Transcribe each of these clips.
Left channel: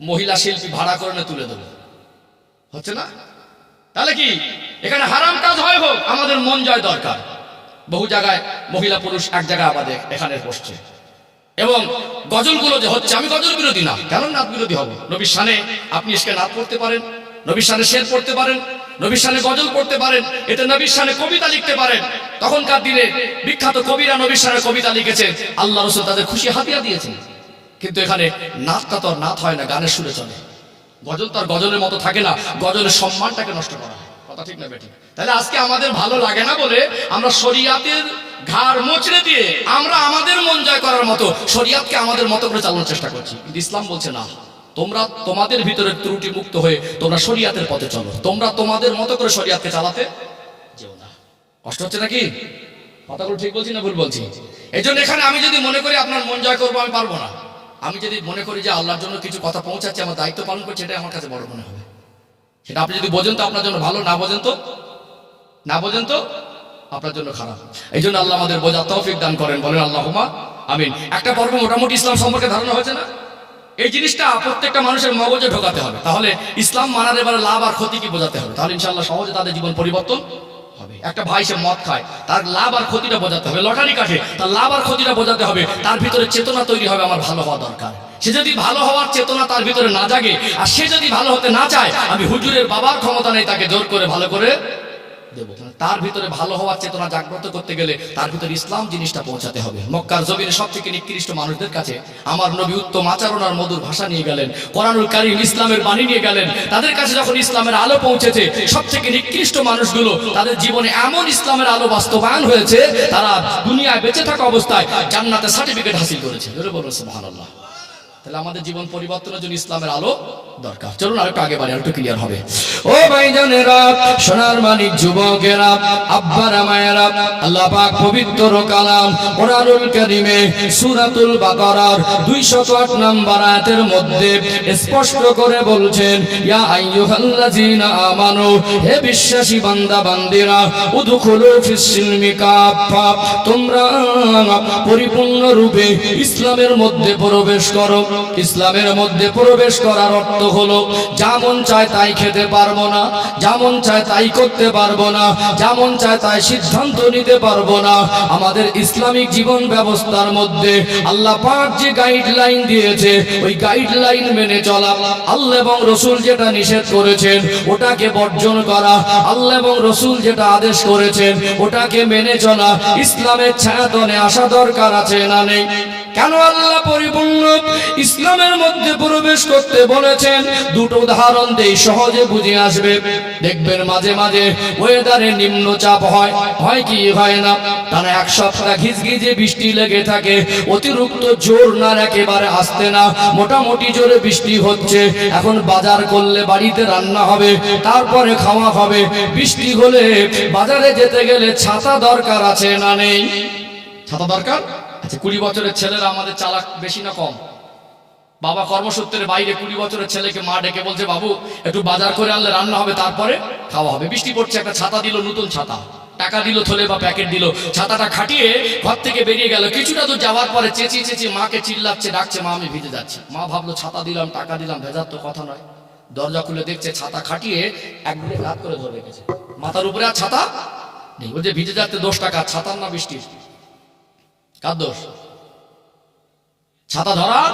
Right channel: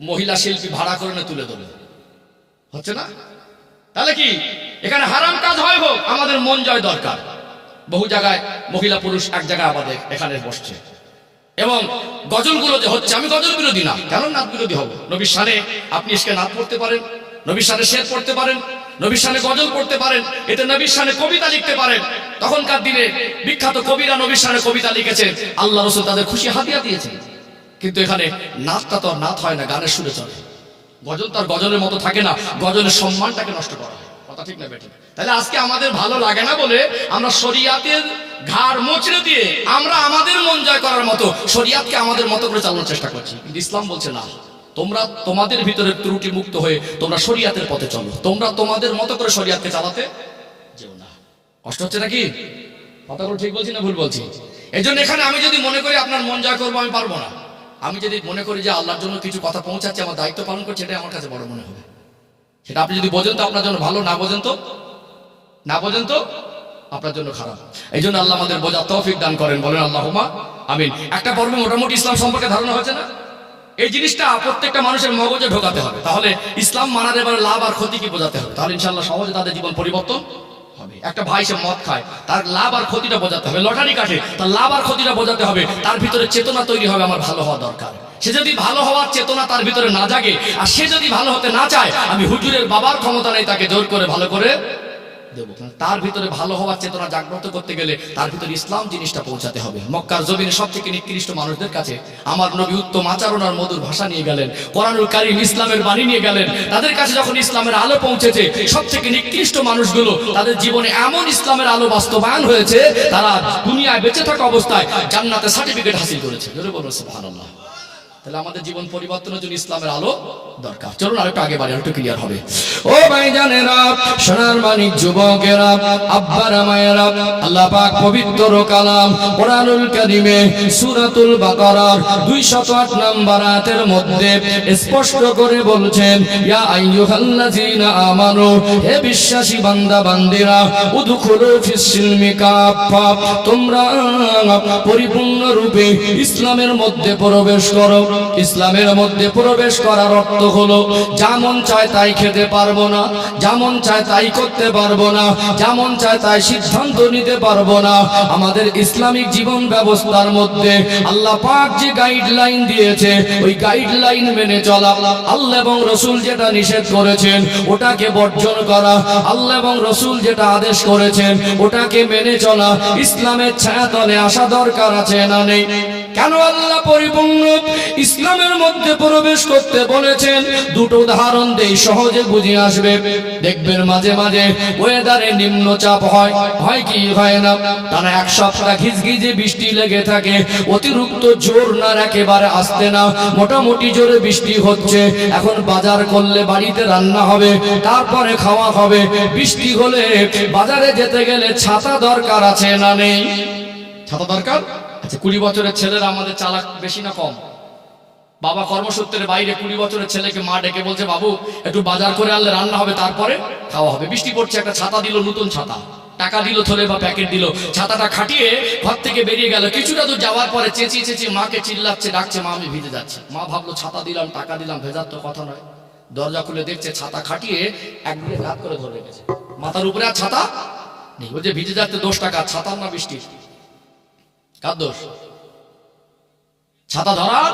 মহিলা শিল্পী ভাড়া করে না তুলে দেবো, হচ্ছে না? তাহলে কি এখানে হারাম কাজ হয় হোক, আমাদের মন জয় দরকার। বহু জায়গায় মহিলা পুরুষ এক জায়গায় আমাদের এখানে বসছে, এবং গজলগুলো যে হচ্ছে, আমি গজল বিরোধী না, কেন নাত বিরোধী হব? নবীর শানে আপনি এসকে নাত পড়তে পারেন, নবীর শানে শের পড়তে পারেন, নবীর শানে গজল পড়তে পারেন, এতে নবীর শানে কবিতা লিখতে পারেন। তখনকার দিনে বিখ্যাত কবিরা নবীর শানে কবিতা লিখেছেন, আল্লাহ রাসূল তাদের খুশি হাদিয়া দিয়েছেন। কিন্তু এখানে নাতটা তো নাত হয় না, গানের সুরে চলে। গজল তার গজলের মতো থাকে না, গজলের সম্মানটাকে নষ্ট করা হয়। কথা ঠিক না বেঠিক? তাহলে আজকে আমাদের ভালো লাগে না বলে আমরা শরিয়াতের ঘাড় মোচড়ে দিয়ে আমরা আমাদের মন জয় করার মতো শরিয়াতকে আমাদের মতো করে চালানোর চেষ্টা করছি। কিন্তু ইসলাম বলছে না, তোমরা তোমাদের ভিতরে ত্রুটি মুক্ত হয়ে তোমরা শরিয়াতের পথে চলো, তোমরা তোমাদের মতো করে শরিয়াতকে চালাতে যেও না। কষ্ট হচ্ছে নাকি? কথাগুলো ঠিক বলছি না ভুল বলছি? এই জন্য এখানে আমি যদি মনে করি আপনার মন জয় করবো, আমি পারবো না। আমি যদি মনে করি যে আল্লাহর জন্য কিছু কথা পৌঁছাচ্ছে, আমার দায়িত্ব পালন করছে, এটাই আমার কাছে বড় মনে হবে। সেটা আপনি যদি বোঝেন তো আপনার জন্য ভালো, না বোঝেন তো আপনার জন্য খারাপ। এই জন্য আল্লাহ আমাদের বোঝার তৌফিক দান করেন, বলেন আল্লাহুম্মা আমিন। একটা পর্ব মোটামুটি ইসলাম সম্পর্কে ধারণা হয়েছে না? এই জিনিসটা প্রত্যেকটা মানুষের মগজে ঢোকাতে হবে, তাহলে ইসলাম মানার এবারে লাভ আর ক্ষতি কি বোঝাতে হবে, তাহলে ইনশাআল্লাহ সহজে তাদের জীবন পরিবর্তন হবে। একটা ভাই সে মদ খায়, তার লাভ আর ক্ষতিটা বোঝাতে হবে। লটারি কাটে, তার লাভ আর ক্ষতিটা বোঝাতে হবে। তার ভিতরে চেতনা তৈরি হবে, আমার ভালো হওয়া দরকার। সে যদি ভালো হওয়ার চেতনা তার ভিতরে না জাগে, আর সে যদি ভালো হতে না চায়, আমি হুজুরের বাবার ক্ষমতা নেই তাকে জোর করে ভালো করে দেবো। তার ভিতরে ভালো হওয়ার চেতনা জাগ্রত করতে গেলে তার ভিতরে ইসলাম জিনিসটা পৌঁছাতে হবে। মক্কার জমিনে সবথেকে নিকৃষ্ট মানুষদের কাছে আমার নবী উত্তম আচরণ আর মধুর ভাষা নিয়ে গেলেন, কোরআনুল কারীম ইসলামের বাণী নিয়ে গেলেন। তাদের কাছে যখন ইসলামের আলো পৌঁছেছে, সবথেকে নিকৃষ্ট মানুষগুলো তাদের জীবনে এমন ইসলামের আলো বাস্তবায়ন হয়েছে, তারা দুনিয়ায় বেঁচে থাকা অবস্থায় জান্নাতে সার্টিফিকেট হাসিল করেছে। জোরে বলুন সুবহানাল্লাহ। তাহলে আমাদের জীবন পরিবর্তনের জন্য ইসলামের আলো দরকার। চলুন আরেকটু আগে বাড়ি, আরেকটু ক্লিয়ার হবে। ও ভাইজানেরা, সোনার মানিক যুবকেরা, আব্বারা মায়েরা, আল্লাহ পাক পবিত্র কালাম কোরআনুল কারীমে সূরাতুল বাকারার 208 নম্বর আয়াতের মধ্যে স্পষ্ট করে বলছেন, ইয়া আইয়ুহাল্লাযীনা আমানু, হে বিশ্বাসী বান্দা বান্দিরা, উদখুলু ফিস সিলমি কাফা, তোমরা পরিপূর্ণ রূপে ইসলামের মধ্যে প্রবেশ করো। ইসলামের মধ্যে প্রবেশ করার অর্থ হলো, যেমন চায় তাই খেতে পারবো না, যেমন চায় তাই করতে পারবো না, যেমন চায় তাই সিদ্ধান্ত নিতে পারবো না। আমাদের ইসলামিক জীবন ব্যবস্থার মধ্যে আল্লাহ পাক যে গাইডলাইন দিয়েছে, ওই গাইডলাইন মেনে চলা, আল্লাহ এবং রসুল যেটা নিষেধ করেছেন ওটাকে বর্জন করা, আল্লাহ এবং রসুল যেটা আদেশ করেছেন ওটাকে মেনে চলা, ইসলামের ছায়াতলে আসা দরকার আছে না নেই? কেন আল্লাহ পরিপূর্ণ ইসলামের মধ্যে প্রবেশ করতে বলেছেন? দুটো উদাহরণ দেই, সহজে বুঝে আসবে। দেখবেন মাঝে মাঝে ওয়েদারে নিম্নচাপ হয় কি হয় না, টানা এক সপ্তাহ ঘিজঘিজে বৃষ্টি লেগে থাকে, অতিরিক্ত জোর না, একেবারে আসতে না, মোটামুটি জোরে বৃষ্টি হচ্ছে। এখন বাজার করলে বাড়িতে রান্না হবে, তারপরে খাওয়া হবে। বৃষ্টি হলে বাজারে যেতে গেলে ছাতা দরকার আছে না নেই? ছাতা দরকার। আচ্ছা, 20 বছরের ছেলেরা আমাদের চালাক বেশি না কম? বাবা কর্মসূত্রে বাইরে, 20 বছরের ছেলেকে মা ডেকে বলছে, বাবু একটু বাজার করে আনলে রান্না হবে, তারপরে খাওয়া হবে। বৃষ্টি পড়ছে, একটা ছাতা দিল, নতুন ছাতা, টাকা দিল থলে বা প্যাকেট দিল, ছাতাটা খাটিয়ে ঘর থেকে বেরিয়ে গেল। কিছুটা দূর যাওয়ার পরে চেঁচিয়ে চেঁচিয়ে মাকে চিল্লাচ্ছে, ডাকছে, মা আমি ভিজে যাচ্ছি। মা ভাবলো ছাতা দিলাম, টাকা দিলাম, ভেজার তো কথা নয়। দরজা খুলে দেখছে ছাতা খাটিয়ে একদিকে কাত করে ধরে রেখেছে, মাথার উপরে আর ছাতা নেই। ও যে ভিজে যাচ্ছে, দোষটা কার? ছাতার না বৃষ্টির? কার দোষ? ছাতা ধরার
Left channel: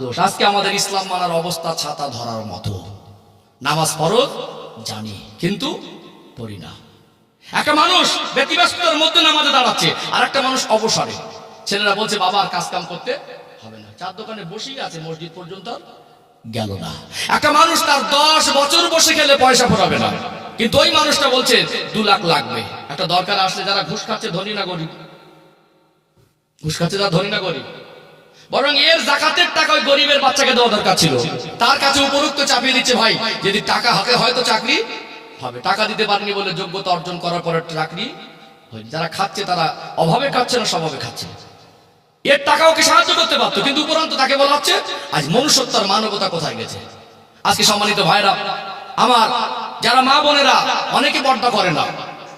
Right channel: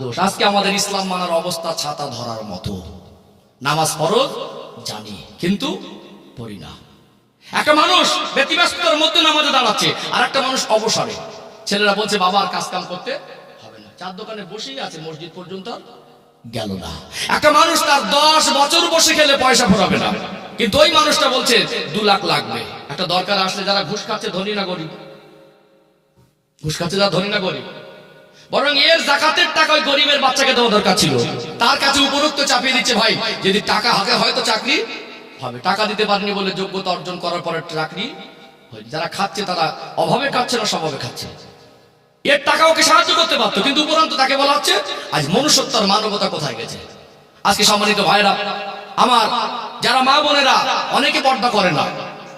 দোষ। আজকে আমাদের ইসলাম মানার অবস্থা ছাতা ধরার মতো। নামাজ ফরজ জানি, কিন্তু পড়ি না। একটা মানুষ ব্যতিব্যস্ততার মধ্যে নামাজে দাঁড়াচ্ছে, আর একটা মানুষ অবসরে। ছেলেরা বলছে, বাবা আর কাজ কাম করতে হবে না, চার দোকানে বসেই আছে, মসজিদ পর্যন্ত গেল না। একটা মানুষ তার 10 বছর বসে খেলে পয়সা ফোরাবে না, কিন্তু ওই মানুষটা বলছে 2 লাখ লাগবে। একটা দরকার আসলে যারা ঘুষ খাচ্ছে ধনী না গরিব? ঘুষ খাচ্ছে যারা ধনী না গরিব? বরং এর জাকাতের টাকা ওই গরিবের বাচ্চাকে দেওয়া দরকার ছিল। তার কাছে উপরোক্ত চাপিয়ে দিচ্ছে, ভাই যদি টাকা হাতে হয়তো চাকরি হবে, টাকা দিতে পারেনি বলে যোগ্যতা অর্জন করার পরে চাকরি হয়নি। যারা খাচ্ছে তারা অভাবে খাচ্ছে না, স্বভাবে খাচ্ছে। এর টাকা ওকে সাহায্য করতে পারতো, কিন্তু উপরন্ত তাকে বলা হচ্ছে। আজ মনুষ্যত্ব আর মানবতা কোথায় গেছে? আজকে সম্মানিত ভাইরা আমার, যারা মা বোনেরা অনেকে পর্দা করে না,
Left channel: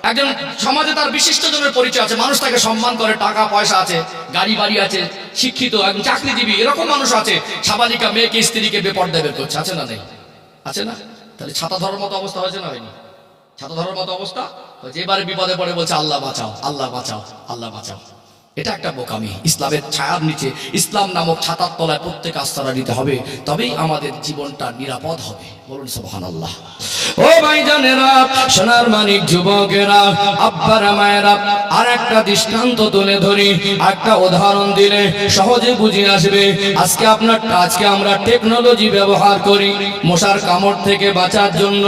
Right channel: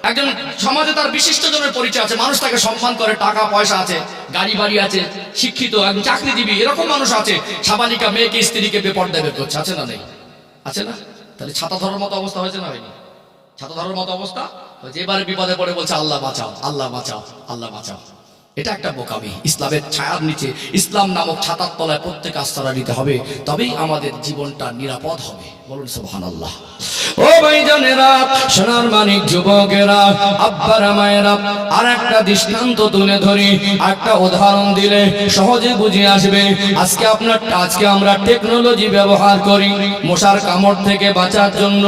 একজন সমাজে তার বিশিষ্ট জনের পরিচয় আছে, মানুষ তাকে সম্মান করে, টাকা পয়সা আছে, গাড়ি বাড়ি আছে, শিক্ষিত, একজন চাকরিজীবী, এরকম মানুষ আছে। সাবালিকা মেয়েকে স্ত্রীকে বেপর্দা বের করছে, আছে না নেই? আছে না? তাহলে ছাতা ধরার মতো অবস্থা হয়েছে না হয়নি? ছাতা ধরার মতো অবস্থা হয়েছে। এবারে বিপদে পড়ে বলছে আল্লাহ বাঁচাও, আল্লাহ বাঁচাও, আল্লাহ বাঁচাও। এটা একটা বোকামি। ইসলামের ছায়ার নিচে, ইসলাম নামক ছাতার তলায় প্রত্যেক আশ্রয় নিতে হবে, তবেই আমাদের জীবনটা নিরাপদ হবে। বলুন সুবহানাল্লাহ। ও ভাইজানেরা, সোনার মানিক যুবকেরা, আব্বারা মায়েরা, আর একটা দৃষ্টান্ত তুলে ধরি, একটা উদাহরণ দিলে সহজে বুঝে আসবে। আজকে আমরা টেকনোলজি ব্যবহার করি মশার কামড় থেকে বাঁচার জন্য।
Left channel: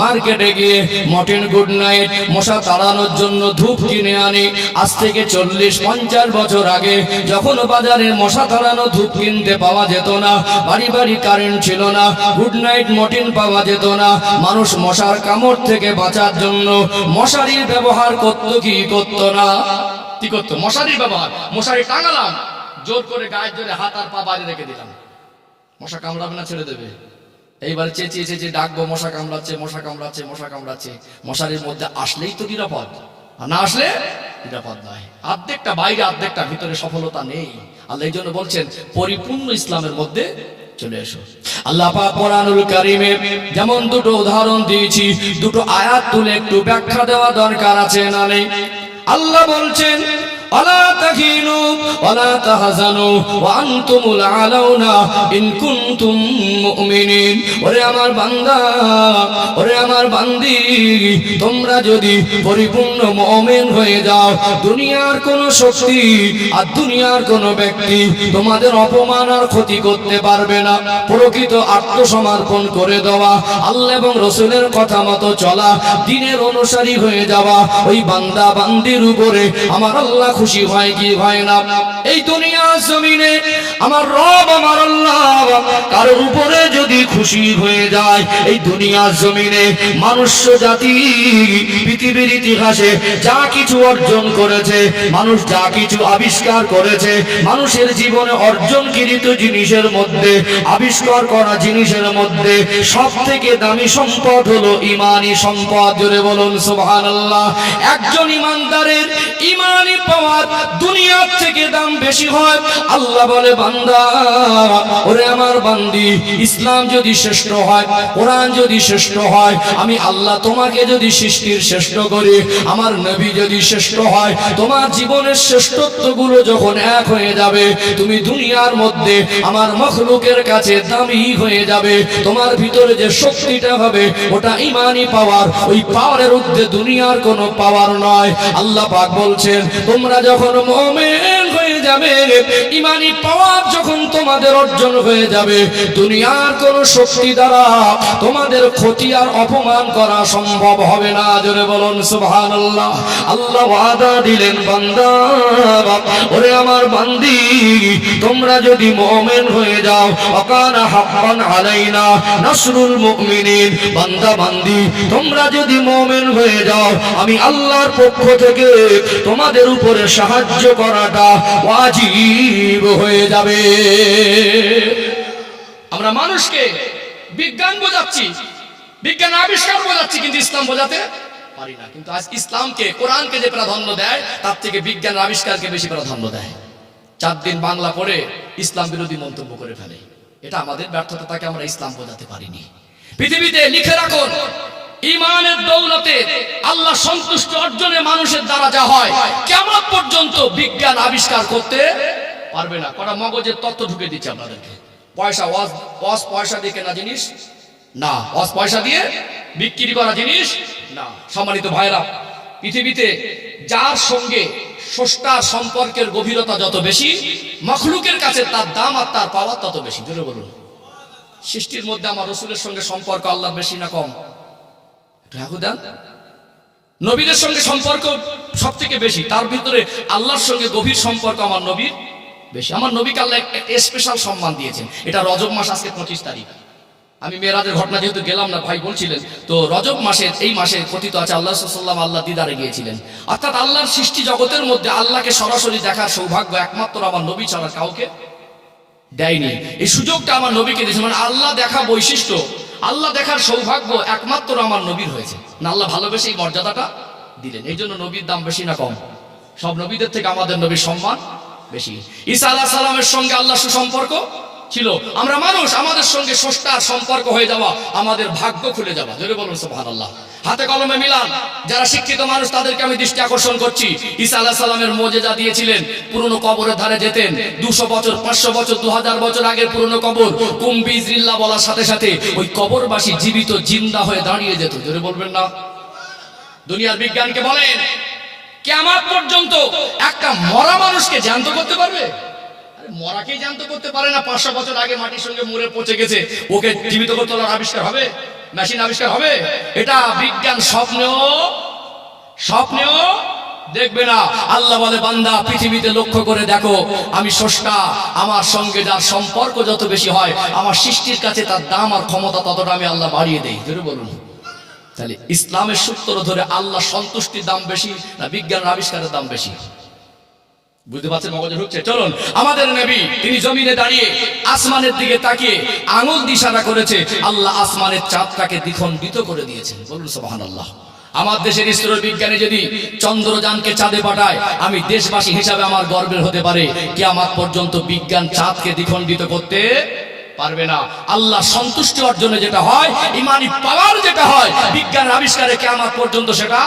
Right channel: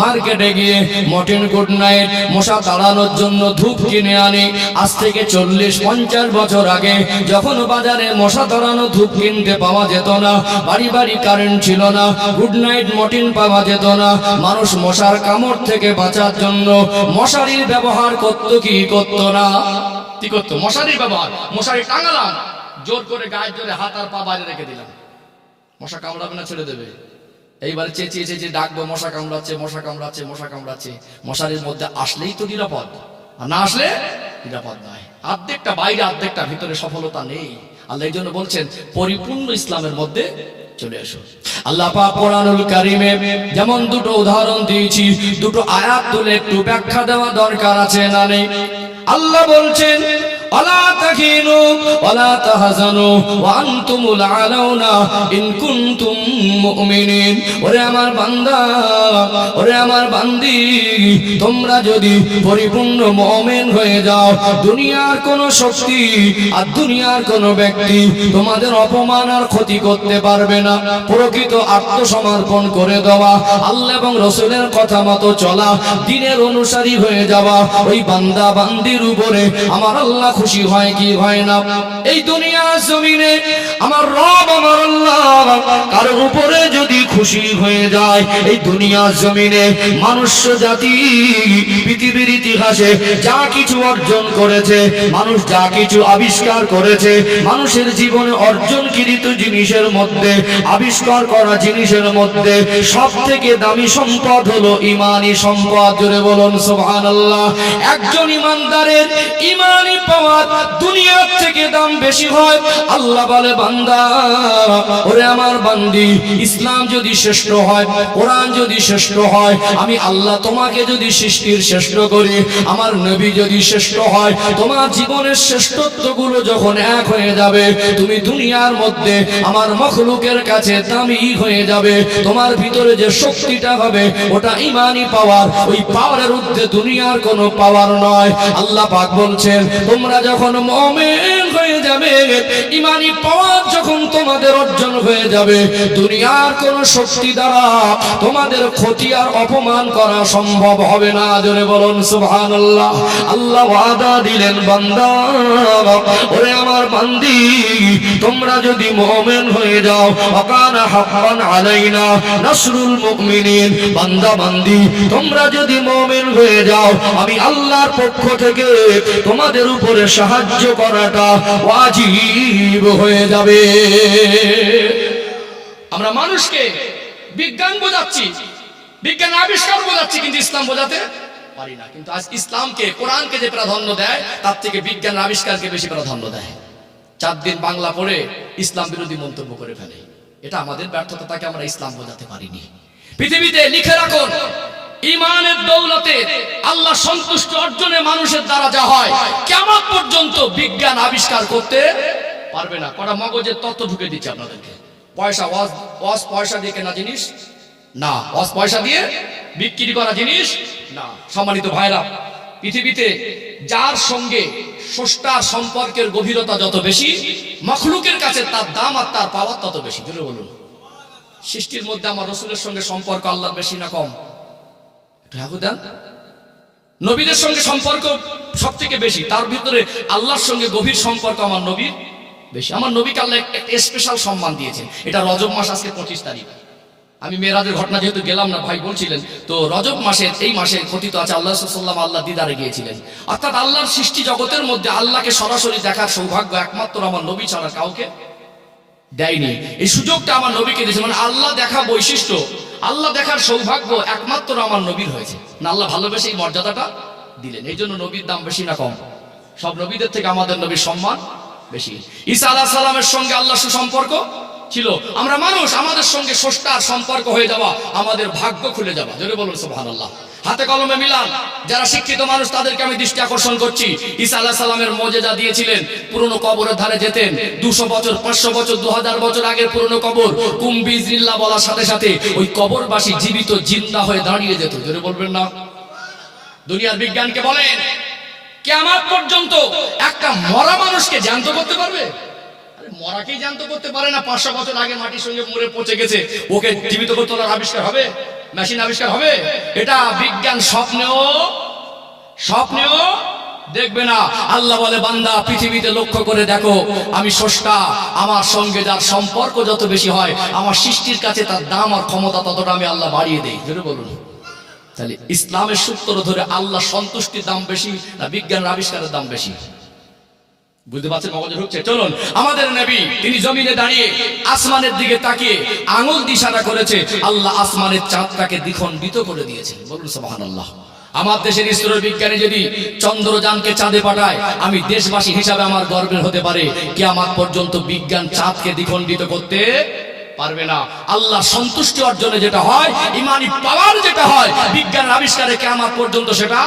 মার্কেটে গিয়ে মর্টিন গুড নাইট মশা তাড়ানোর জন্য ধূপ কিনে আনি। আজ থেকে 40-50 বছর আগে যখন বাজারে মশা তাড়ানো ধূপ কিনতে পাওয়া যেত না, বাড়ি বাড়ি কারেন্ট ছিল না, গুড নাইট মর্টিন পাওয়া যেত না, মানুষ মশার কামড় থেকে বাঁচার জন্য মশারির ব্যবহার করত কি করত না? কি করত? মশারির ব্যবহার। মশারি টাঙালাম, জোর করে গায়ের জোরে হাত আর পা বাইরে রেখে দিলাম, মশা কামড়াবে না, ছেড়ে দেবে। এইবারে চেঁচিয়ে চেঁচিয়ে ডাকবো, মশা কামড়াচ্ছে, মশা কামড়াচ্ছে, মশা কামড়াচ্ছে। মশারির মধ্যে আসলেই তো নিরাপদ, আর না আসলে নিরাপদ নয়। অর্ধেকটা বাইরে, অর্ধেকটা ভিতরে, সফলতা নেই। আল্লাহ এই জন্য বলছেন পরিপূর্ণ ইসলামের মধ্যে চলে এসো। আল্লাহ পাক কোরআনুল কারীমে যেমন দুটো উদাহরণ দিয়েছি, দুটো আয়াত তুলে একটু ব্যাখ্যা দেওয়া দরকার আছে না নেই? আল্লাহ বলছেন আলা তাহিনু ওয়ালা তাহজানু ওয়া আনতুমুল আলাউনা ইন কুনতুম মুমিনিন। ওরে আমার বান্দা, ওরে আমার বান্দি, তোমরা যদি পরিপূর্ণ মুমিন হয়ে যাও, দুনিয়ার কোন শক্তি আর দুনিয়ার কোন ব্যক্তি তোমাদের অপমান আর ক্ষতি করতে পারবে না। প্রকৃত আত্মসমর্পণ করে দেওয়া, আল্লাহ এবং রাসূলের কথা মতো চলা, দ্বীনের অনুসারী হয়ে যাওয়া, ওই বান্দা বান্দির উপরে আমার আল্লাহ খুশি হয় কি হয় না? এই দুনিয়ার জমিনে আমার রব, আমার আল্লাহ কারোর উপরে যদি খুশি হয়ে যায়, এই দুনিয়ার জমিনে মানুষ জাতি পৃথিবীর ইতিহাসে যা কিছু অর্জন করেছে, মানুষ যা কিছু আবিষ্কার করেছে, মানুষের জীবনে অর্জনকৃত জিনিসের মধ্যে, আবিষ্কার করা জিনিসের মধ্যে সব থেকে দামি সম্পদ হলো ঈমানি সম্পদ। জোরে বলুন সুবহানাল্লাহ। একজন ঈমানদারের ঈমানি পাওয়ার দুনিয়ার থেকে দাম বেশি হয়। আল্লাহ বলে বান্দা, ওরে আমার বান্দি, ইসলাম যদি শ্রেষ্ঠ হয়, কোরআন যদি শ্রেষ্ঠ হয়, আমি আল্লাহ তোমাকে যদি সৃষ্টির শ্রেষ্ঠ করি, আমার নবী যদি শ্রেষ্ঠ হয়, তোমার জীবনের শ্রেষ্ঠত্বগুলো যখন এক হয়ে যাবে, তুমি দুনিয়ার মধ্যে আমার মখলুকের কাছে দামি হয়ে যাবে। তোমার ভিতরে যে শক্তিটা হবে ওটা ঈমানি পাওয়ার, ওই পাওয়ারের ঊর্ধ্বে দুনিয়ার কোনো পাওয়ার নয়। আল্লাহ পাক বলছেন তোমরা যখন মুমিন হয়ে যাবে, ঈমানি পাওয়ার যখন তোমাদের অর্জন হয়ে যাবে, দুনিয়ার কোন শক্তি দ্বারা তোমাদের ক্ষতি আর অপমান করা সম্ভব হবে না। জোরে বলুন সুবহানাল্লাহ। আল্লাহ ওয়াদা দিলেন বান্দা, ওরে আমার বান্দি, তোমরা যদি মুমিন হয়ে যাও, ওয়াকানা হাক্কান আলাইনা নাসরুল মুমিনিন। বান্দা বান্দি, তোমরা যদি মুমিন হয়ে যাও, আমি আল্লাহর পক্ষ থেকে তোমাদের উপরে সাহায্য করাটা ওয়াজিব হয়ে যাবে। আমরা মানুষকে বিজ্ঞান বোঝাচ্ছি, বিজ্ঞান আবিষ্কার বোঝাচ্ছি, কিন্তু ইসলাম বোঝাতে পারি না। কিন্তু আজ ইসলামকে, কোরআনকে যে প্রাধান্য দেয়, তার থেকে বিজ্ঞানের আবিষ্কারকে বেশি প্রাধান্য দেয়। 4 দিন বাংলা পড়ে ইসলাম বিরোধী মন্তব্য করে ফেলে। এটা আমাদের ব্যর্থতা, তাকে আমরা ইসলাম বোঝাতে পারিনি। পৃথিবীতে লিখে রাখুন, ঈমানের দৌলতে আল্লাহ সন্তুষ্টি অর্জনে মানুষের দ্বারা যা হয়, কিয়ামত পর্যন্ত বিজ্ঞান আবিষ্কার করতে পারবে না। কটা মগজের তথ্য ঢুকে দিচ্ছে আপনাদেরকে। পয়সা, ওয়াজ পয়সা দিয়ে কেনা জিনিস না, ওয়াজ পয়সা দিয়ে বিক্রি করা জিনিস না। সম্মানিত ভাইরা, পৃথিবীতে যার সঙ্গে স্রষ্টার সম্পর্কের গভীরতা যত বেশি, মখলুকের কাছে তার দাম আর তার পাওয়ার তত বেশি। জোরে বলুন। সৃষ্টির মধ্যে আমার রাসূলের সঙ্গে সম্পর্ক আল্লাহর বেশি না কম? একটু দেন। নবীদের সঙ্গে সম্পর্ক সব থেকে বেশি, তার ভিতরে আল্লাহর সঙ্গে গভীর সম্পর্ক আমার নবীর বেশি। আমার নবীকে আল্লাহ একটা স্পেশাল সম্মান দিয়েছেন। এটা রজব মাস, আজকে 25 তারিখ। আমি মেরাজের ঘটনা যেহেতু গেলাম না, ভাই বলছিলেন, তো রজব মাসের এই মাসে কথিত আছে আল্লাহ সাল্লাল্লাহু আল্লাহ দিদারে গিয়েছিলেন। অর্থাৎ আল্লাহর সৃষ্টি জগতের মধ্যে আল্লাহকে সরাসরি দেখার সৌভাগ্য একমাত্র আমার নবী ছাড়া কাউকে দেয়নি। এই সুযোগটা আমার নবীকে দিয়েছে। মানে আল্লাহ দেখা বৈশিষ্ট্য, আল্লাহ দেখার সৌভাগ্য একমাত্র আমার নবীর হয়েছে। না আল্লাহ ভালোবেসে এই মর্যাদাটা দিলেন। এই জন্য নবীর দাম বেশি না কম? সব নবীদের থেকে আমাদের নবীর সম্মান বেশি। ঈসা আলাইহিস সালামের সঙ্গে আল্লাহ সুসম্পর্ক ছিল। আমরা মানুষ, আমাদের সঙ্গে স্রষ্টার সম্পর্ক হয়ে যাওয়া আমাদের ভাগ্য খুলে যাওয়া। জোরে বলুন সুবহানাল্লাহ। হাতে কলমে মিলান। যারা শিক্ষিত মানুষ তাদেরকে আমি দৃষ্টি আকর্ষণ করছি। ঈসা আলাইহিস সালামের মুজিজা দিয়েছিলেন, পুরনো কবরের ধারে যেতেন। 200 বছর, 500 বছর, 2000 বছর আগের পুরনো কবর, কুম বিইজনিল্লাহ বলার সাথে সাথে ওই কবরবাসী জীবিত জিন্দা হয়ে দাঁড়িয়ে যেত। জোরে বলবেন না? দুনিয়ার বিজ্ঞানকে বলেন, কিয়ামত পর্যন্ত একটা মরা মানুষকে জ্যান্ত করতে পারবে? আরে মরাকেই জ্যান্ত করতে পারে না। 500 বছর আগে মাটির সঙ্গে মরে পচে গেছে, ওকে জীবিত করতে তোলার আবিষ্কার হবে? মেশিন আবিষ্কার হবে? এটা বিজ্ঞান স্বপ্নেও দেখবে না। আল্লাহ বলে, বান্দা পৃথিবীতে লক্ষ্য করে দেখো, আমি স্রষ্টা, আমার সঙ্গে যার সম্পর্ক যত বেশি হয় আমার সৃষ্টির কাছে তার দাম আর ক্ষমতা ততটা আমি আল্লাহ বাড়িয়ে দেই। জোরে বলুন। তাহলে ইসলামের সূত্র ধরে আল্লাহ সন্তুষ্টির দাম বেশি না বিজ্ঞানের আবিষ্কারের দাম বেশি? বুঝতে পারছেন? মগজে ঢুকছে? চলুন, আমাদের নবী তিনি জমিনে দাঁড়িয়ে আসমানের দিকে তাকিয়ে আঙুল দিয়ে ইশারা করেছে, আল্লাহ আসমানের চাঁদটাকে দ্বিখণ্ডিত করে দিয়েছেন। বলুন সুবহানাল্লাহ। আমার দেশের ইসরোর বিজ্ঞানী যদি চন্দ্রযানকে চাঁদে পাঠায়, আমি দেশবাসী হিসাবে আমার গর্বের হতে পারে, কিয়ামত পর্যন্ত বিজ্ঞান চাঁদকে দ্বিখণ্ডিত করতে পারবে না। আল্লাহর সন্তুষ্টি অর্জনে যেটা হয়, ইমানি পাওয়ার যেটা হয়, বিজ্ঞানের আবিষ্কারে কিয়ামত পর্যন্ত সেটা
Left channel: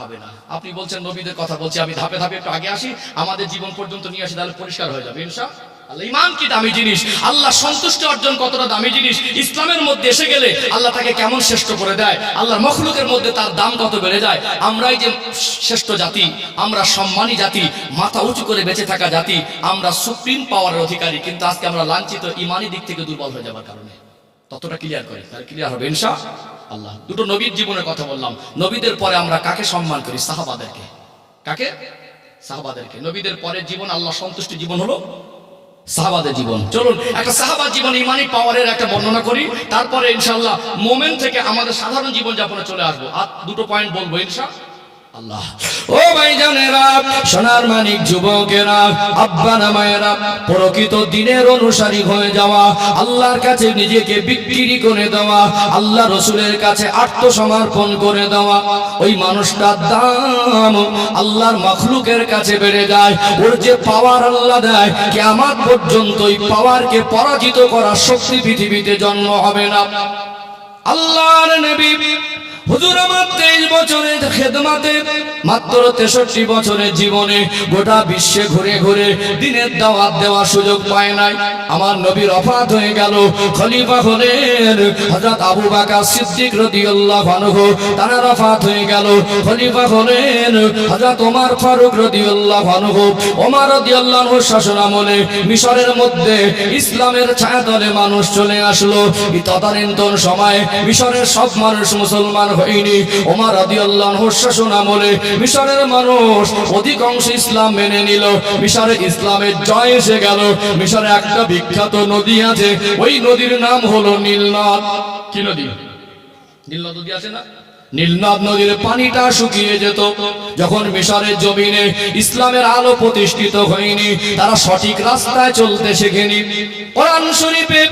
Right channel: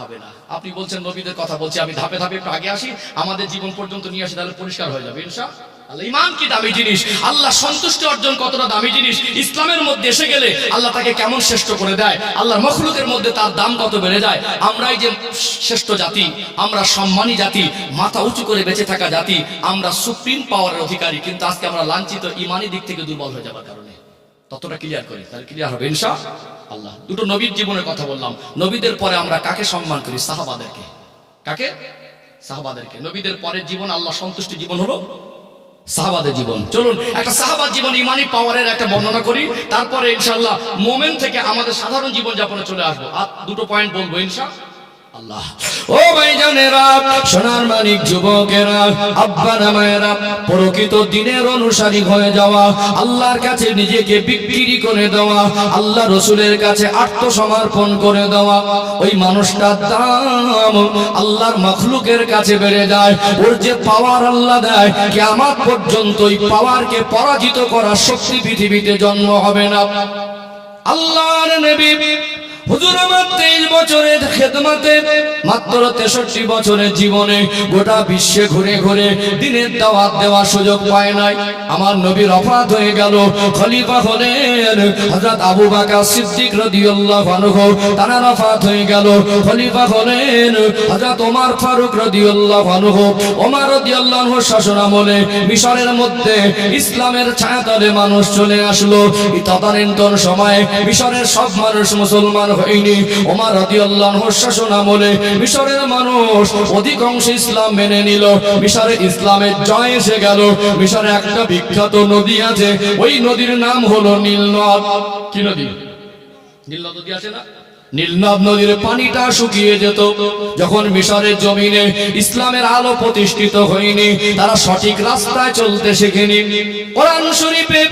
হবে না। আপনি বলছেন নবীদের কথা বলছি, আমি ধাপে ধাপে একটু আগে আসি, আমাদের জীবন পর্যন্ত নিয়ে আসি, তাহলে পরিষ্কার হয়ে যাবে ইনশাআল্লাহ। ইমান কি দামি জিনিস, আল্লাহ সন্তুষ্টি অর্জন কতটা দামি জিনিস, ইসলামের মধ্যে এসে গেলে আল্লাহ তাকে কেমন শ্রেষ্ঠ করে দেয়, আল্লাহর মখলুকের মধ্যে তার দাম কত বেড়ে যায়। আমরাই যে শ্রেষ্ঠ জাতি, আমরা সম্মানী জাতি, মাথা উঁচু করে বেঁচে থাকা জাতি, আমরা সুপ্রিম পাওয়ারের অধিকারী, কিন্তু আজকে আমরা লাঞ্ছিত ইমানি দিক থেকে দুর্বল হয়ে যাবার কারণে। ততটা ক্লিয়ার করি, তাহলে ক্লিয়ার হবে ইনশাআল্লাহ। দুটো নবীর জীবনের কথা বললাম। নবীদের পরে আমরা কাকে সম্মান করি? সাহাবাদেরকে। কাকে? সাহাবাদেরকে। নবীদের পরের জীবন, আল্লাহ সন্তুষ্টি জীবন হলো সাহাবাদের জীবন। চলুন একটা সাহাবার জীবন, ইমানি পাওয়ারের একটা বর্ণনা করি, তারপরে ইনশাআল্লাহ মোমেন থেকে আমাদের সাধারণ জীবন যাপনে চলে আসবো। আর দুটো পয়েন্ট বলবো ইনশাআল্লাহ। ও ভাইজানেরা, সোনার মানিক যুবকেরা, আব্বারা মায়েরা, প্রকৃত দিনের অনুসারী হয়ে যাওয়া, আল্লাহর কাছে নিজেকে বিক্রি করে দেওয়া, আল্লাহ রসুলের কাছে আত্মসমর্পণ করে দেওয়া, ওই মানুষটার দাম আল্লাহর মাখলুকের কাছে বেড়ে যায়। ওর যে পাওয়ার আল্লাহ দেয়, কিয়ামত পর্যন্ত ওই পাওয়ারকে পরাজিত করার শক্তি পৃথিবীতে জন্ম হবে না। আল্লাহর নবী হুজুর আমার 23 বছরের খেদমাতে, মাত্র 63 বছরের জীবনে গোটা বিশ্বে ঘুরে ঘুরে দিনের দাওয়াত দেওয়ার সুযোগ পায় নাই। আমার নবী ওফাত হয়ে গেল, খলিফা হলেন হযরত আবু বকর সিদ্দিক রাদিয়াল্লাহু আনহু, তারা ওফাত হয়ে গেল, খলিফা হলেন হযরত ওমর ফারুক রাদিয়াল্লাহু আনহু। ওমর রাদিয়াল্লাহু আনহুর শাসনামলে মিশরের মধ্যে ইসলামের ছায়াতলে মানুষ চলে আসলো। এই তদানীন্তন সময়ে মিশরের সব মানুষ মুসলমান হয়নি। ওমর রাদিয়াল্লাহু আনহুর শাসনামলে মিশরের মানুষ অধিকাংশ ইসলাম মেনে নিল। মিশরে ইসলামের জয় এসে গেল। মিশরে একটা বিখ্যাত নদী আছে, ওই নদীর নাম হলো নীল নদ। কি নদী? নীল নদী আছে না? নীলনদ নদীর পানিটা শুকিয়ে যেত। যখন মিশরের জমিনে ইসলামের আলো প্রতিষ্ঠিত হয়নি, তারা সঠিক রাস্তায় চলতে শেখেনি। কোরআন শরীফে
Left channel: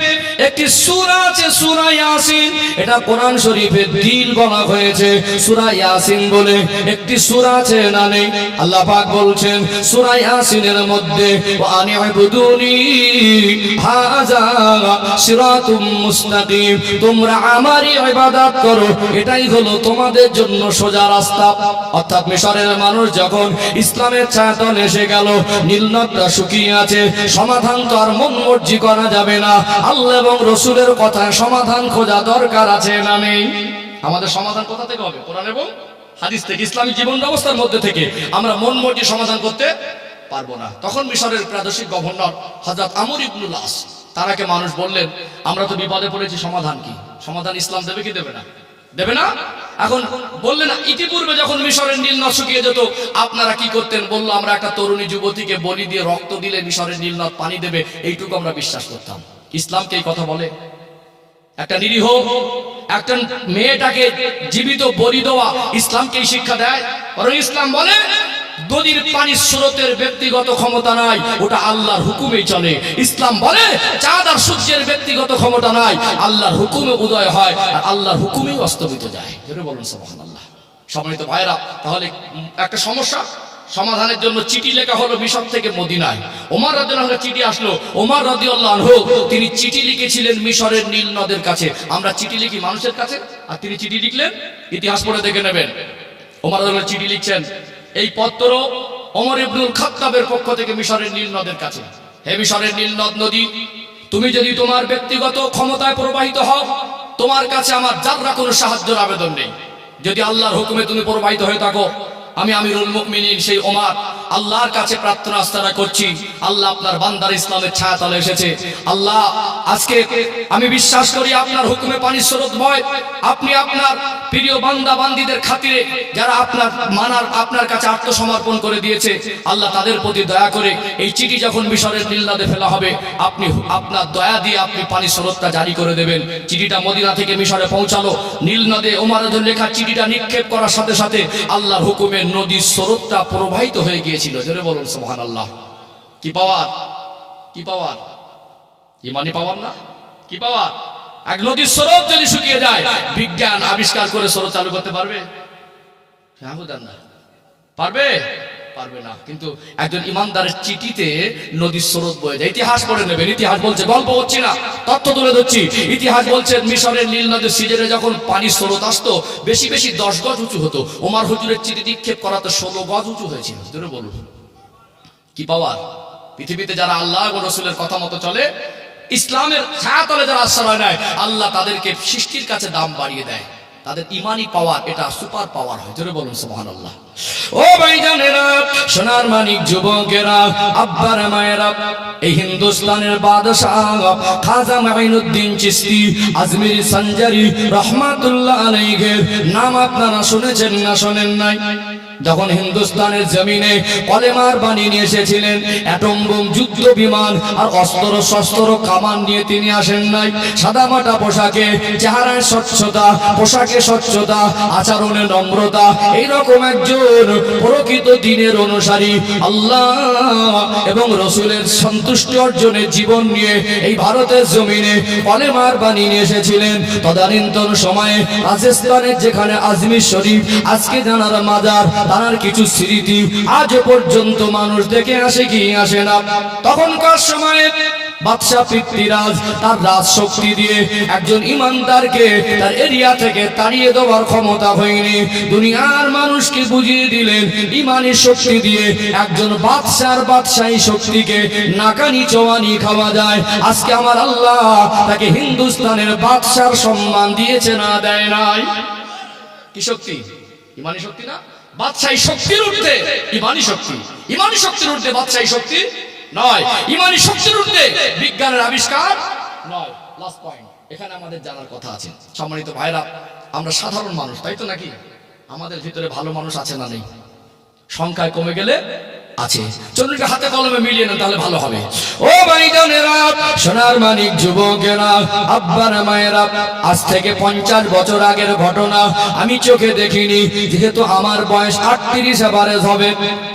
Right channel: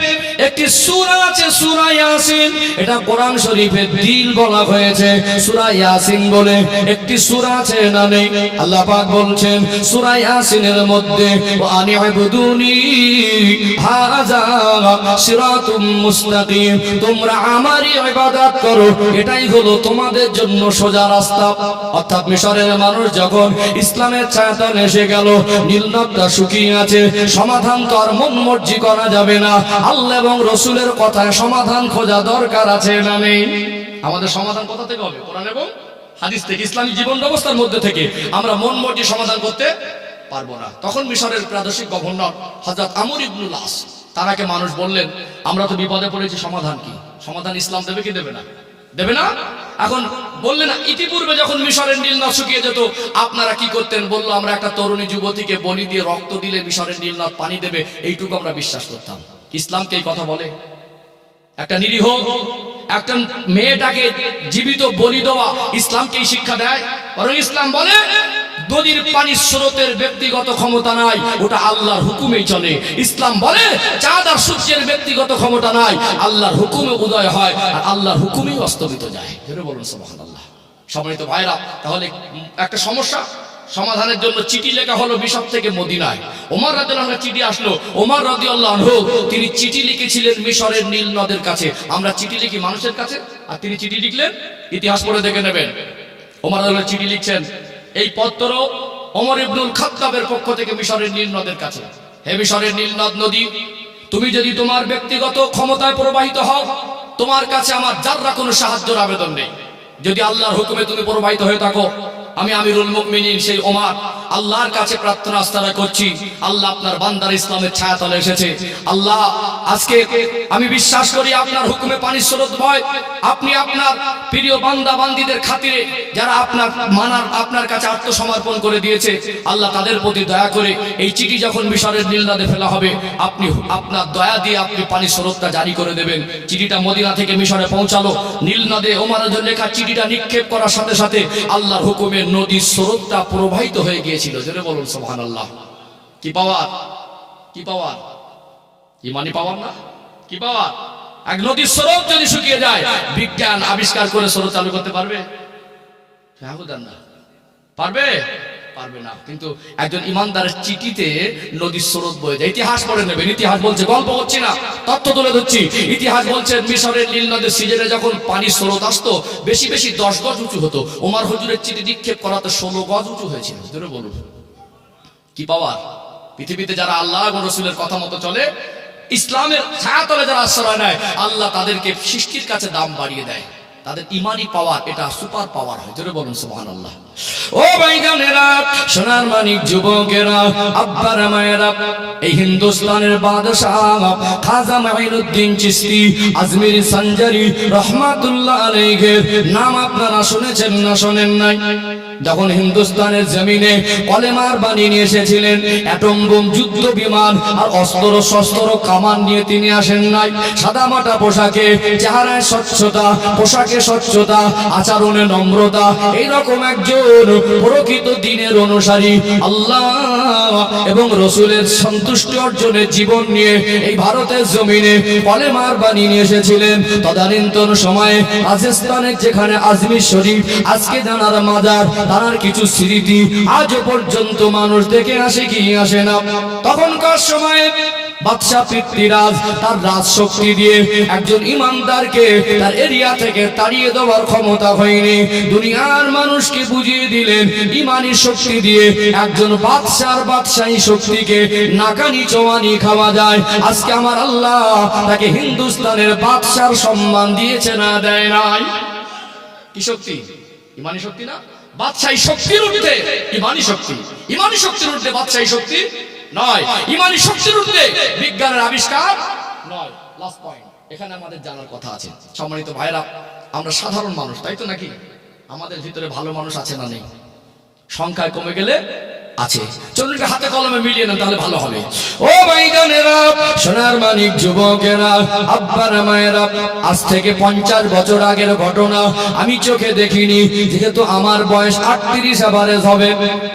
একটি সূরা আছে, সূরা ইয়াসিন, এটা কোরআন শরীফের দিল বলা হয়েছে। সূরা ইয়াসিন বলে একটি সূরা আছে না নেই? আল্লাহ পাক বলছেন সূরা ইয়াসিনের মধ্যে, ওয়া আনি'বুদুনি হাযা সিরাতুম মুস্তাকিম, তোমরা আমারই ইবাদত করো, এটাই হলো তোমাদের জন্য সোজা রাস্তা। অর্থাৎ মিশরের মানুষ যখন ইসলামের ছায়াতলে এসে গেল, নীলনদটা শুকিয়ে আছে, সমাধান তো আর মন মর্জি করা যাবে না। আল্লাহ এবং রসুলের কথায় সমাধান খোঁজা দরকার আছে না নেই? আমাদের সমাধান কোথা থেকে হবে? কোরআন এবং হাদিস থেকে, ইসলামিক জীবন ব্যবস্থার মধ্যে থেকে। আমরা মন মর্জি সমাধান করতে পারবো না। তখন মিশরের প্রাদেশিক গভর্নর হযরত আমর ইবনুল আস, তারাকে মানুষ বললেন, আমরা তো বিপদে পড়েছি, সমাধান কি? সমাধান ইসলাম দেবে কি দেবে না? দেবে না? এখন বললেন, ইতিপূর্বে যখন মিশরের নীল নদ শুকিয়ে যেত আপনারা কি করতেন? বলল, আমরা একটা তরুণী যুবতীকে বলি দিয়ে রক্ত দিলে মিশরের নীল নদ পানি দেবে, এইটুকু আমরা বিশ্বাস করতাম। ইসলামকে এই কথা বলে? একটা নিরীহ একটা মেয়েটাকে জীবিত বলি দেওয়া ইসলামকেই শিক্ষা দেয়? বরং ইসলাম বলে নদীর পানির স্রোতের ব্যক্তিগত ক্ষমতা নাই, ওটা আল্লাহর হুকুমেই চলে। ইসলাম বলে চাঁদ আর সূর্যের ব্যক্তিগত ক্ষমতা নাই, আল্লাহর হুকুমে উদয় হয় আর আল্লাহর হুকুমেই অস্তমিত যায়। জোরে বলুন সুবহানাল্লাহ। সম্মানিত ভাইরা, তাহলে একটা সমস্যা সমাধানের জন্য চিঠি লেখা হলো মিশর থেকে মদিনায়। ওমর রাদিয়াল্লাহু আনহু চিঠি আসলো। ওমর রাদিয়াল্লাহু আনহু তিনি চিঠি লিখেছিলেন মিশরের নীল নদের কাছে। আমরা চিঠি লিখি মানুষের কাছে, আর তিনি চিঠি লিখলেন, ইতিহাস পড়ে দেখে নেবেন। ওমর রাদিয়াল্লাহু চিঠি লিখছেন, এই পত্র ওমর ইবনুল খাত্তাবের পক্ষ থেকে মিশরের নীল নদের কাছে। হে মিশরের নীল নদী, তুমি যদি তোমার ব্যক্তিগত ক্ষমতায় প্রবাহিত হও, তোমার কাছে আমার যাররা কোনো সাহায্যের আবেদন নেই। যদি আল্লাহর হুকুমে তুমি প্রবাহিত হয়ে থাকো, আমি আমিরুল মুমিনিন সেই ওমর আল্লাহর কাছে প্রার্থনা আস্তানা করছি, আল্লাহ আপনার বান্দার ইসলামের ছায়াতলে এসেছে। আল্লাহ, আজকে আমি বিশ্বাস করি আপনার হুকুমে পানির স্রোত বয়। আপনি আপনার প্রিয় বান্দা বান্দীদের খাতিরে যারা আপনার কাছে আত্মসমর্পণ করে দিয়েছে, আল্লাহ তাদের প্রতি দয়া করে এই চিঠি যখন মিশরের নীল নদে ফেলা হবে, আপনি আপনার দয়া দিয়ে আপনি পানির স্রোতটা জারি করে দেবেন। চিঠিটা মদিনা থেকে মিশরে পৌঁছালো। নীল নদে ওমরের লেখা চিঠিটা নিক্ষেপ করার সাথে সাথে আল্লাহর হুকুমে নদীর স্রোতটা প্রবাহিত হয়ে গিয়েছিল। জোরে বলুন সুবহানাল্লাহ। কি পাওয়ার, কি পাওয়ার, ইমানি পাওয়ার না? কি পাওয়ার? এক নদীর স্রোত যদি শুকিয়ে যায়, বিজ্ঞান আবিষ্কার করে স্রোত চালু করতে পারবে? পারবে? পারবে না। কিন্তু একজন ইমানদারের চিঠিতে নদীর স্রোত বয়ে যায়। ইতিহাস পড়ে নেবেন। ইতিহাস বলছে, গল্প হচ্ছে না, তথ্য তুলে ধরছি। ইতিহাস বলছে মিশরের নীল নদের সিজনে যখন পানির স্রোত আসতো, বেশি বেশি 10 গজ উঁচু হতো। ওমর হুজুরের চিঠি নিক্ষেপ করাতে 16 গজ উঁচু হয়েছিল। জোরে বলুন কি পাওয়ার। পৃথিবীতে যারা আল্লাহ এবং রসুলের কথা মতো চলে, ইসলামের ছায়াতলে যারা আশ্রয় নেয়, আল্লাহ তাদেরকে সৃষ্টির কাছে দাম বাড়িয়ে দেয়। তাদের ইমানি পাওয়ার এটা সুপার পাওয়ার হয়। জোরে বলুন সুবহানাল্লাহ। ও ভাইজানেরা, সোনার মানিক যুবকেরা, আব্বারা মায়েরা, এই হিন্দুস্তানের বাদশাহ খাজা মাইনুদ্দিন চিশতি আজমিরি সঞ্জারি রহমাতুল্লাহ আলাইহির নাম আপনারা শুনেছেন না শোনেন নাই? যখন হিন্দুস্তানের জমিনে কলেমার বাণী নিয়ে এসেছিলেন, অ্যাটম বোম, যুদ্ধ বিমান আর অস্ত্র শস্ত্র কামান নিয়ে তিনি আসেন নাই। সাদামাটা পোশাকে, চেহারায় স্বচ্ছতা, পোশাকে স্বচ্ছতা, আচরণে নম্রতা, এইরকম একজন প্রকৃত দ্বীনের অনুসারী, আল্লাহ এবং রসুলের সন্তুষ্টি অর্জনের জীবন নিয়ে এই ভারতের জমিনে কলেমার বাণী নিয়ে এসেছিলেন। তদানীন্তন সময়ে রাজস্থানের যেখানে আজমির শরীফ, আজকে জানার মাজার, তার কিছু স্মৃতি আজও পর্যন্ত মানুষ দেখে আসে কি আসে না। তখনকার সময়ে বাদশাহ পৃথ্বীরাজ তার রাজ শক্তি দিয়ে একজন ইমানদারকে তার এরিয়া থেকে তাড়িয়ে দেওয়ার ক্ষমতা হয়নি। দুনিয়ার মানুষকে বুঝিয়ে দিলেন ইমানি শক্তি দিয়ে একজন বাদশাহী শক্তিকে নাকানি চোয়ানি খাওয়া যায়। আজকে আমার আল্লাহ তাকে হিন্দুস্তানের বাদশার সম্মান দিয়েছে না দেয় নাই? কি শক্তি? ইমানি শক্তি না? বাদশাহী শক্তির ঊর্ধ্বে ইমানি শক্তি, ইমানি শক্তির ঊর্ধ্বে বাদশাহী শক্তি নয়, ইমানি শক্তির ঊর্ধ্বে বিজ্ঞানের আবিষ্কার নয়। লাস্ট পয়েন্ট এখানে আমাদের জানার কথা আছে। সম্মানিত ভাইরা, আমরা সাধারণ মানুষ, তাই তো নাকি? আমাদের ভিতরে ভালো মানুষ আছে না নেই? সংখ্যায় কমে গেলে আছে। চলুন হাতে কলমে মিলিয়ে নেন, তাহলে ভালো হবে। ও ভাইজানেরা, সোনার মানিক যুবকেরা, আব্বারা মায়েরা, আজ থেকে 50 বছর আগের ঘটনা আমি চোখে দেখিনি, যেহেতু আমার বয়স 38 এভারেজ হবে।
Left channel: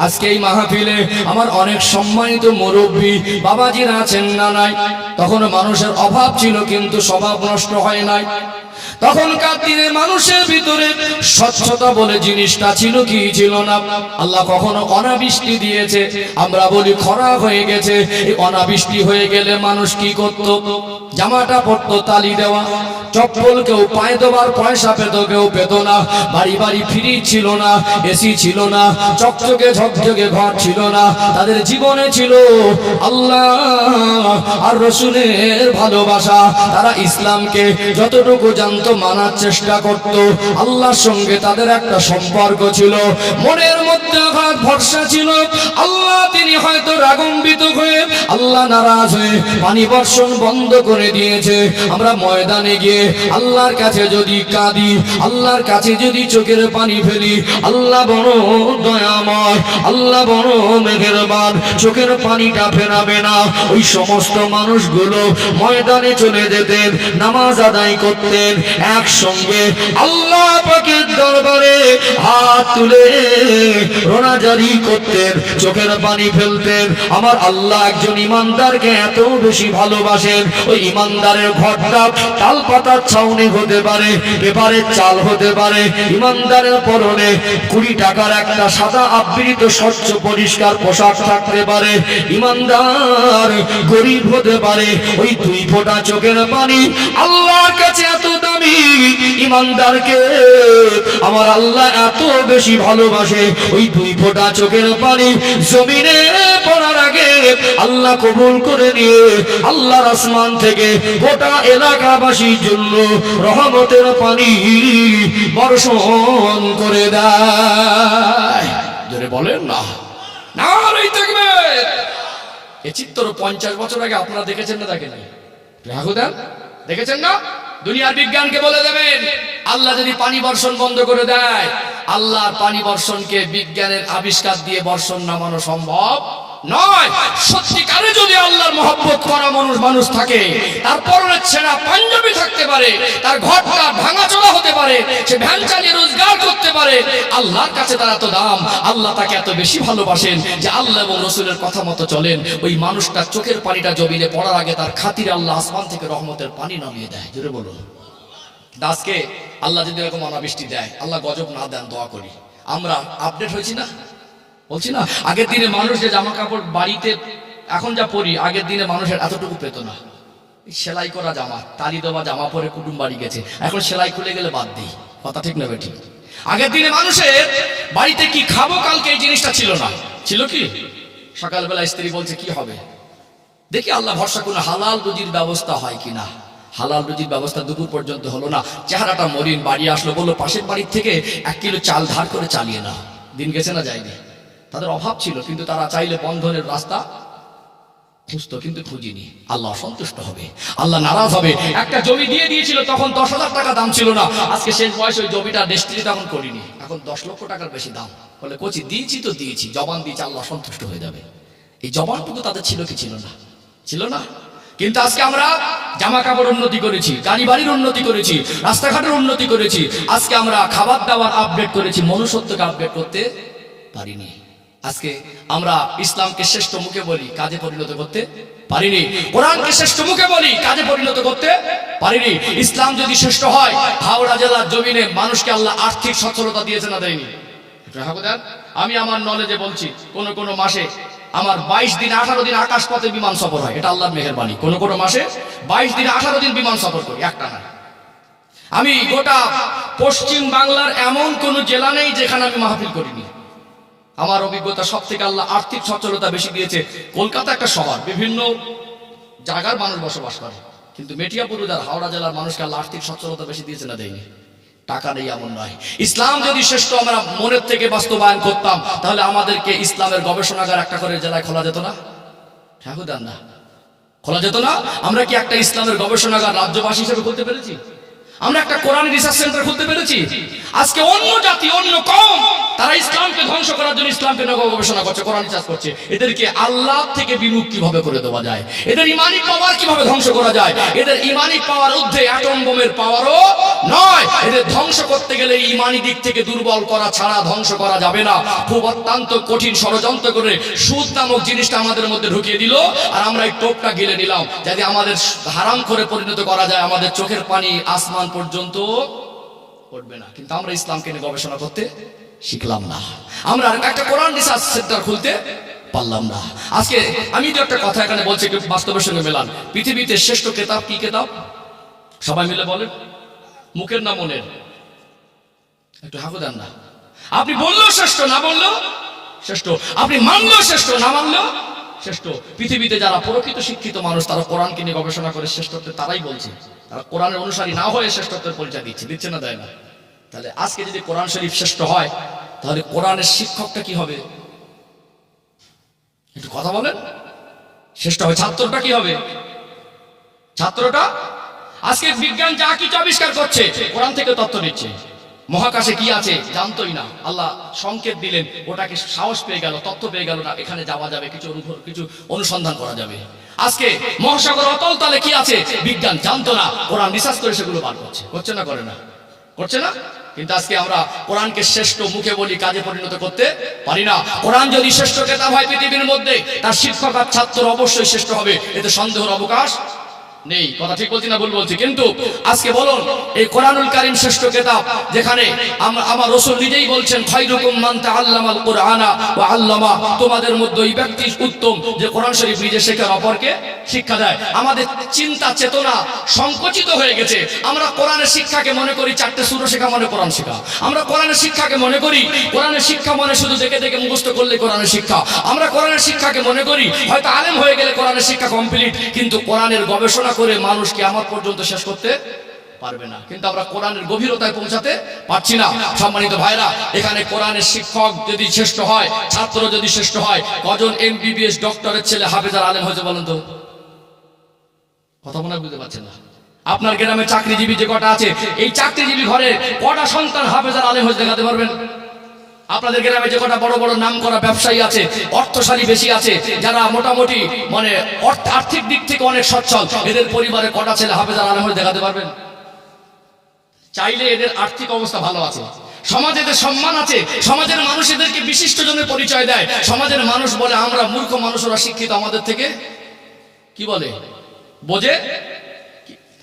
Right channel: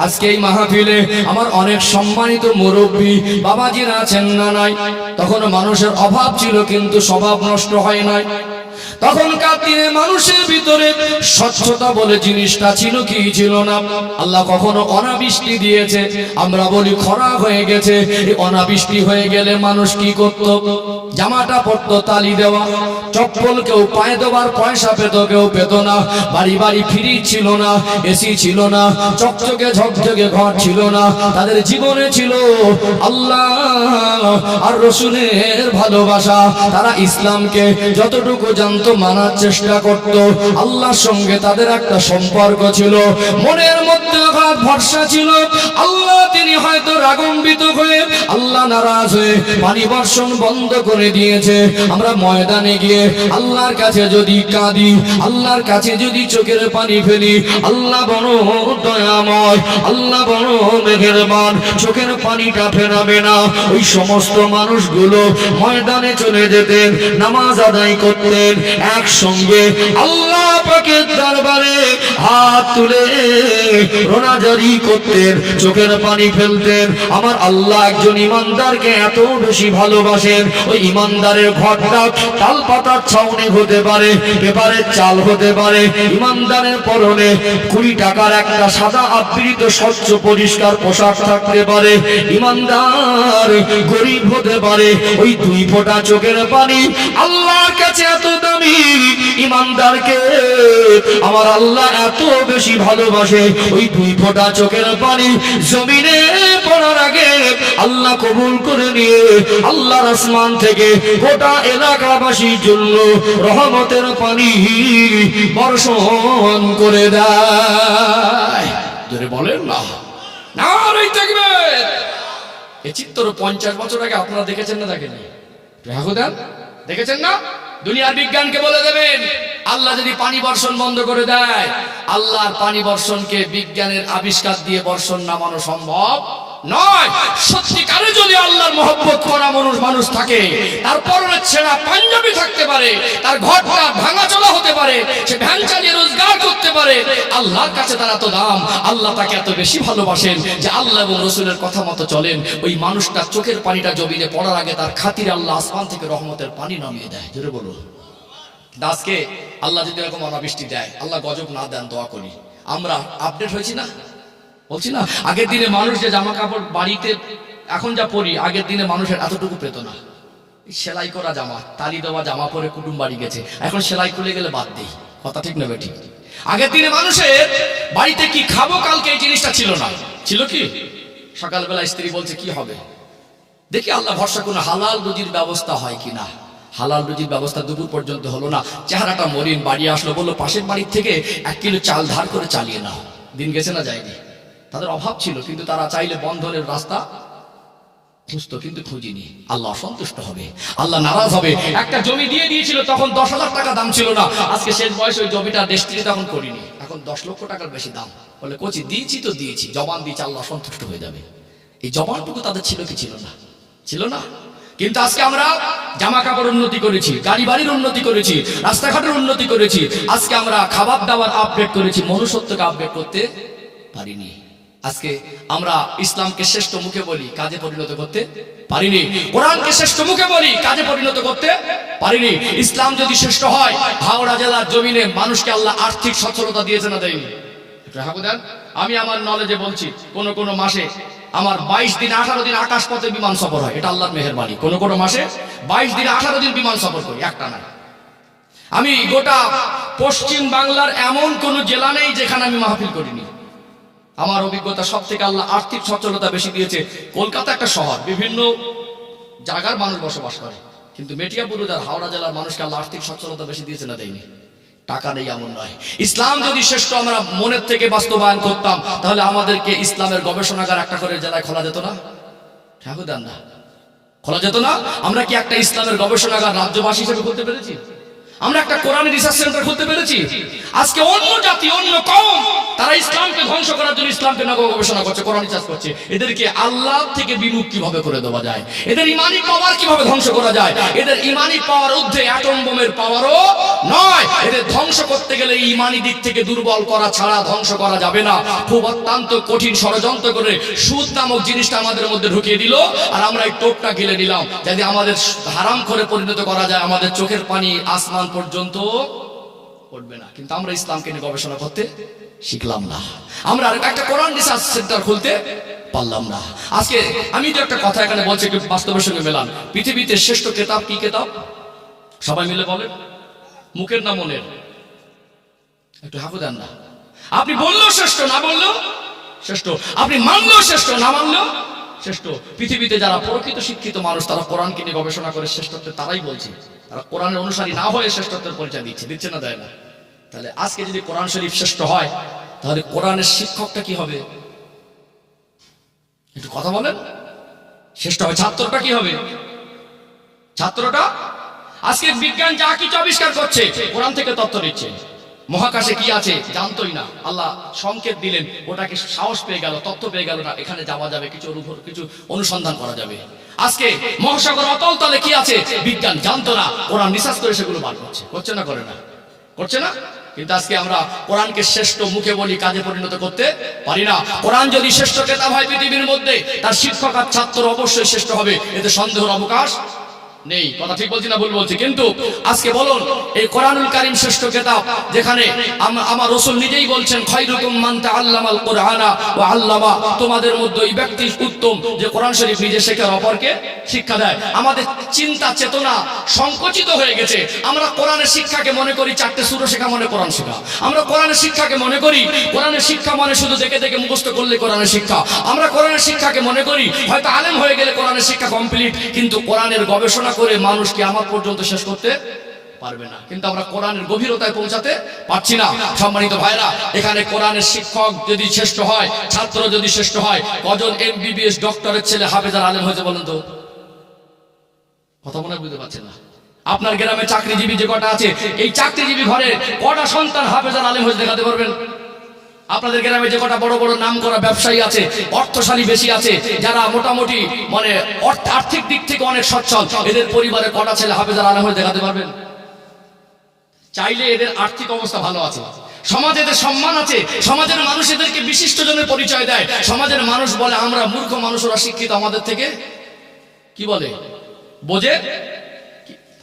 আজকে এই মাহফিলে আমার অনেক সম্মানিত মুরব্বী বাবাজিরা আছেন না নাই? তখন মানুষের অভাব ছিল, কিন্তু স্বভাব নষ্ট হয় নাই। তখনকার দিনে মানুষের ভিতরে স্বচ্ছতা বলে জিনিসটা ছিল কি ছিল না? আল্লাহ কখনো অনাবৃষ্টি দিয়েছে, আমরা বলি খরা হয়ে গেছে। এই অনাবৃষ্টি হয়ে গেলে মানুষ কি করত? জামাটা পরতো তালি দেওয়া, চপ্পল কেউ পায়ে দেওয়ার পয়সা পেত, কেউ পেত না। বাড়ি বাড়ি ফ্রিজ ছিল না, এসি ছিল না, চকচকে ঝকঝকে ঘর ছিল না। তাদের জীবনে ছিল আল্লাহ আর রসুলের ভালোবাসা। তারা ইসলামকে যতটুকু জানতো মানার চেষ্টা করত। আল্লাহর সঙ্গে তাদের একটা সম্পর্ক ছিল, মনের মধ্যে অগাধ ভরসা ছিল। আল্লাহ তিনি হয়তো রাগান্বিত হয়ে, আল্লাহ নারাজ হয়ে পানি বর্ষণ বন্ধ করে দিয়েছে। আমরা ময়দানে গিয়ে আল্লাহর কাছে যদি কাঁদি, আল্লাহর কাছে যদি চোখের পানি ফেলি, আল্লাহ বড় দয়াময়, আল্লাহ বড় মেহেরবান, চোখের পানিটা ফেরাবে না। ওই সমস্ত মানুষগুলো ময়দানে চলে যেতেন, নামাজ আদায় করতেন, একসঙ্গে আল্লাহ পাকের দরবারে হাত তুলে রোনাজারি করতেন, চোখের পানি ফেলতেন। আমার আল্লাহ একজন ইমানদারকে এত বেশি ভালোবাসেন, ওই ইমানদারের ঘরটা তাল পাতার ছাউনি হতে পারে, পেপারের চাল হতে পারে, ইমানদারের পরনে 20 টাকার একটা সাদা আবৃত স্বচ্ছ পরিষ্কার পোশাক থাকতে পারে, ইমানদার গরিব হতে পারে, ওই 2 ফোঁটা চোখের পানি আল্লাহর কাছে এত দামি। ইমানদারকে আমার আল্লাহ এত বেশি ভালোবাসে, ওই 2 ফোঁটা চোখের পানি জমিনে পড়ার আগে আল্লাহ কবুল করে নিয়ে আল্লাহর আসমান থেকে গোটা এলাকাবাসীর জন্য রহমতের পানি বর্ষণ করে দেয়। জোরে বলেন না, নারে তাকবীর। এ চিত্র 50 বছর আগে আপনারা দেখেছেন না দেখেননি? দেন, দেখেছেন না? দুনিয়ার বিজ্ঞানকে বলে দেবেন আল্লাহ যদি পানি বর্ষণ বন্ধ করে দেয়, আল্লাহর পানি বর্ষণকে বিজ্ঞানের আবিষ্কার দিয়ে বর্ষণ নামানো সম্ভব নয়। সত্যিকারে যদি আল্লাহর মহব্বত করা মানুষ থাকে, তার পরনে ছেঁড়া পাঞ্জাবি থাকতে পারে, তার ঘরটা ভাঙাচোরা হতে পারে, সে ভ্যান চালিয়ে রোজগার করতে পারে, আল্লাহর কাছে তার এত দাম, আল্লাহ তাকে এত বেশি ভালোবাসেন যে আল্লাহ এবং রসুলের কথা মতো চলেন। ওই মানুষটার চোখের পানিটা জমিনে পড়ার আগে তার খাতিরে আল্লাহ আসমান থেকে রহমতের পানি নামিয়ে দেয়। জোরে বলুন। আজকে আল্লাহ যদি এরকম অনাবৃষ্টি দেয়, আল্লাহ গজব না দেন, দোয়া করি। আমরা আপডেট হয়েছি না, বলছি না? আগের দিনে মানুষ যে জামা কাপড় বাড়িতে এখন যা পরি, আগের দিনে মানুষের এতটুকু পেত না। সেলাই করা জামা, তালি দেওয়া জামা পরে কুটুম বাড়ি গেছে, এখন সেলাই খুলে গেলে বাদ দেই। কথা ঠিক নেবে ঠিক? আগের দিনে মানুষের বাড়িতে কি খাবো কালকে এই জিনিসটা ছিল না। ছিল কি? সকালবেলা স্ত্রী বলছে কি হবে, দেখি আল্লাহ ভরসা কোনো হালাল রুজির ব্যবস্থা হয় কিনা। হালাল রুজির ব্যবস্থা দুপুর পর্যন্ত হলো না, চেহারাটা মলিন। বাড়ি আসলো, বললো পাশের বাড়ির থেকে 1 কিলো চাল ধার করে চালিয়ে নাও। দিন গেছে না যায়নি? তাদের অভাব ছিল, কিন্তু তারা চাইলে বন্ধনের রাস্তা খুঁজতো, কিন্তু খুঁজিনি। আল্লাহ অসন্তুষ্ট হবে, আল্লাহ নারাজ হবে। একটা জমি দিয়ে দিয়েছিল, তখন 10,000 টাকা দাম ছিল না। আজকে শেষ বয়সে ওই জমিটা রেজিস্ট্রি তখন করিনি, এখন 10 লক্ষ টাকার বেশি দাম। বলে কোচি দিয়েছি তো দিয়েছি, জবান দিয়েছি, আল্লাহ অসন্তুষ্ট হয়ে যাবে। এই জবানটুকু তাদের ছিল কি ছিল না? ছিল না। কিন্তু আজকে আমরা জামা কাপড় উন্নতি করেছি, গাড়ি বাড়ির উন্নতি করেছি, রাস্তাঘাটের উন্নতি করেছি। আজকে আমরা খাবার দাবার আপডেট করেছি, মনুষ্যত্বকে আপডেট করতে পারিনি। আজকে আমরা ইসলামকে শ্রেষ্ঠ মুখে বলি, কাজে পরিণত করতে পারিনি। কোরআনকে শ্রেষ্ঠ মুখে বলি, কাজে পরিণত করতে পারিনি। ইসলাম যদি শ্রেষ্ঠ হয়, হাওড়া জেলার জমিনে মানুষকে আল্লাহ আর্থিক সচ্ছলতা দিয়েছে না দেয়নি? আমি আমার নলেজে বলছি, কোন মাসে আমার 22 দিন 18 দিন আকাশ পথে বিমান সফর হয়, এটা আল্লাহর মেহেরবানি। কোন মাসে 22 দিন 18 দিন বিমান সফর করি, একটা না। আমি গোটা পশ্চিম বাংলার এমন কোন জেলা নেই যেখানে আমি মাহফিল করিনি। আমার অভিজ্ঞতা, সব থেকে আল্লাহ আর্থিক সচ্ছলতা বেশি দিয়েছে। কলকাতা একটা শহর, বিভিন্ন জায়গার মানুষ বসবাস করে, কিন্তু মেটিয়াবুরুজ আর হাওড়া জেলার মানুষকে আল্লাহ আর্থিক সচ্ছলতা বেশি দিয়েছে না দেয়নি? টাকা নেই এমন নয়। ইসলাম যদি শ্রেষ্ঠ আমরা মনের থেকে বাস্তবায়ন করতাম, তাহলে আমাদেরকে ইসলামের গবেষণাগার একটা করে জেলায় খোলা যেত না? ঠাকুর দেন না, খোলা যেত না? আমরা কি একটা ইসলামের গবেষণাগার রাজ্যবাসী হিসেবে খুলতে পেরেছি? আমরা একটা কোরআন রিসার্চ সেন্টার খুলতে পেরেছি? আজকে অন্য জাতি, অন্য কওম, তারা ইসলামকে ধ্বংস করার জন্য ইসলামকে গবেষণা করছে, কোরআন রিসার্চ করছে। এদেরকে আল্লাহ থেকে বিমুখ কিভাবে করে দেওয়া যায়, এদের ইমানি পাওয়ার কিভাবে ধ্বংস করা যায়। এদের ইমানি পাওয়ার ঊর্ধ্বে অ্যাটম বোমের পাওয়ারও নয়। এদের ধ্বংস করতে গেলে ইমানি দিক থেকে দুর্বল করা ছাড়া ধ্বংস করা যাবে না। খুব অত্যন্ত কঠিন ষড়যন্ত্র করে সুদ নামক জিনিসটা আমাদের মধ্যে ঢুকিয়ে দিল, আর আমরা এই টোপটা গিলে নিলাম। যদি আমাদের হারাম করে পরিণত করা যায়, আমাদের চোখের পানি আসমান পর্যন্ত পড়বে না। কিন্তু আমরা ইসলামকে নিয়ে গবেষণা করতে শিখলাম না, আমরা একটা কোরআন রিসার্চ সেন্টার খুলতে পারলাম না। আজকে আমি যে একটা কথা এখানে বলছি, বাস্তবের সঙ্গে মেলান। পৃথিবীতে শ্রেষ্ঠ কিতাব কি কিতাব? সবাই মিলে বলেন, মুখের না মনের? একটু হাঁকু দেন না। আপনি বললেও শ্রেষ্ঠ, না বললেও শ্রেষ্ঠ। আপনি মানলেও শ্রেষ্ঠ, না মানলেও শ্রেষ্ঠ। পৃথিবীতে যারা প্রকৃত শিক্ষিত মানুষ, তারা কোরআনকে নিয়ে গবেষণা করে শ্রেষ্ঠত্বের তারাই বলছে। তারা কোরআনের অনুসারী না হয়ে শ্রেষ্ঠত্বের পরিচয় দিচ্ছে না, দেয় না? তাহলে আজকে যদি কোরআন শরীফ শ্রেষ্ঠ হয়, তাহলে কোরআনের শিক্ষকটা কি হবে? একটু কথা বলেন। শ্রেষ্ঠ হবে ছাত্রটা কি হবে? ছাত্রটা আজকে বিজ্ঞান যা কিছু আবিষ্কার করছে, কোরআন থেকে তথ্য নিচ্ছে। মহাকাশে কি আছে জানতোই না, আল্লাহ সংকেত দিলেন, ওটাকে সাহস পেয়ে গেল, তথ্য পেয়ে গেল, না এখানে যাওয়া যাবে, কিছু অনুসন্ধান করা যাবে। আজকে মহাসাগর অতল তলে কি আছে বিজ্ঞান জানতো না, কোরআন রিসার্চ করে সেগুলো বার করছে না, করে না, করছে না। কিন্তু আজকে আমরা কোরআনকে শ্রেষ্ঠ মুখে বলি, কাজে পরিণত করতে পারি না। কোরআন যদি শ্রেষ্ঠ কিতাব হয় পৃথিবীর মধ্যে, তার শিক্ষক আর ছাত্র অবশ্যই শ্রেষ্ঠ হবে, এতে সন্দেহের অবকাশ নেই। কথা ঠিক বলছি না ভুল বলছি? কিন্তু আজকে বলুন, এই কোরআনুল কারীম শ্রেষ্ঠ কিতাব, যেখানে আমার রাসূল নিজেই বলছেন, খায়রুকুম মান তাআল্লামাল কুরআনা ওয়া আল্লামা, তোমাদের মধ্যে ওই ব্যক্তি উত্তম যে কোরআন শরীফ নিজে শেখে আর অপরকে শিক্ষা দেয়। আমাদের চিন্তা চেতনা সংকুচিত হয়ে গেছে। আমরা কোরআনের শিক্ষাকে মনে করি চারটে সূরা শেখা মানে কোরআন শেখা। আমরা কোরআনের শিক্ষাকে মনে করি কোরআনের শিক্ষা মানে শুধু দেখে দেখে মুখস্থ করলে কোরআনের শিক্ষা। আমরা কোরআনের শিক্ষাকে মনে করি হয়তো আলেম হয়ে গেলে কোরআনের শিক্ষা কমপ্লিট, কিন্তু কোরআনের গবেষণা করে মানুষ কিয়ামত পর্যন্ত শেষ করতে পারবে না। কিন্তু আমরা কোরআনের গভীরতায় পৌঁছাতে পারছি না। সম্মানিত ভাইরা, এখানে কোরআনের শিক্ষক যদি শ্রেষ্ঠ হয়, ছাত্র যদি শ্রেষ্ঠ হয়, কজন MBBS ডক্টরের ছেলে হাফেজ আর আলেম হয়েছে বলেন তো? কথা মনে হয় বুঝতে পারছেন না। আপনার গ্রামে চাকরিজীবী যে কটা আছে, এই চাকরিজীবী ঘরে কটা সন্তান হাফেজ আর আলেম হয়েছে দেখাতে পারবেন? আপনাদের গ্রামে যে কটা বড় বড় নাম করা ব্যবসায়ী আছে, অর্থশালী বেশি আছে, যারা মোটামুটি মানে আর্থিক দিক থেকে অনেক সচ্ছল, এদের পরিবারে কটা ছেলে হাফেজ আর আলেম হয়ে দেখাতে পারবেন? চাইলে এদের আর্থিক অবস্থা ভালো আছে, সমাজে এদের সম্মান আছে, সমাজের মানুষ এদেরকে বিশিষ্ট জনের পরিচয় দেয়। সমাজের মানুষ বলে আমরা মূর্খ মানুষ, ওরা শিক্ষিত আমাদের থেকে, কি বলে বোঝে,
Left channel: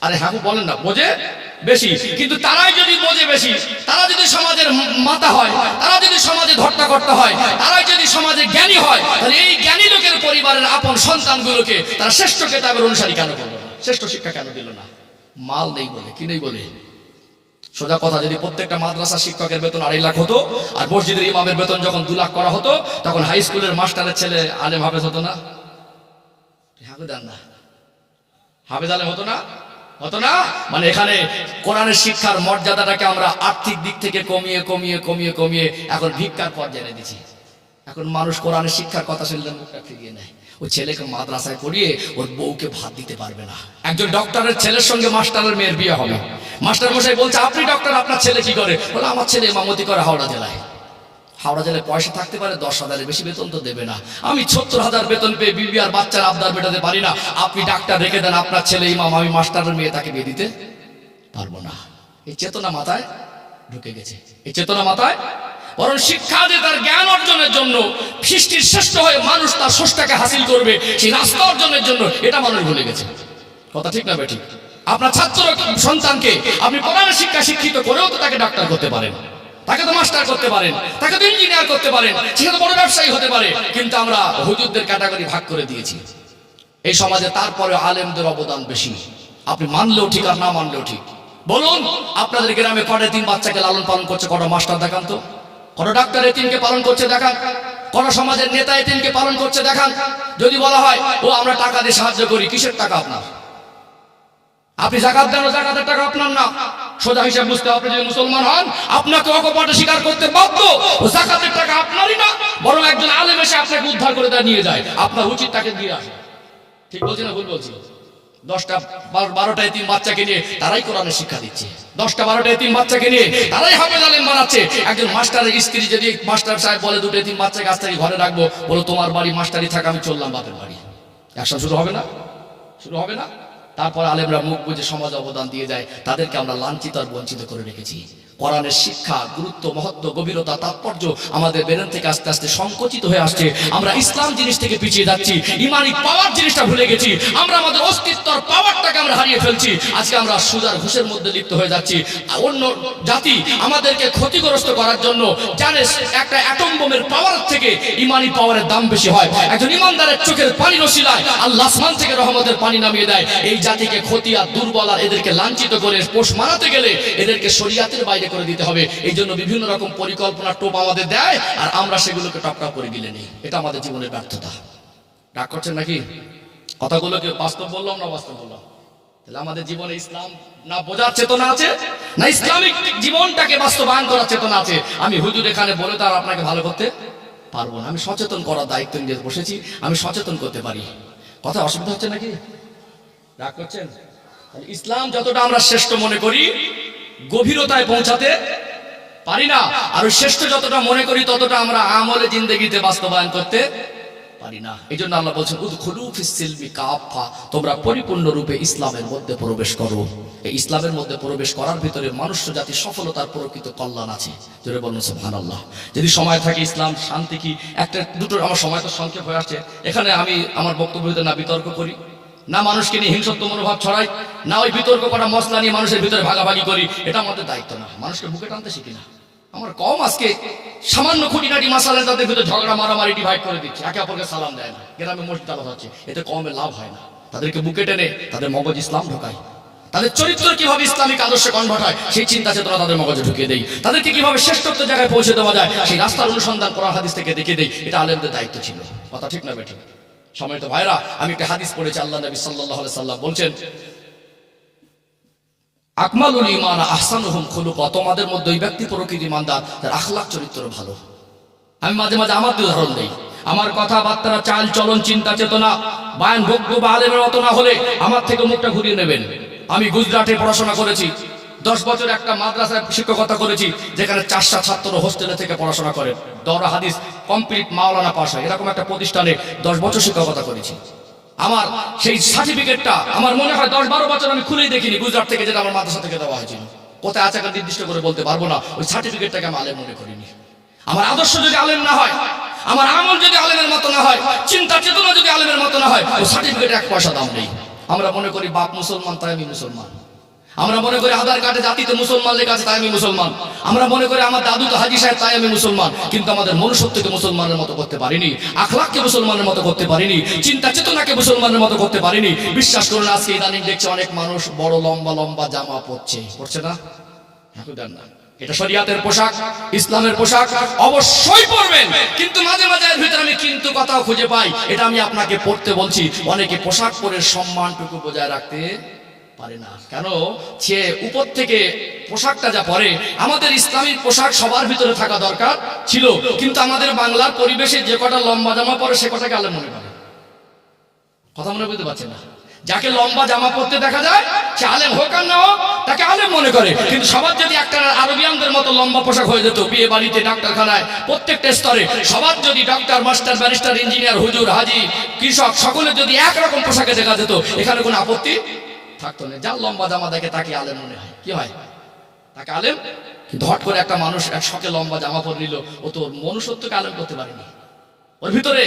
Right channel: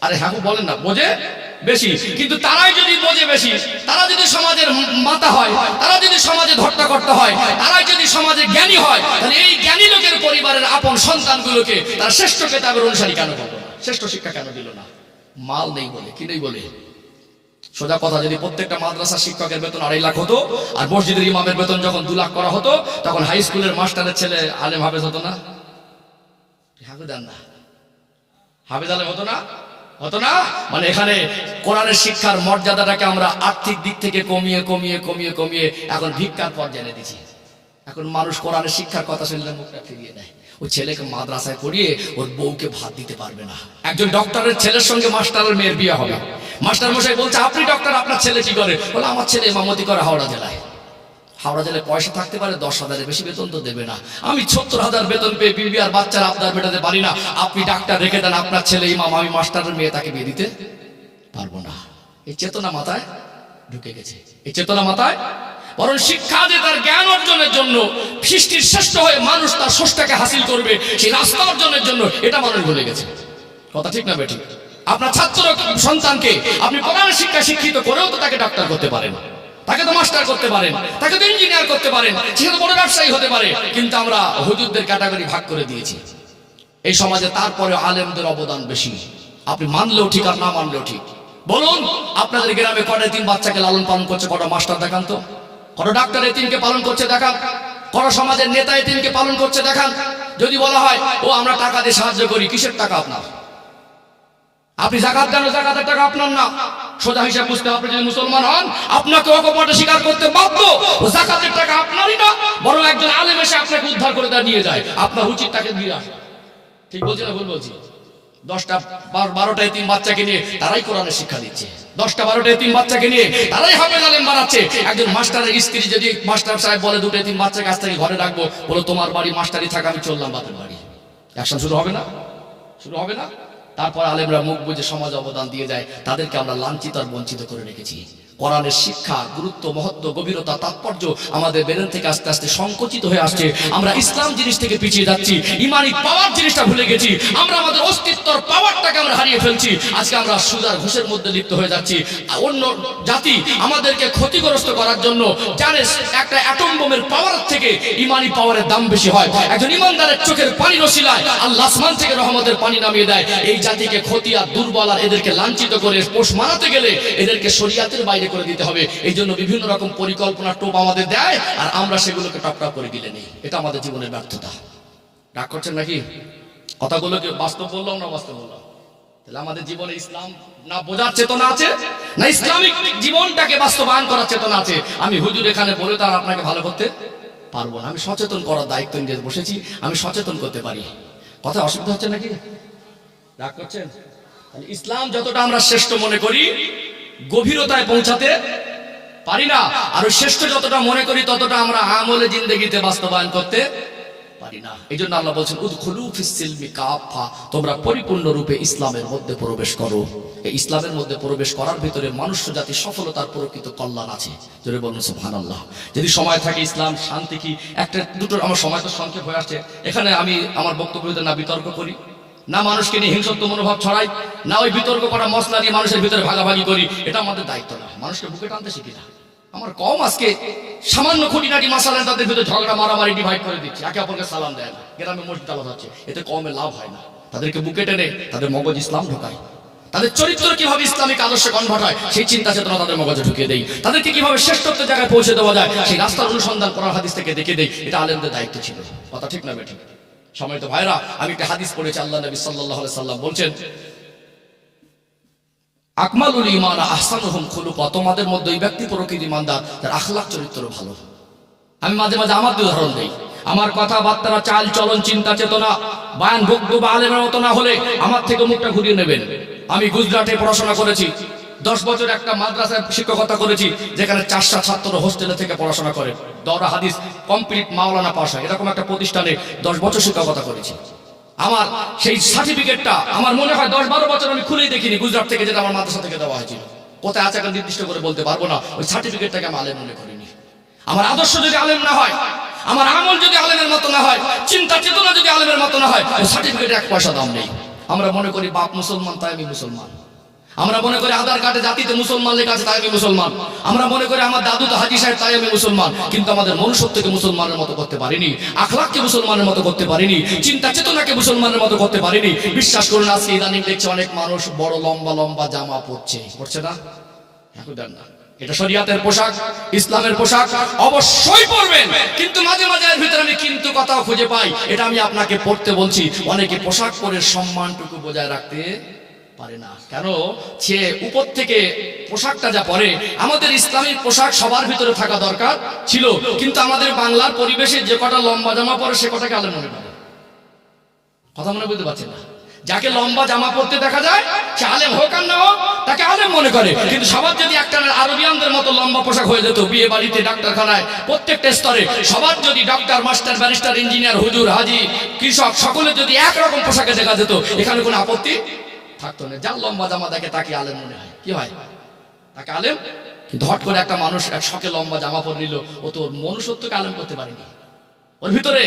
আরে হ্যাঁ বলেন না, বোঝে বেশি। কিন্তু তারাই যদি বোঝে বেশি, তারা যদি সমাজের মাতা হয়, তারা যদি সমাজে ধর্তাকর্তা হয়, তারাই যদি সমাজে জ্ঞানী হয়, তাহলে এই জ্ঞানী লোকের পরিবারের আপন সন্তানগুলোকে তারা শ্রেষ্ঠ কিতাবের অনুসারী কেন করলো না? শ্রেষ্ঠ শিক্ষা কেন দিল না? মাল নেই বলে, কি নেই বলে? সোজা কথা, যদি প্রত্যেকটা মাদ্রাসার শিক্ষকের বেতন 2.5 লাখ হতো, আর মসজিদের ইমামের বেতন যখন 2 লাখ করা হতো, তখন হাই স্কুলের মাস্টারের ছেলে আলেম হাফেজ হতো না? হ্যাঁ দেন না, হাফেজ আলেম হতো না? হতো না। মানে এখানে কোরআনের শিক্ষার মর্যাদাটাকে আমরা আর্থিক দিক থেকে কমিয়ে কমিয়ে কমিয়ে কমিয়ে এখন ভিক্ষার পর্যায়ে এনে দিচ্ছি। এখন মানুষ কোরআনের শিক্ষার কথা শুনলে মুখটা ফিরিয়ে নেয়। ও ছেলেকে মাদ্রাসায় পড়িয়ে ওর বউকে ভাত দিতে পারবে না। একজন ডক্টরের ছেলের সঙ্গে মাস্টারের মেয়ের বিয়ে হবে। মাস্টার মশাই বলছে, আপনি ডক্টর, আপনার ছেলে কি করে? বলে, আমার ছেলে ইমামতি করে হাওড়া জেলায়। হাওড়া জেলায় পয়সা থাকতে পারে, 10,000-এর বেশি বেতন তো দেবে না। আমি 70,000 বেতন পেয়ে বিবি আর বাচ্চার আবদার মেটাতে পারি না। আপনি ডাক্তার রেখে দেন, আপনার ছেলে ইমাম, আমি মাস্টারের মেয়ে, তাকে বিয়ে দিতে পারবো না। এই চেতনা মাথায় ঢুকে গেছে, এই চেতনা মাথায়। বরং শিক্ষা যে তার জ্ঞান অর্জনের জন্য, সৃষ্টির শ্রেষ্ঠ হয়ে মানুষ তার স্রষ্টাকে হাসিল করবে, সেই রাস্তা অর্জনের জন্য, এটা মানুষ ভুলে গেছে। কথা ঠিক না বেঠিক? আপনার ছাত্র সন্তানকে আপনি কোরআনের শিক্ষা শিক্ষিত করেও তো তাকে ডাক্তার করতে পারেন, তাকে তো মাস্টার করতে পারেন, তাকে তো ইঞ্জিনিয়ার করতে পারেন, সে তো বড় ব্যবসায়ী হতে পারে। কিন্তু আমরা হুজুরদের ক্যাটাগরি ভাগ করে দিয়েছি এই সমাজে। তারপরে আলেমদের অবদান বেশি, আপনি মানলেও ঠিক আর না মানলেও ঠিক। বলুন, আপনাদের গ্রামে কটা 3 বাচ্চাকে লালন পালন করছে? কটা মাস্টার দেখান তো? কটা ডাক্তার এতিমকে পালন করছে দেখান? কটা সমাজের নেতা এতিমকে পালন করছে দেখান? যদি বলা হয় ও আমরা টাকা দিয়ে সাহায্য করি, কিসের টাকা আপনার? আপনি যাকাত দেন, যাকাতের টাকা আপনার না। সোজা হিসাব বুঝতে, আপনি যদি মুসলমান হন, আপনাকে অকপটে স্বীকার করতে বাধ্য, ও যাকাতের টাকা আপনারই না, বরং একজন আলেম এসে আপনাকে উদ্ধার করে নিয়ে যায়। আপনার উচিত তাকে দিয়ে আসা। ঠিক বলছি না ভুল বলছি? 10টা 12টা এতিম বাচ্চাকে নিয়ে তারাই কোরআনের শিক্ষা দিচ্ছে। 10টা 12টা এতিম বাচ্চাকে নিয়ে তারাই হাফেজ আলেম বানাচ্ছে। একজন মাস্টারের স্ত্রী যদি মাস্টার সাহেব বলে 2টা এতিম বাচ্চাকে আজ থেকে ঘরে রাখবো, বলো তোমার বাড়ি মাস্টারি থাকা, আমি চললাম বাপের বাড়ি, অ্যাকশন শুরু হবে না? শুরু হবে না? তারপর আলেমরা মুখ বুঝে সমাজে অবদান দিয়ে যায়, তাদেরকে আমরা লাঞ্ছিত আর বঞ্চিত করে রেখেছি। কোরআনের শিক্ষা, গুরুত্ব, মহত্ব, গভীরতা, তাৎপর্য আমাদের ব্রেন থেকে আস্তে আস্তে সংকুচিত হয়ে আসছে। আমরা ইসলাম জিনিস থেকে পিছিয়ে যাচ্ছি, ইমানি পাওয়ার জিনিসটা ভুলে গেছি। আমরা আমাদের অস্তিত্বর পাওয়ারটাকে আমরা হারিয়ে ফেলছি। আজকে আমরা সুদার ঘুষের মধ্যে লিপ্ত হয়ে যাচ্ছি। অন্য জাতি আমাদেরকে ক্ষতিগ্রস্ত করার জন্য জানে একটা অ্যাটম বোমের পাওয়ার থেকে ইমানি পাওয়ারের দাম বেশি হয়। একজন ইমানদারের চোখের পানি রসিলায় আল্লাহ আসমান থেকে রহমতের পানি নামিয়ে দেয়। এই জাতিকে ক্ষতি আর দুর্বল আর এদেরকে লাঞ্ছিত করে পোষ মানাতে গেলে এদেরকে শরিয়াতের বাইরে করে দিতে হবে। এই জন্য বিভিন্ন রকম পরিকল্পনা টোপ আমাদের দেয়, আর আমরা সেগুলোকে টপটপ করে গিলে নেই। এটা আমাদের জীবনের ব্যর্থতা। রাগ করছেন নাকি? কথাগুলোকে বাস্তব বললাম না বাস্তব বললাম? তাহলে আমাদের জীবনে ইসলাম না বোঝার চেতনা আছে, না ইসলামিক জীবনটাকে বাস্তবায়ন করার চেতনা আছে। আমি হুজুর এখানে বলে তার আপনাকে ভালো করতে পারবো না। আমি সচেতন করার দায়িত্ব নিয়ে বসেছি, আমি সচেতন করতে পারি। কথা অসুবিধা হচ্ছে নাকি? রাগ করছেন? তাহলে ইসলাম যতটা আমরা শ্রেষ্ঠ মনে করি, গভীরতায় পৌঁছাতে পারি না। আর ওই শ্রেষ্ঠ যতটা মনে করি ততটা আমরা আমলে জিন্দেগিতে বাস্তবায়ন করতে পারি না। এই জন্য আল্লাহ বলছেন উদখুলু ফিস সিলমি কাফা, তোমরা পরিপূর্ণ রূপে ইসলামের মধ্যে প্রবেশ করো। এই ইসলামের মধ্যে প্রবেশ করার ভিতরে মনুষ্য জাতির সফলতার প্রকৃত কল্যাণ আছে। জোরে বলুন সুবহানাল্লাহ। যদি সময় থাকে ইসলাম শান্তি কি একটা দুটো, আমার সময় তো সংক্ষেপ হয়ে আসছে, এখানে আমি আমার বক্তব্যতে না বিতর্ক করি, না মানুষকে নিয়ে হিংসত্ব মনোভাব ছড়াই, না ওই বিতর্ক করা মশলা নিয়ে মানুষের ভিতরে ভাগাভাগি করি। এটা আমাদের দায়িত্ব না। মানুষকে বুকে টানতে শিখি না। আমার কম আজকে সামান্য খুঁটিনাটি মাসালা তাদের ভিতরে ঝগড়া মারামারি ডিভাইড করে দিচ্ছে, একে অপরকে সালাম দেয় না, গ্রামে মসজিদ আলাদা হচ্ছে, এতে কমে লাভ হয় না। তাদেরকে বুকে টেনে তাদের মগজ ইসলাম ঢোকায়, তাদের চরিত্র কিভাবে ইসলামিক আদর্শে কনভার্ট হয় সেই চিন্তা চেতনা তাদের মগজে ঢুকিয়ে দেই, তাদেরকে কিভাবে শ্রেষ্ঠত্বের জায়গায় পৌঁছে দেওয়া যায় সেই রাস্তার অনুসন্ধান কোরআন হাদিস থেকে দেখে দেই। এটা আলেমদের দায়িত্ব ছিল। কথা ঠিক না বেঠিক? সম্মানিত ভাইরা, আমি একটা হাদিস পড়েছি, আল্লাহ নবী সাল্লাল্লাহু আলাইহি সাল্লাম বলছেন আকমালুল ঈমান আহসানুহুম খুলুকা, তোমাদের মধ্যে ওই ব্যক্তি প্রকৃত ঈমানদার যার আখলাক চরিত্র ভালো। আমি মাঝে মাঝে আমার উদাহরণ দেই। আমার কথাবার্তা, চাল চলন, চিন্তা চেতনা বায়ান বক্তব্য আলেমের মতো না হলে আমার থেকে মুখটা ঘুরিয়ে নেবেন। আমি গুজরাটে পড়াশোনা করেছি, 10 বছর একটা মাদ্রাসায় শিক্ষকতা করেছি, যেখানে 400 ছাত্র হোস্টেলে থেকে পড়াশোনা করে, দরা হাদিস কমপ্লিট মাওলানা পাস হয়, এরকম একটা প্রতিষ্ঠানে 10 বছর শিক্ষকতা করেছি। আমার সেই সার্টিফিকেটটা আমার মনে হয় 10-12 বছর আমি খুলেই দেখিনি, গুজরাট থেকে যেটা আমার মাদ্রাসা থেকে দেওয়া হয়েছিল। কোথায় আছে এখন নির্দিষ্ট করে বলতে পারবো না। ওই সার্টিফিকেটটাকে আমি আলেম মনে করিনি। আমার আদর্শ যদি আলেম না হয়, আমার আমল যদি আলেমের মতো না হয়, চিন্তা চেতনা যদি আলেমের মতো না হয়, ওই সার্টিফিকেটে 1 পয়সা দাম নেই। আমরা মনে করি বাপ মুসলমান তাই আমি মুসলমান, আমরা মনে করি আধার কার্ডে জাতিতে মুসলমান লেখা আছে তাই আমি মুসলমান, আমরা মনে করি আমার দাদু তো হাজী সাহেব তাই আমি মুসলমান। কিন্তু আমাদের মনুষ্যত্বকে মুসলমানের মতো করতে পারিনি, আখলাককে মুসলমানের মতো করতে পারিনি, চিন্তা চেতনাকে মুসলমানের মতো করতে পারিনি। বিশ্বাস করুন, আজকে ইদানিং দেখছে অনেক মানুষ বড় লম্বা লম্বা জামা পরছে না? এখন দেন না, এটা শরিয়াতের পোশাক, ইসলামের পোশাক, অবশ্যই পরবেন। কিন্তু মাঝে মাঝে এর ভিতরে আমি কিন্তু কথাও খুঁজে পাই, এটা আমি আপনাকে পড়তে বলছি। অনেকে পোশাক পরে সম্মানটুকু বজায় রাখতে পারে না। কেন? সে উপর থেকে পোশাকটা যা পরে, আমাদের ইসলামিক পোশাক সবার ভিতরে থাকা দরকার ছিল, কিন্তু আমাদের বাংলার পরিবেশে যে কটা লম্বা জামা পরে সে কটাকে আলেম মনে করে। কথা মনে বুঝতে পারছেন না? যাকে লম্বা জামা পরতে দেখা যায় সে আলেম হোক আর না হোক তাকে আলেম মনে করে। কিন্তু সবার যদি একটা আরবিয়ানদের মতো লম্বা পোশাক হয়ে যেত, বিয়ে বাড়িতে, ডাক্তারখানায়, প্রত্যেকটা স্তরে সবার যদি ডক্টর, মাস্টার, ব্যারিস্টার, ইঞ্জিনিয়ার, হুজুর, হাজি, কৃষক সকলের যদি একরকম পোশাকে দেখা যেত, এখানে কোনো আপত্তি থাকতো না। যার লম্বা জামা দেখে তাকে আলেম মনে হয়। কি হয়? তাকে আলেম। কিন্তু হট করে একটা মানুষ এক শখে লম্বা জামা পরে নিল, ও তো মনুষ্যত্বকে আলেম করতে পারেনি। ওর ভিতরে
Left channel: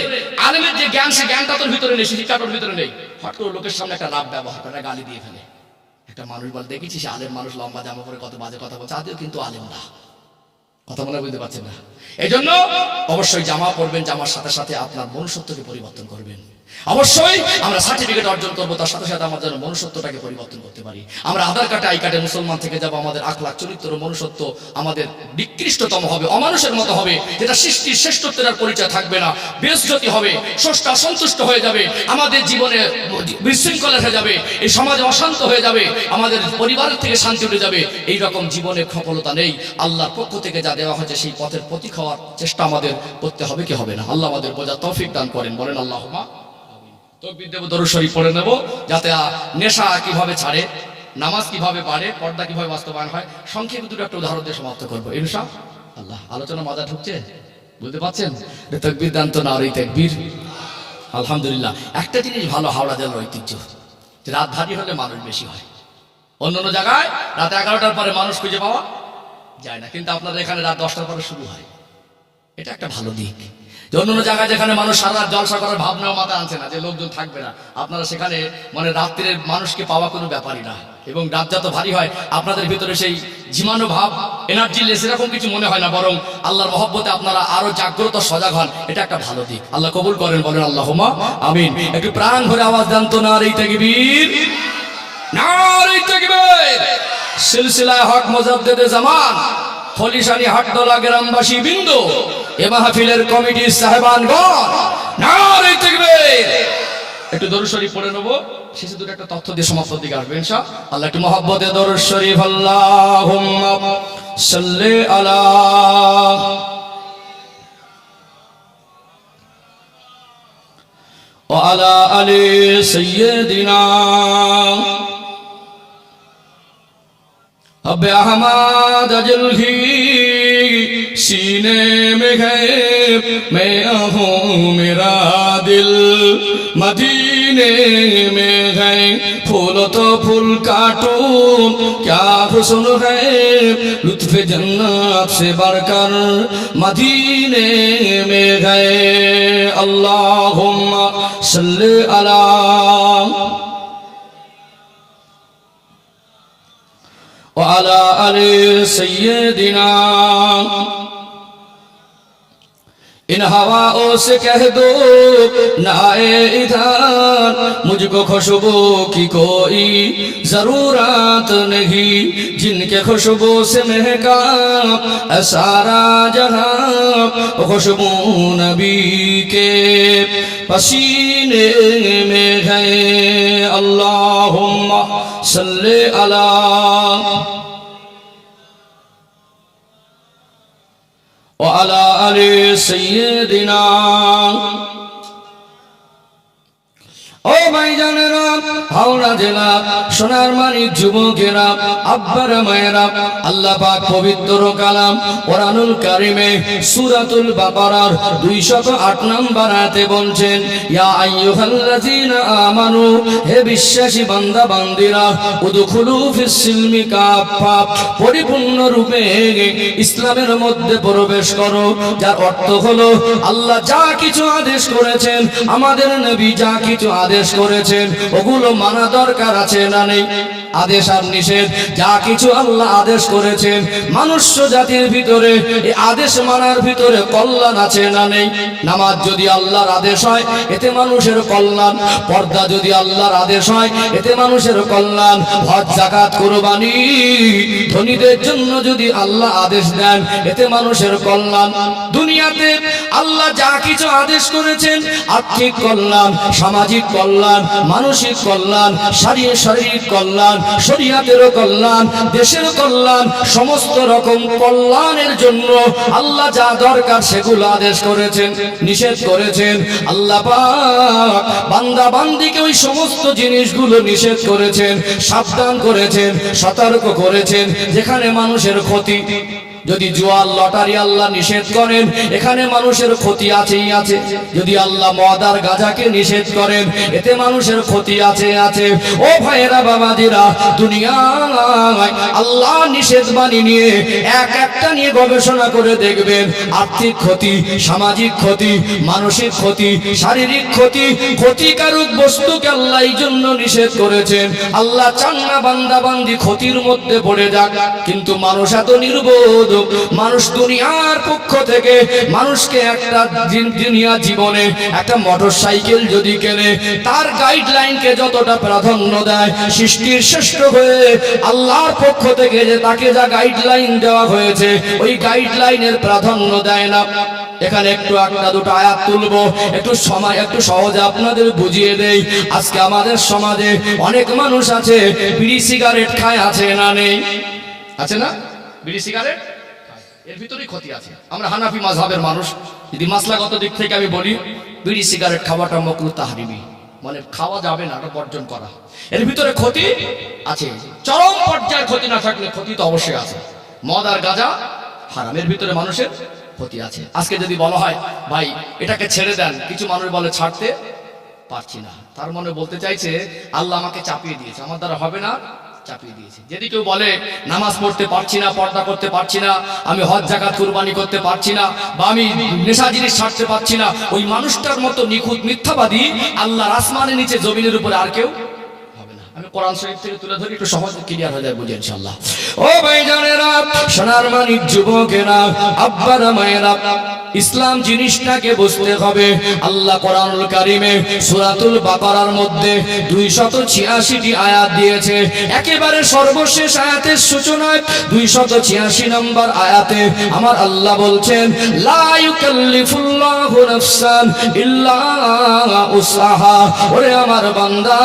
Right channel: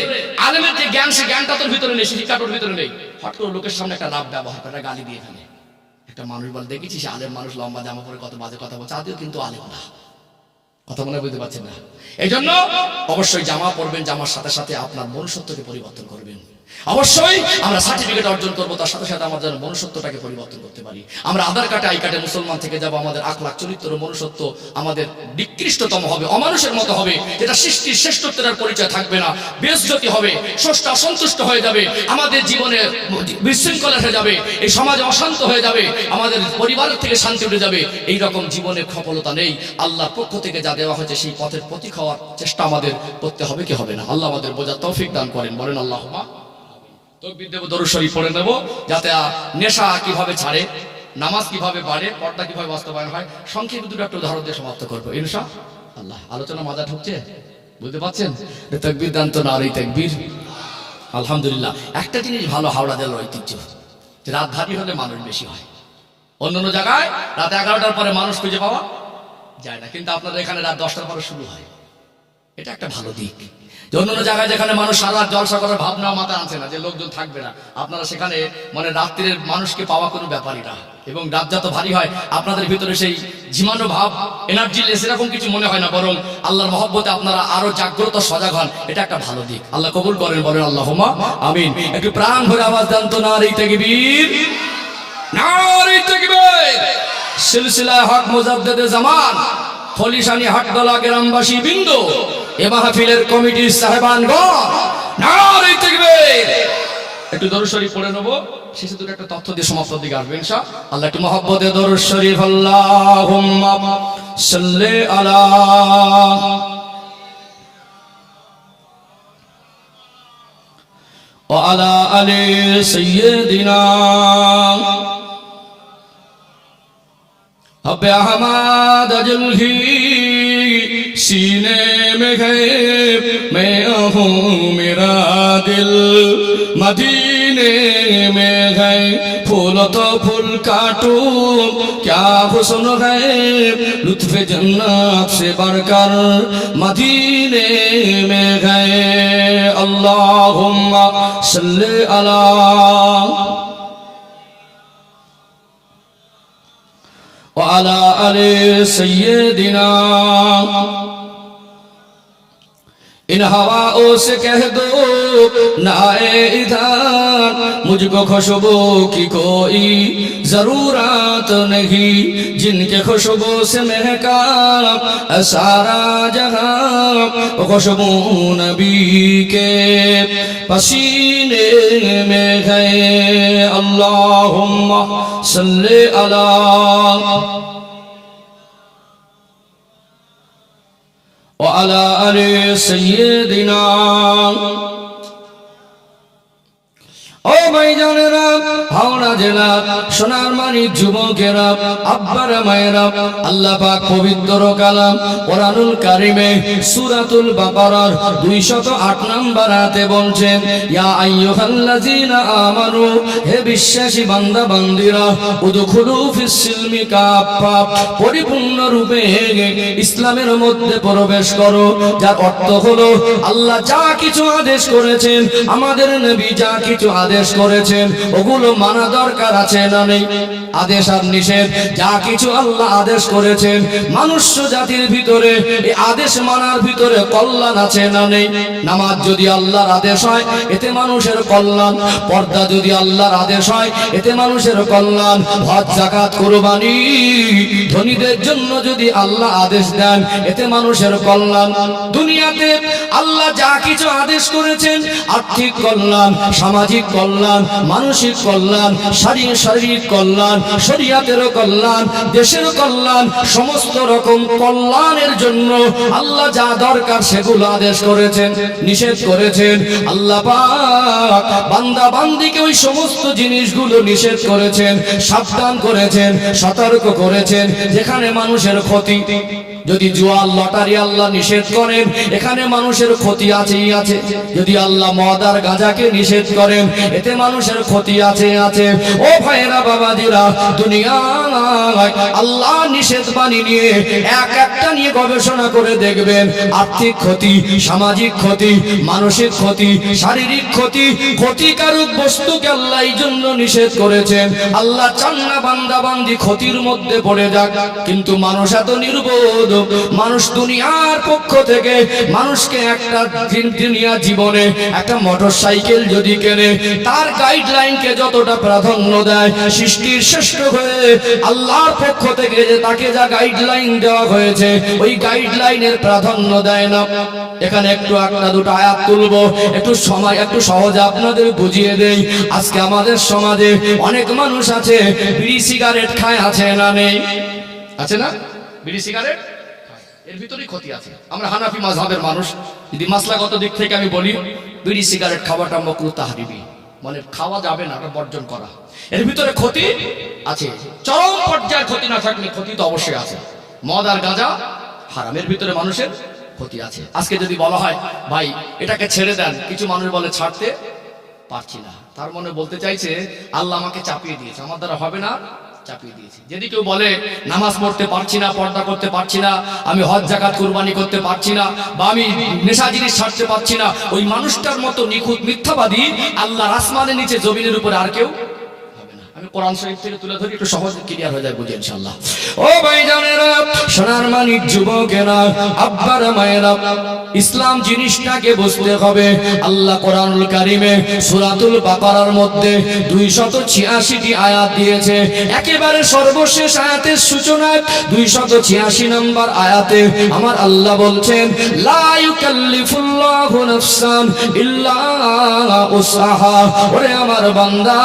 আলেমের যে জ্ঞান, সে জ্ঞানটা তোর ভিতরে নেই, শিক্ষাটা ওর ভিতরে নেই। হট করে লোকের সামনে একটা রাব ব্যবহার করে, গালি দিয়ে ফেলে। একটা মানুষ বলে, দেখেছি সে আলেম মানুষ, লম্বা জামা পরে কত বাজে কথা বলছে, আদেও কিন্তু আলেম না। কথা মনে বুঝতে পারছেন না? এই জন্য অবশ্যই জামা পরবেন, জামার সাথে সাথে আপনার মনুষ্যত্বকে পরিবর্তন করবেন। অবশ্যই আমরা সার্টিফিকেট অর্জন করবো, তার সাথে সাথে আমার যেন মনুষ্যত্বটাকে পরিবর্তন করতে পারি। আমরা আধার কার্ডে, আই কার্ডে মুসলমান থেকে যাব, আমাদের আখলাক, চরিত্র, মনুষ্যত্ব আমাদের নিকৃষ্টতম হবে, অমানুষের মতো হবে, যেটা সৃষ্টির শ্রেষ্ঠত্বের আর পরিচয় থাকবে না, বেইজ্জতি হবে, স্রষ্টা অসন্তুষ্ট হয়ে যাবে, আমাদের জীবনে বিশৃঙ্খলা হয়ে যাবে, এই সমাজে অশান্ত হয়ে যাবে, আমাদের পরিবারের থেকে শান্তি উঠে যাবে। এই রকম জীবনে সফলতা নেই। আল্লাহর পক্ষ থেকে যা দেওয়া হয়েছে সেই পথের প্রতীক হওয়ার চেষ্টা আমাদের করতে হবে, কি হবে না? আল্লাহ আমাদের বোঝার তৌফিক দান করেন। বলেন আল্লাহুম্মা। তাকবীর দেব, দরুদ শরীফ পড়ে নেব, যাতে নেশা কিভাবে ছাড়ে, নামাজ কিভাবে বাড়ে, পর্দা কিভাবে বাস্তবায়ন হয়। সংক্ষেপে দুটো একটা উদাহরণ দিয়ে সমাপ্ত করবো ইনশাআল্লাহ। আলোচনা মজা ঢুকছে, বুঝতে পারছেন? তাকবীর দান তো না, আর এই তাকবীর। আলহামদুলিল্লাহ। একটা জিনিস ভালো হাওড়া জেলার ঐতিহ্য, যে রাত ভারী হলে মানুষ বেশি হয়। অন্যান্য জায়গায় রাত 11টার পরে মানুষ খুঁজে পাওয়া যায় না, কিন্তু আপনাদের এখানে রাত 10টার পরে শুরু হয়। এটা একটা ভালো দিক। যে অন্যান্য জায়গায় যেখানে মানুষ সারা রাত জলসা করার ভাবনাও মাথায় আনছে না, যে লোকজন থাকবে না, আপনারা সেখানে মানে রাত্রির মানুষকে পাওয়া কোনো ব্যাপারই না। এবং রাত যত ভারী হয় আপনাদের ভিতরে সেই ঝিমানো ভাব, এনার্জি লেস, এরকম কিছু মনে হয় না, বরং আল্লাহর মহব্বতে আপনারা আরো জাগ্রত, সজাগ হন। এটা একটা ভালো দিক। আল্লাহ কবুল করেন। বলেন আল্লাহুম্মা আমিন। একটু প্রাণ ভরে আওয়াজ দেন তো, নারে তাকবীর, নারে তাকবীর। সিলসিলায়ে হক মুজাদ্দিদে জামান, ফলিশানি হাটদোলা গ্রামবাসী বিন্দু, এ মাহফিলের কমিটির সাহেবানগণ, নারে তাকবীর। একটু দরুদ শরীফ পড়ে নেব, শেষে দুটো একটা তথ্য দিয়ে সমাপ্তির দিকে আসবে ইনশাআল্লাহ। আল্লাহ একটু মহব্বতে দরুদ শরীফ। আল্লাহুম্মা সাল্লি আলা ওয়া আলা আলি সাইয়্যিদিনা আবে আহমদ আজলহি सीने में है मैं हूँ मेरा दिल मदीने में है फूल तो फूल काटूं क्या हुस्न है लुत्फ जन्नत से बढ़कर मदीने में गए अल्लाहुम्मा सल्ली अला व अला आले सय्यदिना इन हवाओं से कह दो ना आए इधर मुझको खुशबू की कोई जरूरत नहीं जिनके खुशबू से महका सारा जहां खुशबू नबी के पसीने में है अल्लाहुम्मा सल्ली अला وعلى آل سيدنا ও ভাইজানেরা হাওড়া জেলা সোনার মানিক যুবকেরা আব্বারা মায়েরা আল্লাহ পাক পবিত্র কালাম কোরআনুল কারিমে সূরাতুল বাকারার 208 নম্বর আয়াতে বলছেন ইয়া আইয়ুহাল্লাযীনা আমানু হে বিশ্বাসী বান্দা বান্দিরা উদখুলু ফিস সিলমি কাফা পরিপূর্ণ রূপে ইসলামের মধ্যে প্রবেশ করো যার অর্থ হলো আল্লাহ যা কিছু আদেশ করেছেন আমাদের নবী যা কিছু আদেশ করেছেন ওগুলো মানা দরকার আছে না নেই আদেশ আর নিষেধ যা কিছু আল্লাহ আদেশ করেছেন মনুষ্য জাতির ভিতরে এই আদেশ মানার ভিতরে কল্যাণ আছে না নেই নামাজ যদি আল্লাহর আদেশ হয় এতে মানুষের কল্যাণ পর্দা যদি আল্লাহর আদেশ হয় এতে মানুষের কল্যাণ হজ যাকাত কুরবানি ধনীদের জন্য যদি আল্লাহ আদেশ দেন এতে মানুষের কল্যাণ দুনিয়াতে আল্লাহ যা কিছু আদেশ করেছেন আর্থিক কল্যাণ সামাজিক কল্যাণ মানসিক কল্যাণ শারীরিক কল্যাণ শরীয়তেরও কল্যাণ দেশের কল্যাণ সমস্ত রকম কল্যাণের জন্য আল্লাহ যা দরকার সেগুলো আদেশ করেছেন নিষেধ করেছেন আল্লাহ পাক বান্দা বান্দিকে ওই সমস্ত জিনিসগুলো নিষেধ করেছেন সাবধান করেছেন সতর্ক করেছেন যেখানে মানুষের ক্ষতি যদি জুয়া লটারি আল্লাহ নিষেধ করেন এখানে মানুষের ক্ষতি আছেই আছে যদি আল্লাহ মদ আর গাঁজাকে নিষেধ করেন এতে মানুষের ক্ষতি আছে ও ভাইয়েরা বাবাজিরা দুনিয়ায় আল্লাহ নিষেধ বাণী নিয়ে এক একটা নিয়ে গবেষণা করে দেখবেন আর্থিক ক্ষতি সামাজিক ক্ষতি মানসিক ক্ষতি শারীরিক ক্ষতি ক্ষতিকারক বস্তুকে আল্লাহ এই জন্য নিষেধ করেছেন আল্লাহ চান না বান্দা বান্দি ক্ষতির মধ্যে পড়ে যাক কিন্তু মানুষ এত নির্বোধ মানুষ দুনিয়ার পক্ষ থেকে মানুষকে একটা দুনিয়া জীবনে একটা মোটরসাইকেল যদি কেনে তার গাইডলাইনকে যতটা প্রাধান্য দেয় সৃষ্টির শ্রেষ্ঠ হয়ে আল্লাহর পক্ষ থেকে যে তাকে যা গাইডলাইন দেওয়া হয়েছে ওই গাইডলাইনের প্রাধান্য দেয় না এখানে একটু একটা দুটো আয়াত তুলবো একটু সময় একটু সহজে আপনাদের বুঝিয়ে দেই আজকে আমাদের সমাজে অনেক মানুষ আছে বিড়ি সিগারেট খায় আছে না নেই আছে না বিড়ি সিগারেট এর ভিতরেই ক্ষতি আছে আমরা হানাফি মাযহাবের মানুষ যদি মাসলাগত দিক থেকে আমি বলি বিড়ি সিগারেট খাওয়াটা মাকরুহ তাহরিমি মানে খাওয়া যাবে না এটা বর্জন করা এর ভিতরে ক্ষতি আছে চরম পর্যায়ের ক্ষতি না থাকলে ক্ষতি তো অবশ্যই আছে মদ আর গাঁজা হারামের ভিতরে মানুষের ক্ষতি আছে আজকে যদি বলা হয় ভাই এটাকে ছেড়ে দেন কিছু মানুষ বলে ছাড়তে পারছি না তার মনে বলতে চাইছে আল্লাহ আমাকে চাপিয়ে দিয়েছে আমার দ্বারা হবে না চাপিয়ে দিয়েছে যদি কেউ বলে নামাজ পড়তে পারছি না পর্দা করতে পারছি না আমি হজ যাকাত কুরবানি করতে পারছি না বা আমি নেশা জিনিস ছাড়তে পারছি না ওই মানুষটার মতো নিখুঁত মিথ্যাবাদী আল্লাহর আসমানের নিচে জমিনের উপরে আর কেউ হবে না আমি কোরআন শরীফ থেকে তুলে ধরি একটু সহজে ক্লিয়ার হয়ে যায় বুঝে ইনশাআল্লাহ ও ভাইজানেরা সোনার মানিক যুবকেরা আব্বারা মায়েরা ইসলাম জিনিসটাকে বুঝতে হবে আল্লাহ কোরআনুল কারিমে সূরাতুল বাকারার মধ্যে 286টি আয়াত দিয়েছে একেবারে সর্বশেষ আয়াতের সূচনায় 286 নম্বর আয়াতে আমার আল্লাহ বলছেন লা ইউকাল্লিফুল্লাহু নাফসান ইল্লা উসআহা ওরে আমার বান্দা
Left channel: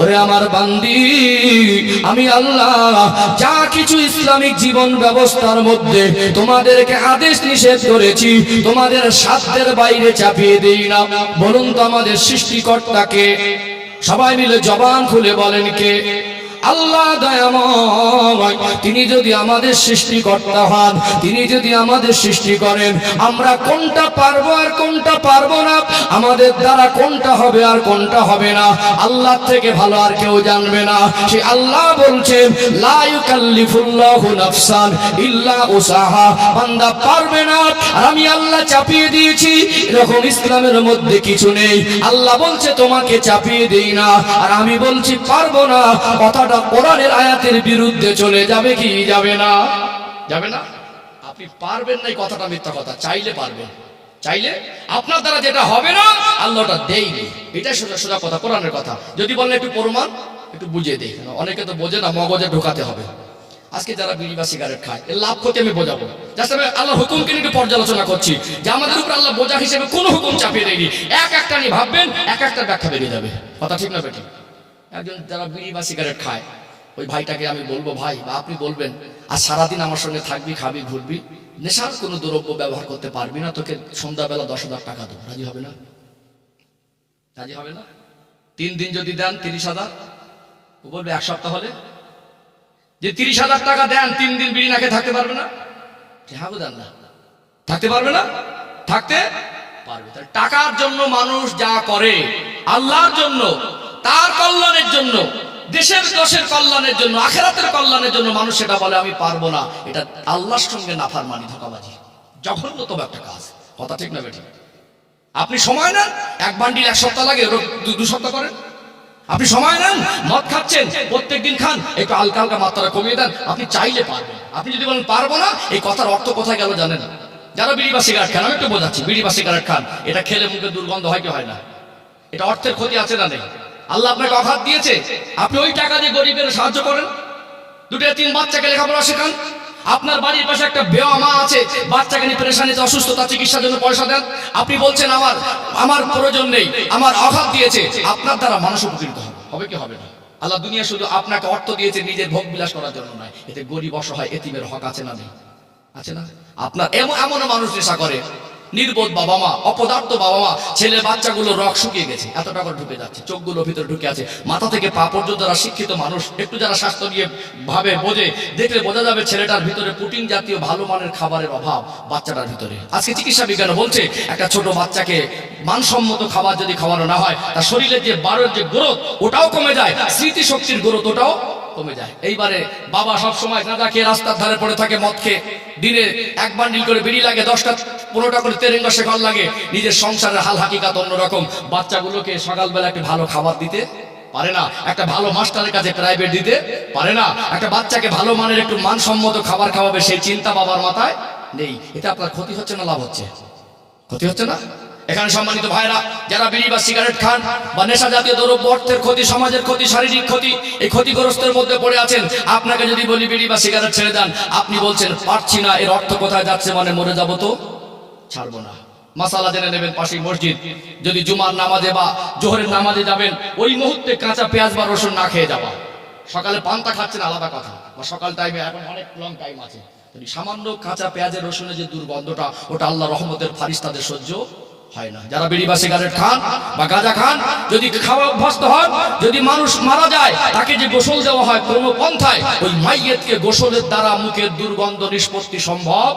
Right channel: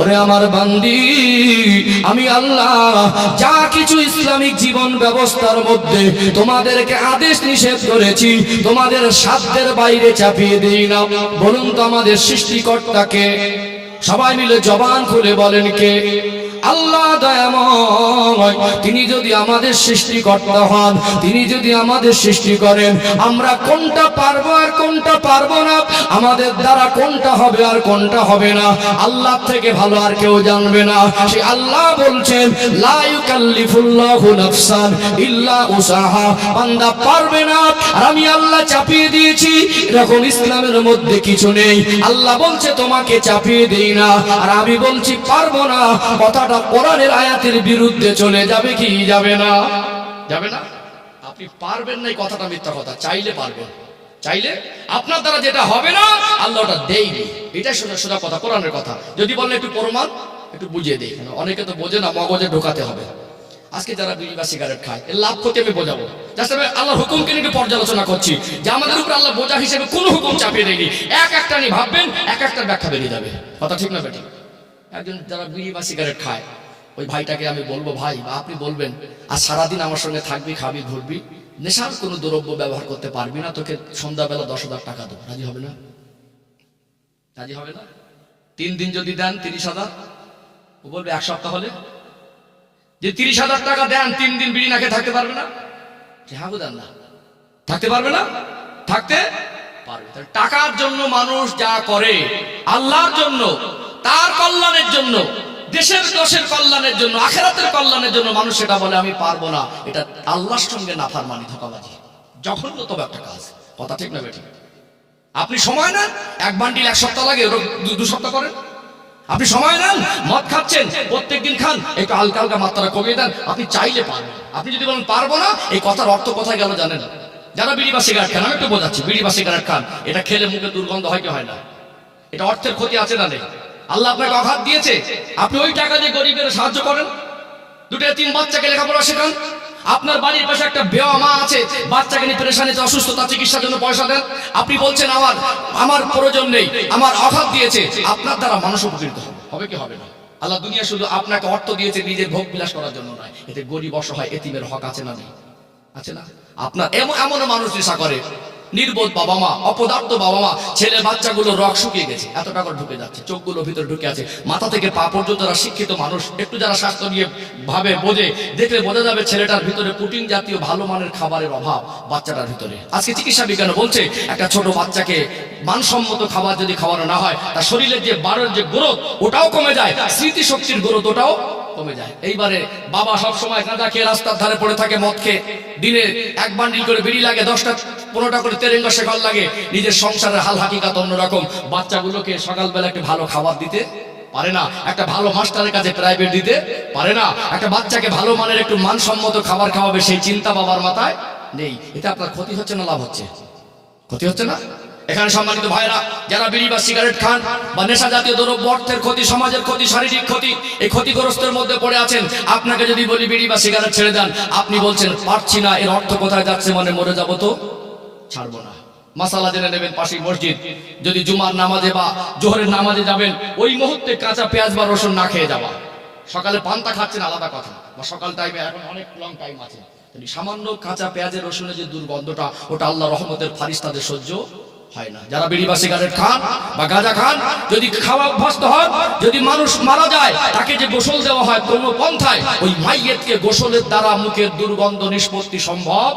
ওরে আমার বান্দি আমি আল্লাহ যা কিছু ইসলামিক জীবন ব্যবস্থার মধ্যে তোমাদেরকে আদেশ নিষেধ করেছি তোমাদের সাধ্যের বাইরে চাপিয়ে দেই না বলুন তো আমাদের সৃষ্টিকর্তাকে সবাই মিলে জবান খুলে বলেন কে আল্লাহ দয়াময়, তিনি যদি আমাদের সৃষ্টিকর্তা হন, তিনি যদি আমাদের সৃষ্টি করেন, আমরা কোনটা পারবো আর কোনটা পারবো না, আমাদের দ্বারা কোনটা হবে আর কোনটা হবে না, আল্লাহ থেকে ভালো আর কেউ জানবে না। সেই আল্লাহ বলছেন লা ইউকাল্লিফুল্লাহু নাফসান ইল্লা উসাহা, বান্দা পারবে না আর আমি আল্লাহ চাপিয়ে দিয়েছি, এরকম ইসলামের মধ্যে কিছু নেই। আল্লাহ বলছে তোমাকে চাপিয়ে দেই না, আর আমি বলছি পারবো না, কথাটা কোরআনের আয়াতের বিরুদ্ধে চলে যাবে কি যাবে না? যাবে না? আপনি পারবেন না, এই কথাটা মিথ্যা কথা। চাইলে পারবেন, চাইলে আপনার দ্বারা যেটা হবে না আল্লাহ ওটা দেয়নি, এটাই সোজা সোজা কথা, কোরআনের কথা। যদি বললে একটু প্রমাণ একটু বুঝিয়ে দেই, অনেকে তো বোঝে না, মগজে ঢোকাতে হবে। আজকে যারা বিড়ি বা সিগারেট খায় এর লাভ ক্ষতি আমি বোঝাবো, জাস্ট আমি আল্লাহর হুকুমকে নিয়ে একটু পর্যালোচনা করছি যে আমাদের উপর আল্লাহ বোঝা হিসেবে কোনো হুকুম চাপিয়ে দেয়নি। এক একটা নিয়ে ভাববেন, এক একটার ব্যাখ্যা বেরিয়ে যাবে। কথা ঠিক না বেটি? একজন যারা বিড়ি বা সিগারেট খায় ওই ভাইটাকে আমি বলবো, ভাই বা আপনি বলবেন, আর সারাদিন আমার সঙ্গে থাকবি, খাবি, ঘুরবি, নেশার কোনো দ্রব্য ব্যবহার করতে পারবি না, তোকে সন্ধ্যাবেলা 10,000 টাকা দেবো, রাজি হবে না? রাজি হবে না? 3 দিন যদি দেন 30,000, ও বলবে 1 সপ্তাহ হলে যে 30,000 টাকা দেন 3 দিন বিড়ি না খেয়ে থাকতে পারবে না? হ্যাঁ দেন না, থাকতে পারবে না? থাকতে পারবে। তাহলে টাকার জন্য মানুষ যা করে, আল্লাহর জন্য, তার কল্যাণের জন্য, দেশের দশের কল্যাণের জন্য, আখিরাতের কল্যাণের জন্য মানুষ সেটা বলে আমি পারবো না, এটা আল্লাহর সঙ্গে নাফরমানি, ধোঁকাবাজি, জঘন্যতম একটা কাজ। কথা ঠিক না বেটি? আপনি সময় নেন, 1 বান্ডিল 1 সপ্তাহ লাগে, 2 সপ্তাহ করেন। আপনি সময় নেন, মদ খাচ্ছেন, প্রত্যেকদিন খান, একটু হালকা হালকা মাত্রা কমিয়ে দেন, আপনি চাইলে পারবেন। আপনি যদি বলেন পারবো না, এই কথার অর্থ কোথায় গেল জানেন? যারা বিড়ি বা সিগারেট খান, আমি একটু বোঝাচ্ছি, বিড়ি বা সিগারেট খান, এটা খেলে মুখে দুর্গন্ধ হয় কি হয় না? এটা অর্থের ক্ষতি আছে না নেই? আল্লাহ আপনাকে অঘাত দিয়েছে, আপনি ওই টাকা দিয়ে গরিবের সাহায্য করেন, 2-3 বাচ্চাকে লেখাপড়া শেখান, আপনার বাড়ির পাশে একটা বেওয়া মা আছে, বাচ্চাকে নিয়ে পেরেশানিতে, অসুস্থতা, চিকিৎসার জন্য পয়সা দেন, আপনি বলছেন আমার প্রয়োজন নেই, আমার অঘাত দিয়েছে, আপনার দ্বারা মানুষ উপকৃত হবে, হবে কি হবে না? আল্লাহ দুনিয়া শুধু আপনাকে অর্থ দিয়েছে নিজের ভোগ বিলাস করার জন্য নয়, এতে গরিব অসহায় এতিমের হক আছে না নেই? আছে না? আপনার এমন মানুষ নেশা করে, নির্বোধ বাবা মা, অপদার্থ বাবা মা, ছেলে বাচ্চাগুলো রক শুকিয়ে গেছে, এতটা করে ঢুকে যাচ্ছে, চোখগুলো ভিতরে ঢুকে আছে, মাথা থেকে পা পর্যন্ত। যারা শিক্ষিত মানুষ, একটু যারা স্বাস্থ্য নিয়ে ভাবে, বোঝে, দেখলে বোঝা যাবে ছেলেটার ভিতরে প্রোটিন জাতীয় ভালো মানের খাবারের অভাব বাচ্চাটার ভিতরে। আজকে চিকিৎসা বিজ্ঞান বলছে একটা ছোট বাচ্চাকে মানসম্মত খাবার যদি খাওয়ানো না হয়, তার শরীরের যে বারের যে গ্রোথ ওটাও কমে যায়, স্মৃতিশক্তির গ্রোথ ওটাও কমে যায়। এইবারে বাবা সব সময় গাঁজা খেয়ে রাস্তার ধারে পড়ে থাকে, মদ খেয়ে, দিনে 1 বান্ডিল করে বিড়ি লাগে, 10টা-15টা করে তেরেঙ্গা শেখার লাগে, নিজের সংসারের হাল হাকিকাত অন্যরকম। বাচ্চাগুলোকে সকালবেলা একটা ভালো খাবার দিতে পারে না, একটা ভালো মাস্টারের কাছে প্রাইভেট দিতে পারে না, একটা বাচ্চাকে ভালো মানের একটু মানসম্মত খাবার খাওয়াবে সেই চিন্তা বাবার মাথায় নেই। এতে আপনার ক্ষতি হচ্ছে না লাভ হচ্ছে? ক্ষতি হচ্ছে না? এখানে সম্মানিত ভাইরা, যারা বিড়ি বা সিগারেট খান বা নেশা জাতীয় দ্রব্য, অর্থের ক্ষতি, সমাজের ক্ষতি, শারীরিক ক্ষতি, এই ক্ষতিগ্রস্তের মধ্যে পড়ে আছেন, আপনাকে যদি বলি বিড়ি বা সিগারেট ছেড়ে দেন, আপনি বলছেন পারছি না, এর অর্থ কোথায় যাচ্ছে? মানে মরে যাব তো ছাড়বো না। মাসালা জেনে নেবেন, পাশেই মসজিদ, যদি জুমার নামাজে বা জোহরের নামাজে যাবেন, ওই মুহূর্তে কাঁচা পেঁয়াজ বা রসুন না খেয়ে যাবা। সকালে পান্তা খাচ্ছেন আলাদা কথা, বা সকাল টাইমে, এখন অনেক লং টাইম আছে, সামান্য কাঁচা পেঁয়াজের রসুনের যে দুর্গন্ধটা, ওটা আল্লাহ রহমতের ফারিস্তাদের সহ্য হয় না। যারা বিড়ি বা সিগারেট খান বা গাঁজা খান, যদি খাওয়া অভ্যস্ত হন, যদি মানুষ মারা যায় তাকে যে গোসল দেওয়া হয় কোনো পন্থায়, ওই মাইয়েতকে গোসলের দ্বারা মুখের দুর্গন্ধ নিষ্পত্তি সম্ভব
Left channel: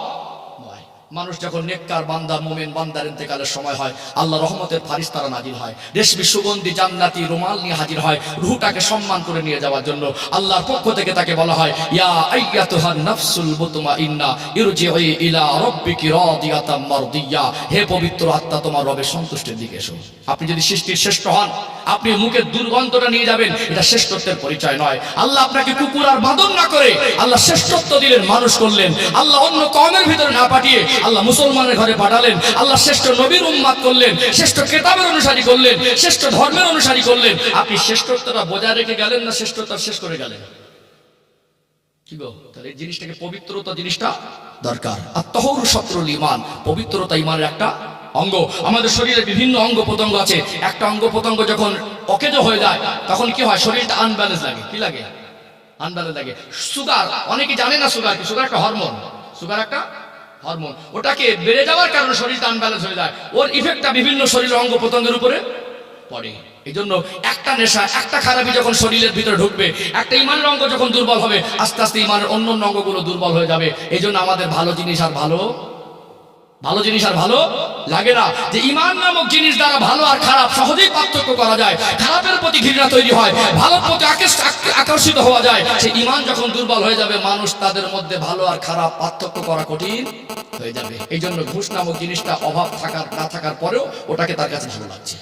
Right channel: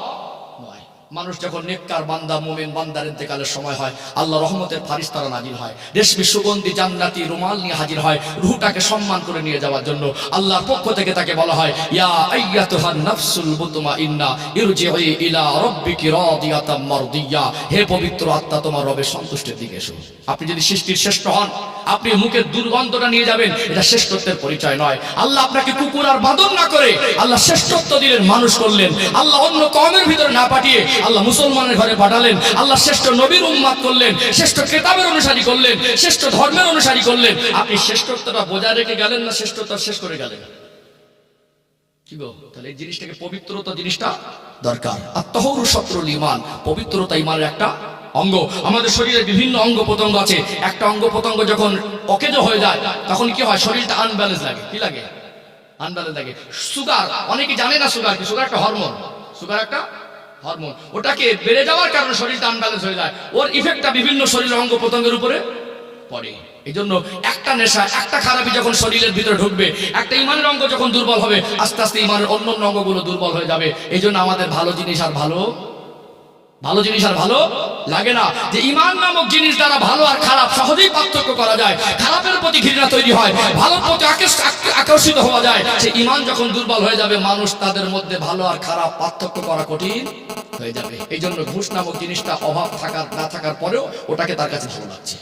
নয়। মানুষ যখন নেককার বান্দা, মুমিন বান্দার ইন্তেকালের সময় হয়, আল্লাহ রহমতের ফারিস্তারা নাজিল হয়, রেশমি সুগন্ধি জান্নাতি রুমাল নিয়ে হাজির হয়, রূহটাকে সম্মান করে নিয়ে যাওয়ার জন্য। আল্লাহর পক্ষ থেকে তাকে বলা হয়, ইয়া আইয়াতুহান নাফসুল মুতমাইন্না ইরজিই ইলা রাব্বিকি রাদিয়াতাম মারদিয়া, হে পবিত্র আত্মা, তোমার রবের সন্তুষ্টির দিকে এসো। আপনি যদি সৃষ্টির শ্রেষ্ঠ হন, আপনি মুখের দুর্গন্ধটা নিয়ে যাবেন, এটা শ্রেষ্ঠত্বের পরিচয় নয়। আল্লাহ আপনাকে কুকুর আর বাঁদর না করে আল্লাহ শ্রেষ্ঠত্ব দিলেন, মানুষ করলেন। আল্লাহ অন্য কওমের ভিতরে না পাঠিয়ে আল্লাহ মুসলমানের ঘরে পাঠালেন। আল্লাহ শ্রেষ্ঠ নবীর উম্মাত করলেন, শ্রেষ্ঠ কিতাবের অনুসারী করলেন, শ্রেষ্ঠ ধর্মের অনুসারী করলেন। আপনি শ্রেষ্ঠত্বটা বজায় রেখে গেলেন না শ্রেষ্ঠত্ব শেষ করে গেলেন? কি গো? তাহলে এই জিনিসটাকে, পবিত্রতা জিনিসটা দরকার। আর তাহরু শত্রুল ঈমান, পবিত্রতা ঈমানের একটা অঙ্গ। আমাদের শরীরে বিভিন্ন অঙ্গ প্রত্যঙ্গ আছে, একটা অঙ্গ প্রত্যঙ্গ যখন অকেজ হয়ে যায় তখন কি হয়? শরীরটা আনব্যালেন্স লাগে। কি লাগে? আনব্যালেন্স লাগে। সুগার, অনেকে জানে না সুগার কি। সুগার একটা হরমোন, সুগার একটা হরমোন, ওটাকে বেড়ে যাওয়ার কারণে শরীরটা আনব্যালেন্স হয়ে যায়, ওর ইফেক্টটা বিভিন্ন শরীরের অঙ্গ প্রত্যঙ্গের উপরে পড়ে। এই জন্য একটা নেশা, একটা খারাপি যখন শরীরের ভিতরে ঢুকবে, একটা ইমানের অঙ্গ যখন দুর্বল হবে, আস্তে আস্তে ইমানের অন্য অন্য অঙ্গগুলো দুর্বল হয়ে যাবে। এই জন্য আমাদের ভালো জিনিস আর ভালো লাগে না। যে ইমান নামক জিনিস দ্বারা ভালো আর খারাপ সহজেই পার্থক্য করা যায়, খারাপের প্রতি ঘৃণা তৈরি হয়, ভালোর প্রতি আকর্ষিত হওয়া যায়। সে ইমান যখন দুর্বল হয়ে যাবে, মানুষ তাদের মধ্যে ভালো আর খারাপ পার্থক্য করা কঠিন হয়ে যাবে। এই জন্য ঘুষ নামক জিনিসটা অভাব থাকার না থাকার পরেও ওটাকে তার কাছে ভালো লাগছে।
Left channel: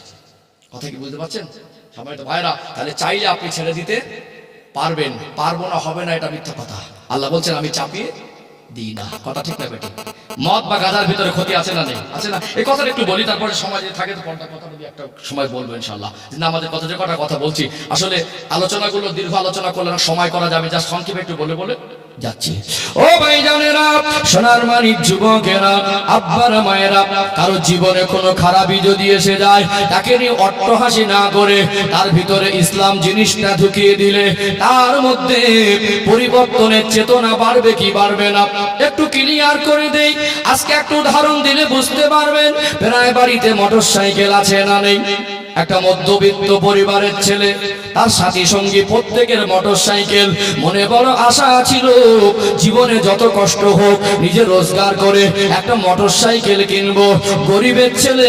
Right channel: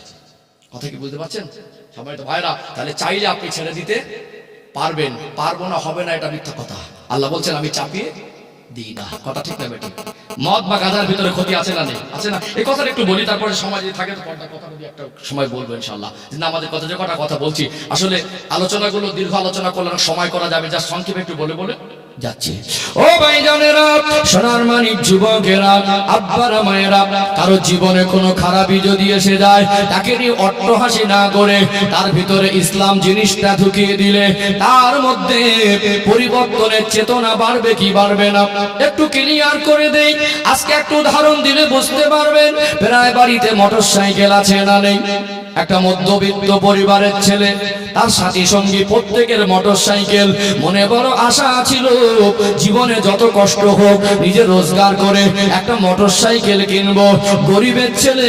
কথা কি বুঝতে পারছেন সম্মানিত ভাইরা? তাহলে চাইলে আপনি ছেড়ে দিতে পারবেন, পারবো না, হবে না, এটা মিথ্যা কথা। আল্লাহ বলছেন আমি চাপিয়ে দিই না। কথা ঠিক না বেটি? মদ বা গাঁজার ভিতরে ক্ষতি আছে না নেই? আছে না? এই কথাটা একটু বলি, তারপরে সমাজ যদি থাকে তো পর্দা কথাটা দিয়ে একটা সময় বলবো ইনশাল্লাহ। আমাদের কথা যে কটা কথা বলছি, আসলে আলোচনাগুলো দীর্ঘ আলোচনা করলে না সময় করা যাবে, যা সংক্ষেপে একটু বলে বলে যাচ্ছি। ও ভাইজানেরা, সোনার মানিক যুবকেরা, আব্বারা মায়েরা, কারো জীবনে কোনো খারাপই যদি এসে যায়, তাকে নিয়ে অট্টহাসি না করে তার ভিতরে ইসলাম জিনিসটা ঢুকিয়ে দিলে তার মধ্যে পরিবর্তনের চেতনা বাড়বে কি বাড়বে না একটু ক্লিয়ার করে দেই। আজকে একটু উদাহরণ দিলে বুঝতে পারবেন। প্রায় বাড়িতে মোটরসাইকেল আছে না নেই? একটা মধ্যবিত্ত পরিবারের ছেলে, তার সাথী সঙ্গী প্রত্যেকের মোটরসাইকেল। মনে বড় আশা ছিল জীবনে যত কষ্ট হোক নিজে রোজগার করে একটা মোটরসাইকেল কিনবো। গরিবের ছেলে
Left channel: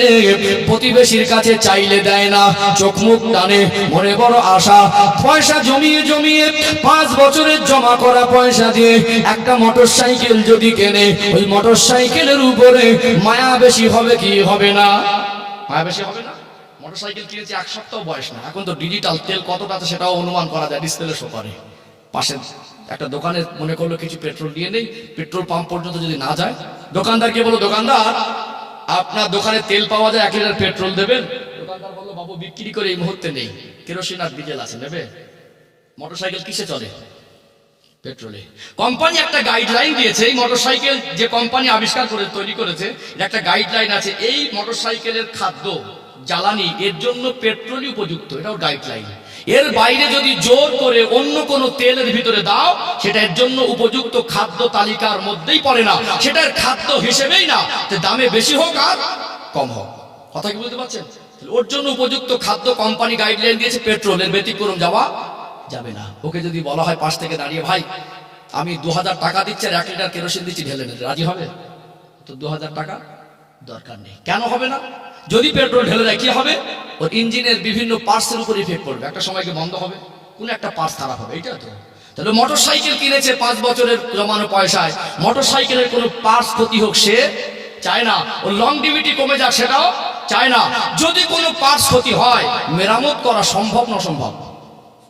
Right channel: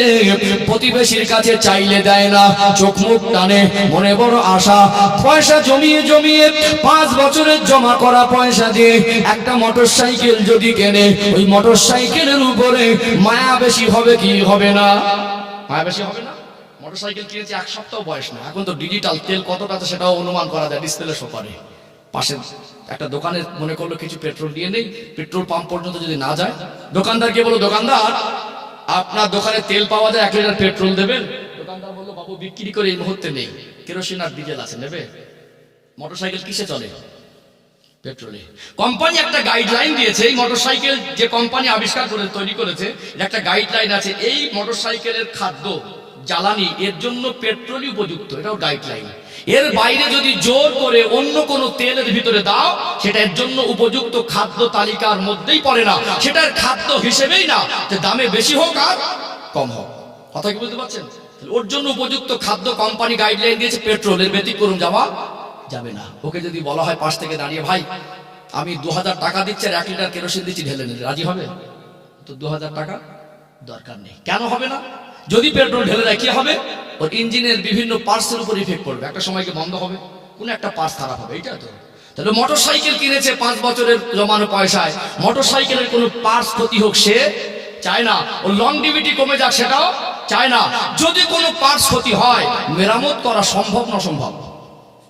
প্রতিবেশীর কাছে চাইলে দেয় না, চোখ মুখ টানে। মনে বড় আশা, পয়সা জমিয়ে জমিয়ে 5 বছরের জমা করা পয়সা দিয়ে একটা মোটরসাইকেল যদি কেনে, ওই মোটরসাইকেলের উপরে মায়া বেশি হবে কি হবে না? মায়া বেশি হবে না? মোটরসাইকেল কিনেছে 1 সপ্তাহ বয়স না, এখন তো ডিজিটাল তেল কতটা আছে সেটাও অনুমান করা যায়, ডিসপ্লে শো করে। পাশে একটা দোকানে মনে করলো কিছু পেট্রোল দিয়ে নেই, পেট্রোল পাম্প পর্যন্ত যদি না যায়, দোকানদারকে বলো দোকানদার আপনার দোকানে তেল পাওয়া যায়, 1 লিটার পেট্রোল দেবেন? দোকানদার বললো বাবু বিক্রি করে এই মুহূর্তে নেই, কেরোসিন আর ডিজেল আছে, নেবে? মোটরসাইকেল কিসে চলে? পেট্রোলে। কোম্পানি একটা গাইডলাইন দিয়েছে, এই মোটরসাইকেল যে কোম্পানি আবিষ্কার করে তৈরি করেছে, এর একটা গাইডলাইন আছে। এই মোটরসাইকেলের খাদ্য জ্বালানি এর জন্য পেট্রোলই উপযুক্ত, এটাও গাইডলাইন। এর বাইরে যদি জোর করে অন্য কোনো তেলের ভিতরে দাও, সেটা এর জন্য উপযুক্ত খাদ্য তালিকার মধ্যেই পড়ে না, সেটার খাদ্য হিসেবেই না, যে দামে বেশি হোক আর কম হোক। কথা কি বুঝতে পারছেন? ওর জন্য উপযুক্ত খাদ্য কোম্পানি গাইডলাইন দিয়েছে, পেট্রোলের ব্যতিক্রম যাওয়া যাবে না। ওকে যদি বলা হয় পাশ থেকে দাঁড়িয়ে, ভাই আমি 2000 টাকা দিচ্ছি আর 1 লিটার কেরোসিন দিচ্ছি, ঢেলে নিলে রাজি হবে? তো 2000 টাকা দরকার নেই। কেন হবে না? যদি পেট্রোল ঢেলে দেয় কি হবে? ওর ইঞ্জিনের বিভিন্ন পার্টসের উপর ইফেক্ট পড়বে, একটা সময়কে বন্ধ হবে, কোন একটা পার্টস খারাপ হবে, এইটা তো। তাহলে মোটরসাইকেল কিনেছে 5 বছরের জমানো পয়সায়, মোটরসাইকেলের কোনো পার্টস ক্ষতি হোক সে চায় না, ও লংজিভিটি কমে যাক সেটাও চায় না। যদি কোনো পার্টস ক্ষতি হয়, মেরামত করা সম্ভব না অসম্ভব?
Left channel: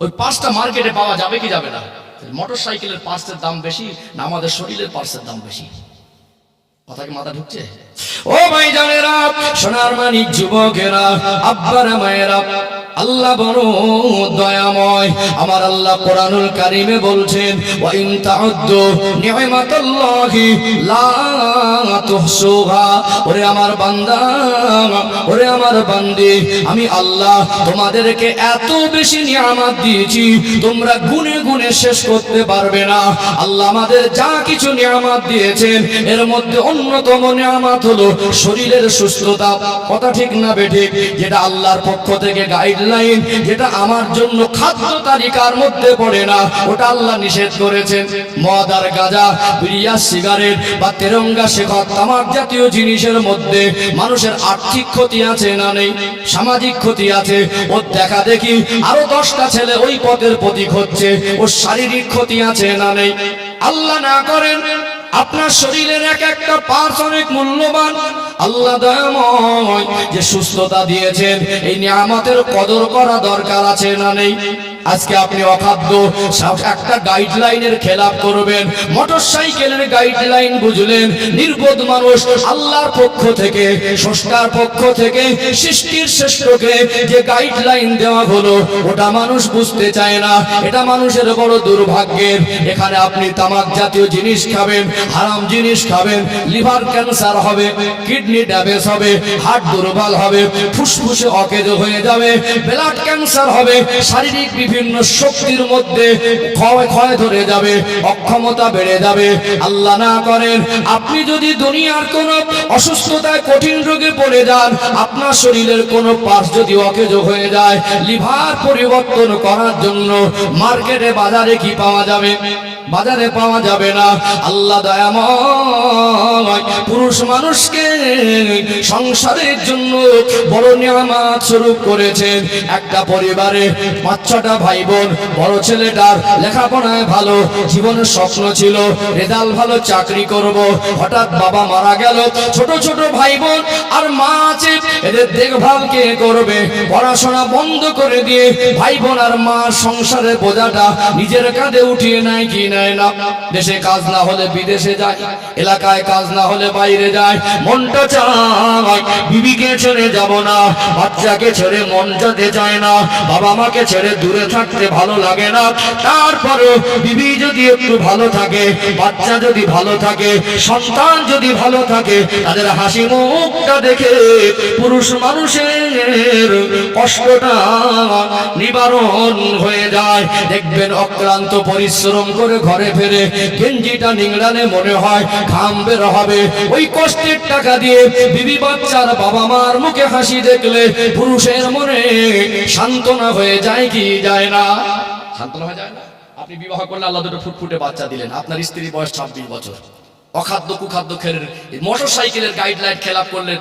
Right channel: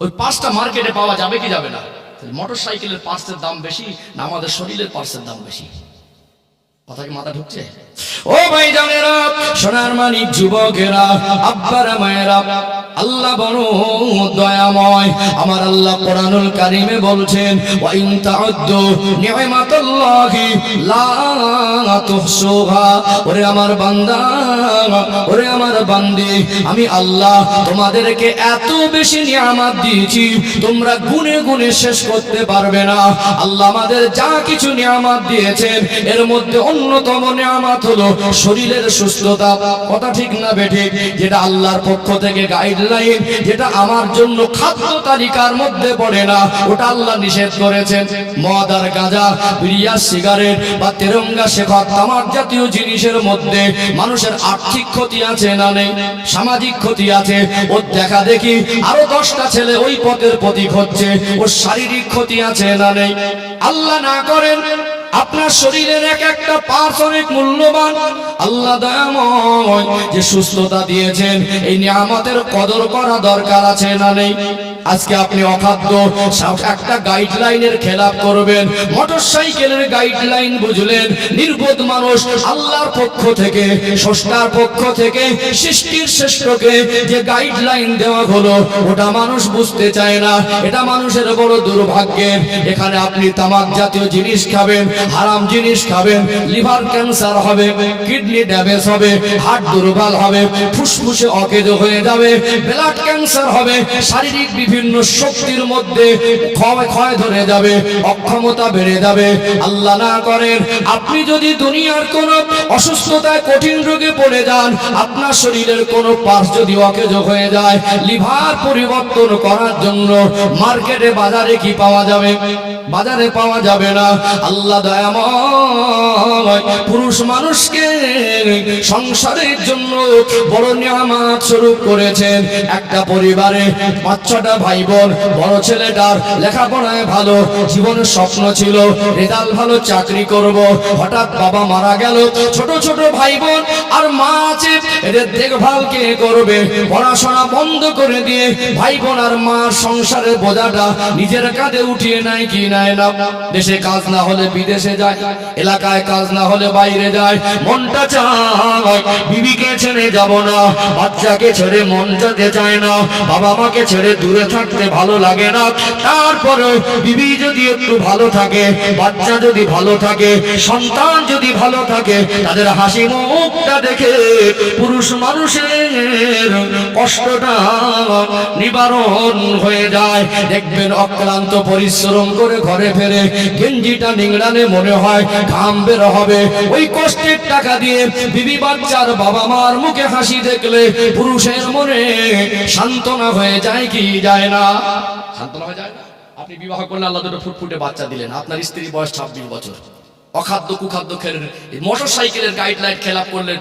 ওই পার্টসটা মার্কেটে পাওয়া যাবে কি যাবে না? মোটরসাইকেলের পার্টসের দাম বেশি না আমাদের শরীরের পার্টসের দাম বেশি? কথা কি মাথা ঢুকছে? ও ভাই জানেরা, সোনার মানিক যুবকেরা, আব্বারা মায়েরা, আল্লাহ বড় দয়াময়। আমার আল্লাহ কোরআনুল কারীমে বলছেন, ওয়া ইন তাউদ্দু নি'মাতাল্লাহি লা তুহসুহা। ওরে আমার বান্দা, ওরে আমার বান্দি, আমি আল্লাহ তোমাদেরকে এত বেশি নিয়ামত দিয়েছি তোমরা গুনে গুনে শেষ করতে পারবে না। আল্লাহ আমাদের যা কিছু নিয়ামত দিয়েছেন, এর মধ্যে অন্যতম নিয়ামত হলো শরীরের সুস্থতা। কথা ঠিক না বেঠিক? যেটা আল্লাহর পক্ষ থেকে গাইডলাইন, যেটা আমার জন্য খাদ্য তালিকার মধ্যে পড়ে না, ওটা আল্লাহ নিষেধ করেছেন। মদ আর গাঁজা, বিড়ি আর সিগারেট বা তেরঙ্গা শেখর, তামাক জাতীয় জিনিসের মধ্যে মানুষের আর্থিক ক্ষতি আছে না নেই? সামাজিক ক্ষতি আছে। ওর দেখা দেখি আরো 10টা ছেলে ওই পথের প্রতীক হচ্ছে, ওর শারীরিক ক্ষতি আছে না নেই? আল্লাহ না করেন আপনার শরীরের এক একটা পার্টস অনেক মূল্যবান। আল্লাহ দয়াময় যে সুস্থতা দিয়েছেন, এই নিয়ামতের কদর করা দরকার আছে না নেই? আজকে আপনি অখাদ্য একটা গাইডলাইনের খেলাপ করবেন, মোটরসাইকেলের গাইডলাইন বুঝলেন, নির্বোধ মানুষ আল্লাহর পক্ষ থেকে, স্রষ্টার পক্ষ থেকে, সৃষ্টির শ্রেষ্ঠকে যে গাইডলাইন দেওয়া হলো, ওটা মানুষ বুঝতে চায় না। এটা মানুষের বড় দুর্ভাগ্যের। এখানে আপনি তামাক জাতীয় জিনিস খাবেন, হারাম জিনিস খাবেন, লিভার ক্যান্সার হবে, কিডনি ড্যামেজ হবে, হার্ট দুর্বল হবে, ফুসফুসে অকেজো হয়ে যাবে, ব্লাড ক্যান্সার হবে, শারীরিক বিভিন্ন বিভিন্ন শক্তির মধ্যে ক্ষয় ধরে যাবে, অক্ষমতা বেড়ে যাবে। আল্লাহ না করেন আপনি যদি দুনিয়ার কোন অসুস্থতায় কঠিন রোগে পড়ে যান, আপনার শরীরের কোনো পার্টস যদি অকেজ হয়ে যায়, লিভার পরিবর্তন করার জন্য মার্কেটে বাজারে কি পাওয়া যাবে? বাজারে পাওয়া যাবে না। আল্লাহ দয়াময় পুরুষ মানুষকে সংসারের জন্য বড় নিয়ামত স্বরূপ করেছেন। একটা পরিবারে 5-6টা ভাই বোন, বড় ছেলেটার লেখাপড়ায় ভালো, জীবনের স্বপ্ন ছিল রেজাল্ট ভালো, চাকরি করব। হঠাৎ বাবা মারা গেল, ছোট ছোট ভাই বোন আর মা আছে, এদের দেখভাল কে করবে? পড়াশোনা বন্ধ করে দিয়ে ভাই বোন আর মার সংসারের বোঝাটা নিজের কাঁধে উঠিয়ে নেয় কি নেয় না? দেশে কাজ না হলে বিদেশে যায়, এলাকায় কাজ না হলে বাইরে যায়। মনটা চায় বিবিকে ছেড়ে যাব না, বাচ্চাকে ছেড়ে মন যেতে চায় না, বাবা মাকে ছেড়ে দূরে থাকতে ভালো লাগে না। তারপরে বিবি যদি একটু ভালো থাকে, বাচ্চা যদি ভালো থাকে, সন্তান যদি ভালো থাকে, তাদের হাসি মুখটা দেখে পুরুষ মানুষের কষ্টটা নিবারণ হয়ে যায়। দেখবেন অক্লান্ত পরিশ্রম করে ঘরে ফেরে গেঞ্জিটা নিংড়ালে মনে হয় ঘাম বের হবে। ওই কষ্টের টাকা দিয়ে বিবি বাচ্চার বাবা মার মুখে হাসি দেখলে পুরুষের মনে সান্ত্বনা হয়ে যায় কি যায় না? সান্ত্বনা হয়ে যায় না? আপনি বিবাহ করলেন, আল্লাহ দুটো ফুটফুটে বাচ্চা দিলেন, আপনার স্ত্রীর বয়স 26 বছর, অখাদ্য কুখাদ্য খেলেন, মোটর সাইকেলের গাইডলাইন খেলাপ করলেন,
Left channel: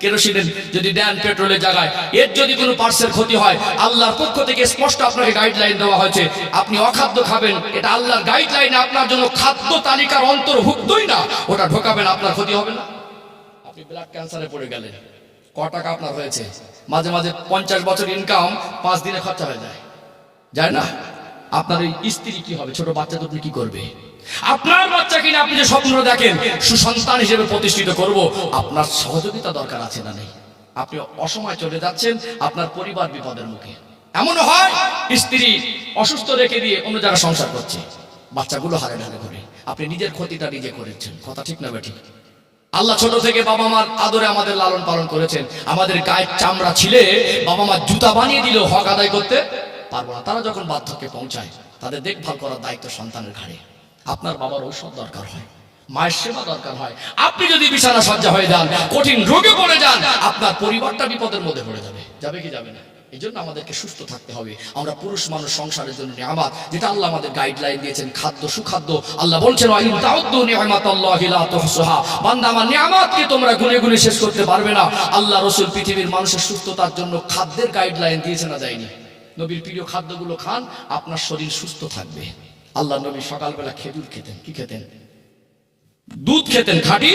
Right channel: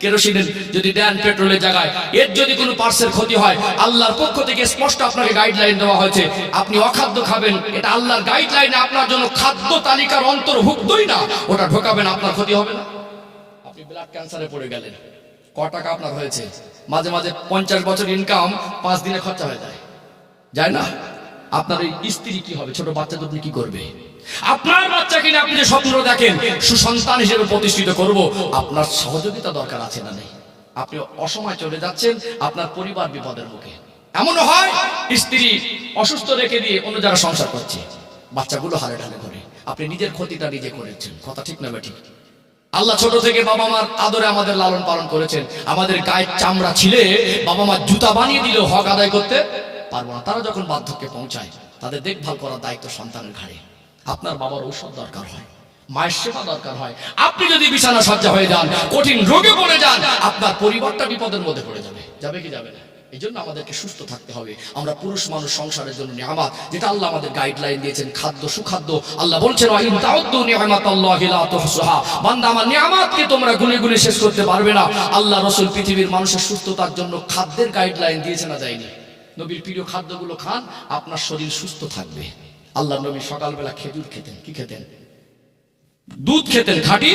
কেরোসিনের যদি দেন পেট্রোলের জায়গায়, এর যদি কোনো পার্টসের ক্ষতি হয়, আল্লাহর পক্ষ থেকে স্পষ্ট আপনাকে গাইডলাইন দেওয়া হয়েছে, আপনি অখাদ্য খাবেন, এটা আল্লাহর গাইডলাইনে আপনার জন্য খাদ্য তালিকার অন্তর্ভুক্তই না, ওটা ঢোকাবেন, আপনার ক্ষতি হবে না। আপনি ব্লাড ক্যান্সারে পড়ে গেলেন, ক টাকা আপনার হয়েছে? মাঝে মাঝে 50 বছর ইনকাম 5 দিনে খরচা হয়ে যায়, যায় না? আপনার ওই স্ত্রী কি হবে? ছোট বাচ্চা তো আপনি কি করবে? আপনার বাচ্চা কিনে আপনি যে স্বপ্ন দেখেন সুসন্তান হিসেবে প্রতিষ্ঠিত করব, আপনার সহযোগিতা দরকার আছে না নেই? আপনি অসময় চলে যাচ্ছেন, আপনার পরিবার বিপদের মুখে। এমনও হয় স্ত্রী অসুস্থ রেখে দিয়ে অন্য জায়গায় সংসার করছে, বাচ্চাগুলো হালে ঢালে ঘুরে, আপনি নিজের ক্ষতিটা নিজে করেছেন। কথা ঠিক না বেঠিক? আল্লাহ ছোট থেকে বাবা মার আদরে আমাদের লালন পালন করেছেন। আমাদের গায়ের চামড়া ছিলে বাবা মা জুতা বানিয়ে দিলেও হক আদায় করতে পারবো না। তারা যখন বার্ধক্যে পৌঁছায়, তাদের দেখভাল করার দায়িত্ব সন্তানের ঘাড়ে। আপনার বাবার ঔষধ দরকার হয়, মায়ের সেবা দরকার হয়। আপনি যদি বিছানা সজ্জা হয়ে যান, কঠিন রোগে পড়ে যান, আপনার পরিবারটা বিপদের মধ্যে পড়ে যাবে। যাবে কি যাবে না? এই জন্য আমাদেরকে সুস্থ থাকতে হবে। আমরা পুরুষ মানুষ, সংসারের জন্য নিয়ামত, যেটা আল্লাহ আমাদের গাইডলাইন দিয়েছেন, খাদ্য সুখাদ্য। আল্লাহ বলছেন ইন তাউদ্দু নি'মাতাল্লাহি লা তুহসুহা, বান্দা আমার নিয়ামতকে তোমরা গুনে গুনে শেষ করতে পারবে না। আল্লাহ রাসূল পৃথিবীর মানুষের সুস্থতার জন্য খাদ্যের গাইডলাইন দিয়েছে না দেয়নি? নবীর প্রিয় খাদ্যগুলো খান, আপনার শরীর সুস্থ থাকবে। আল্লাহ নবী সকালবেলা খেজুর খেতেন। কি খেতেন? দুধ খেতেন, খাঁটি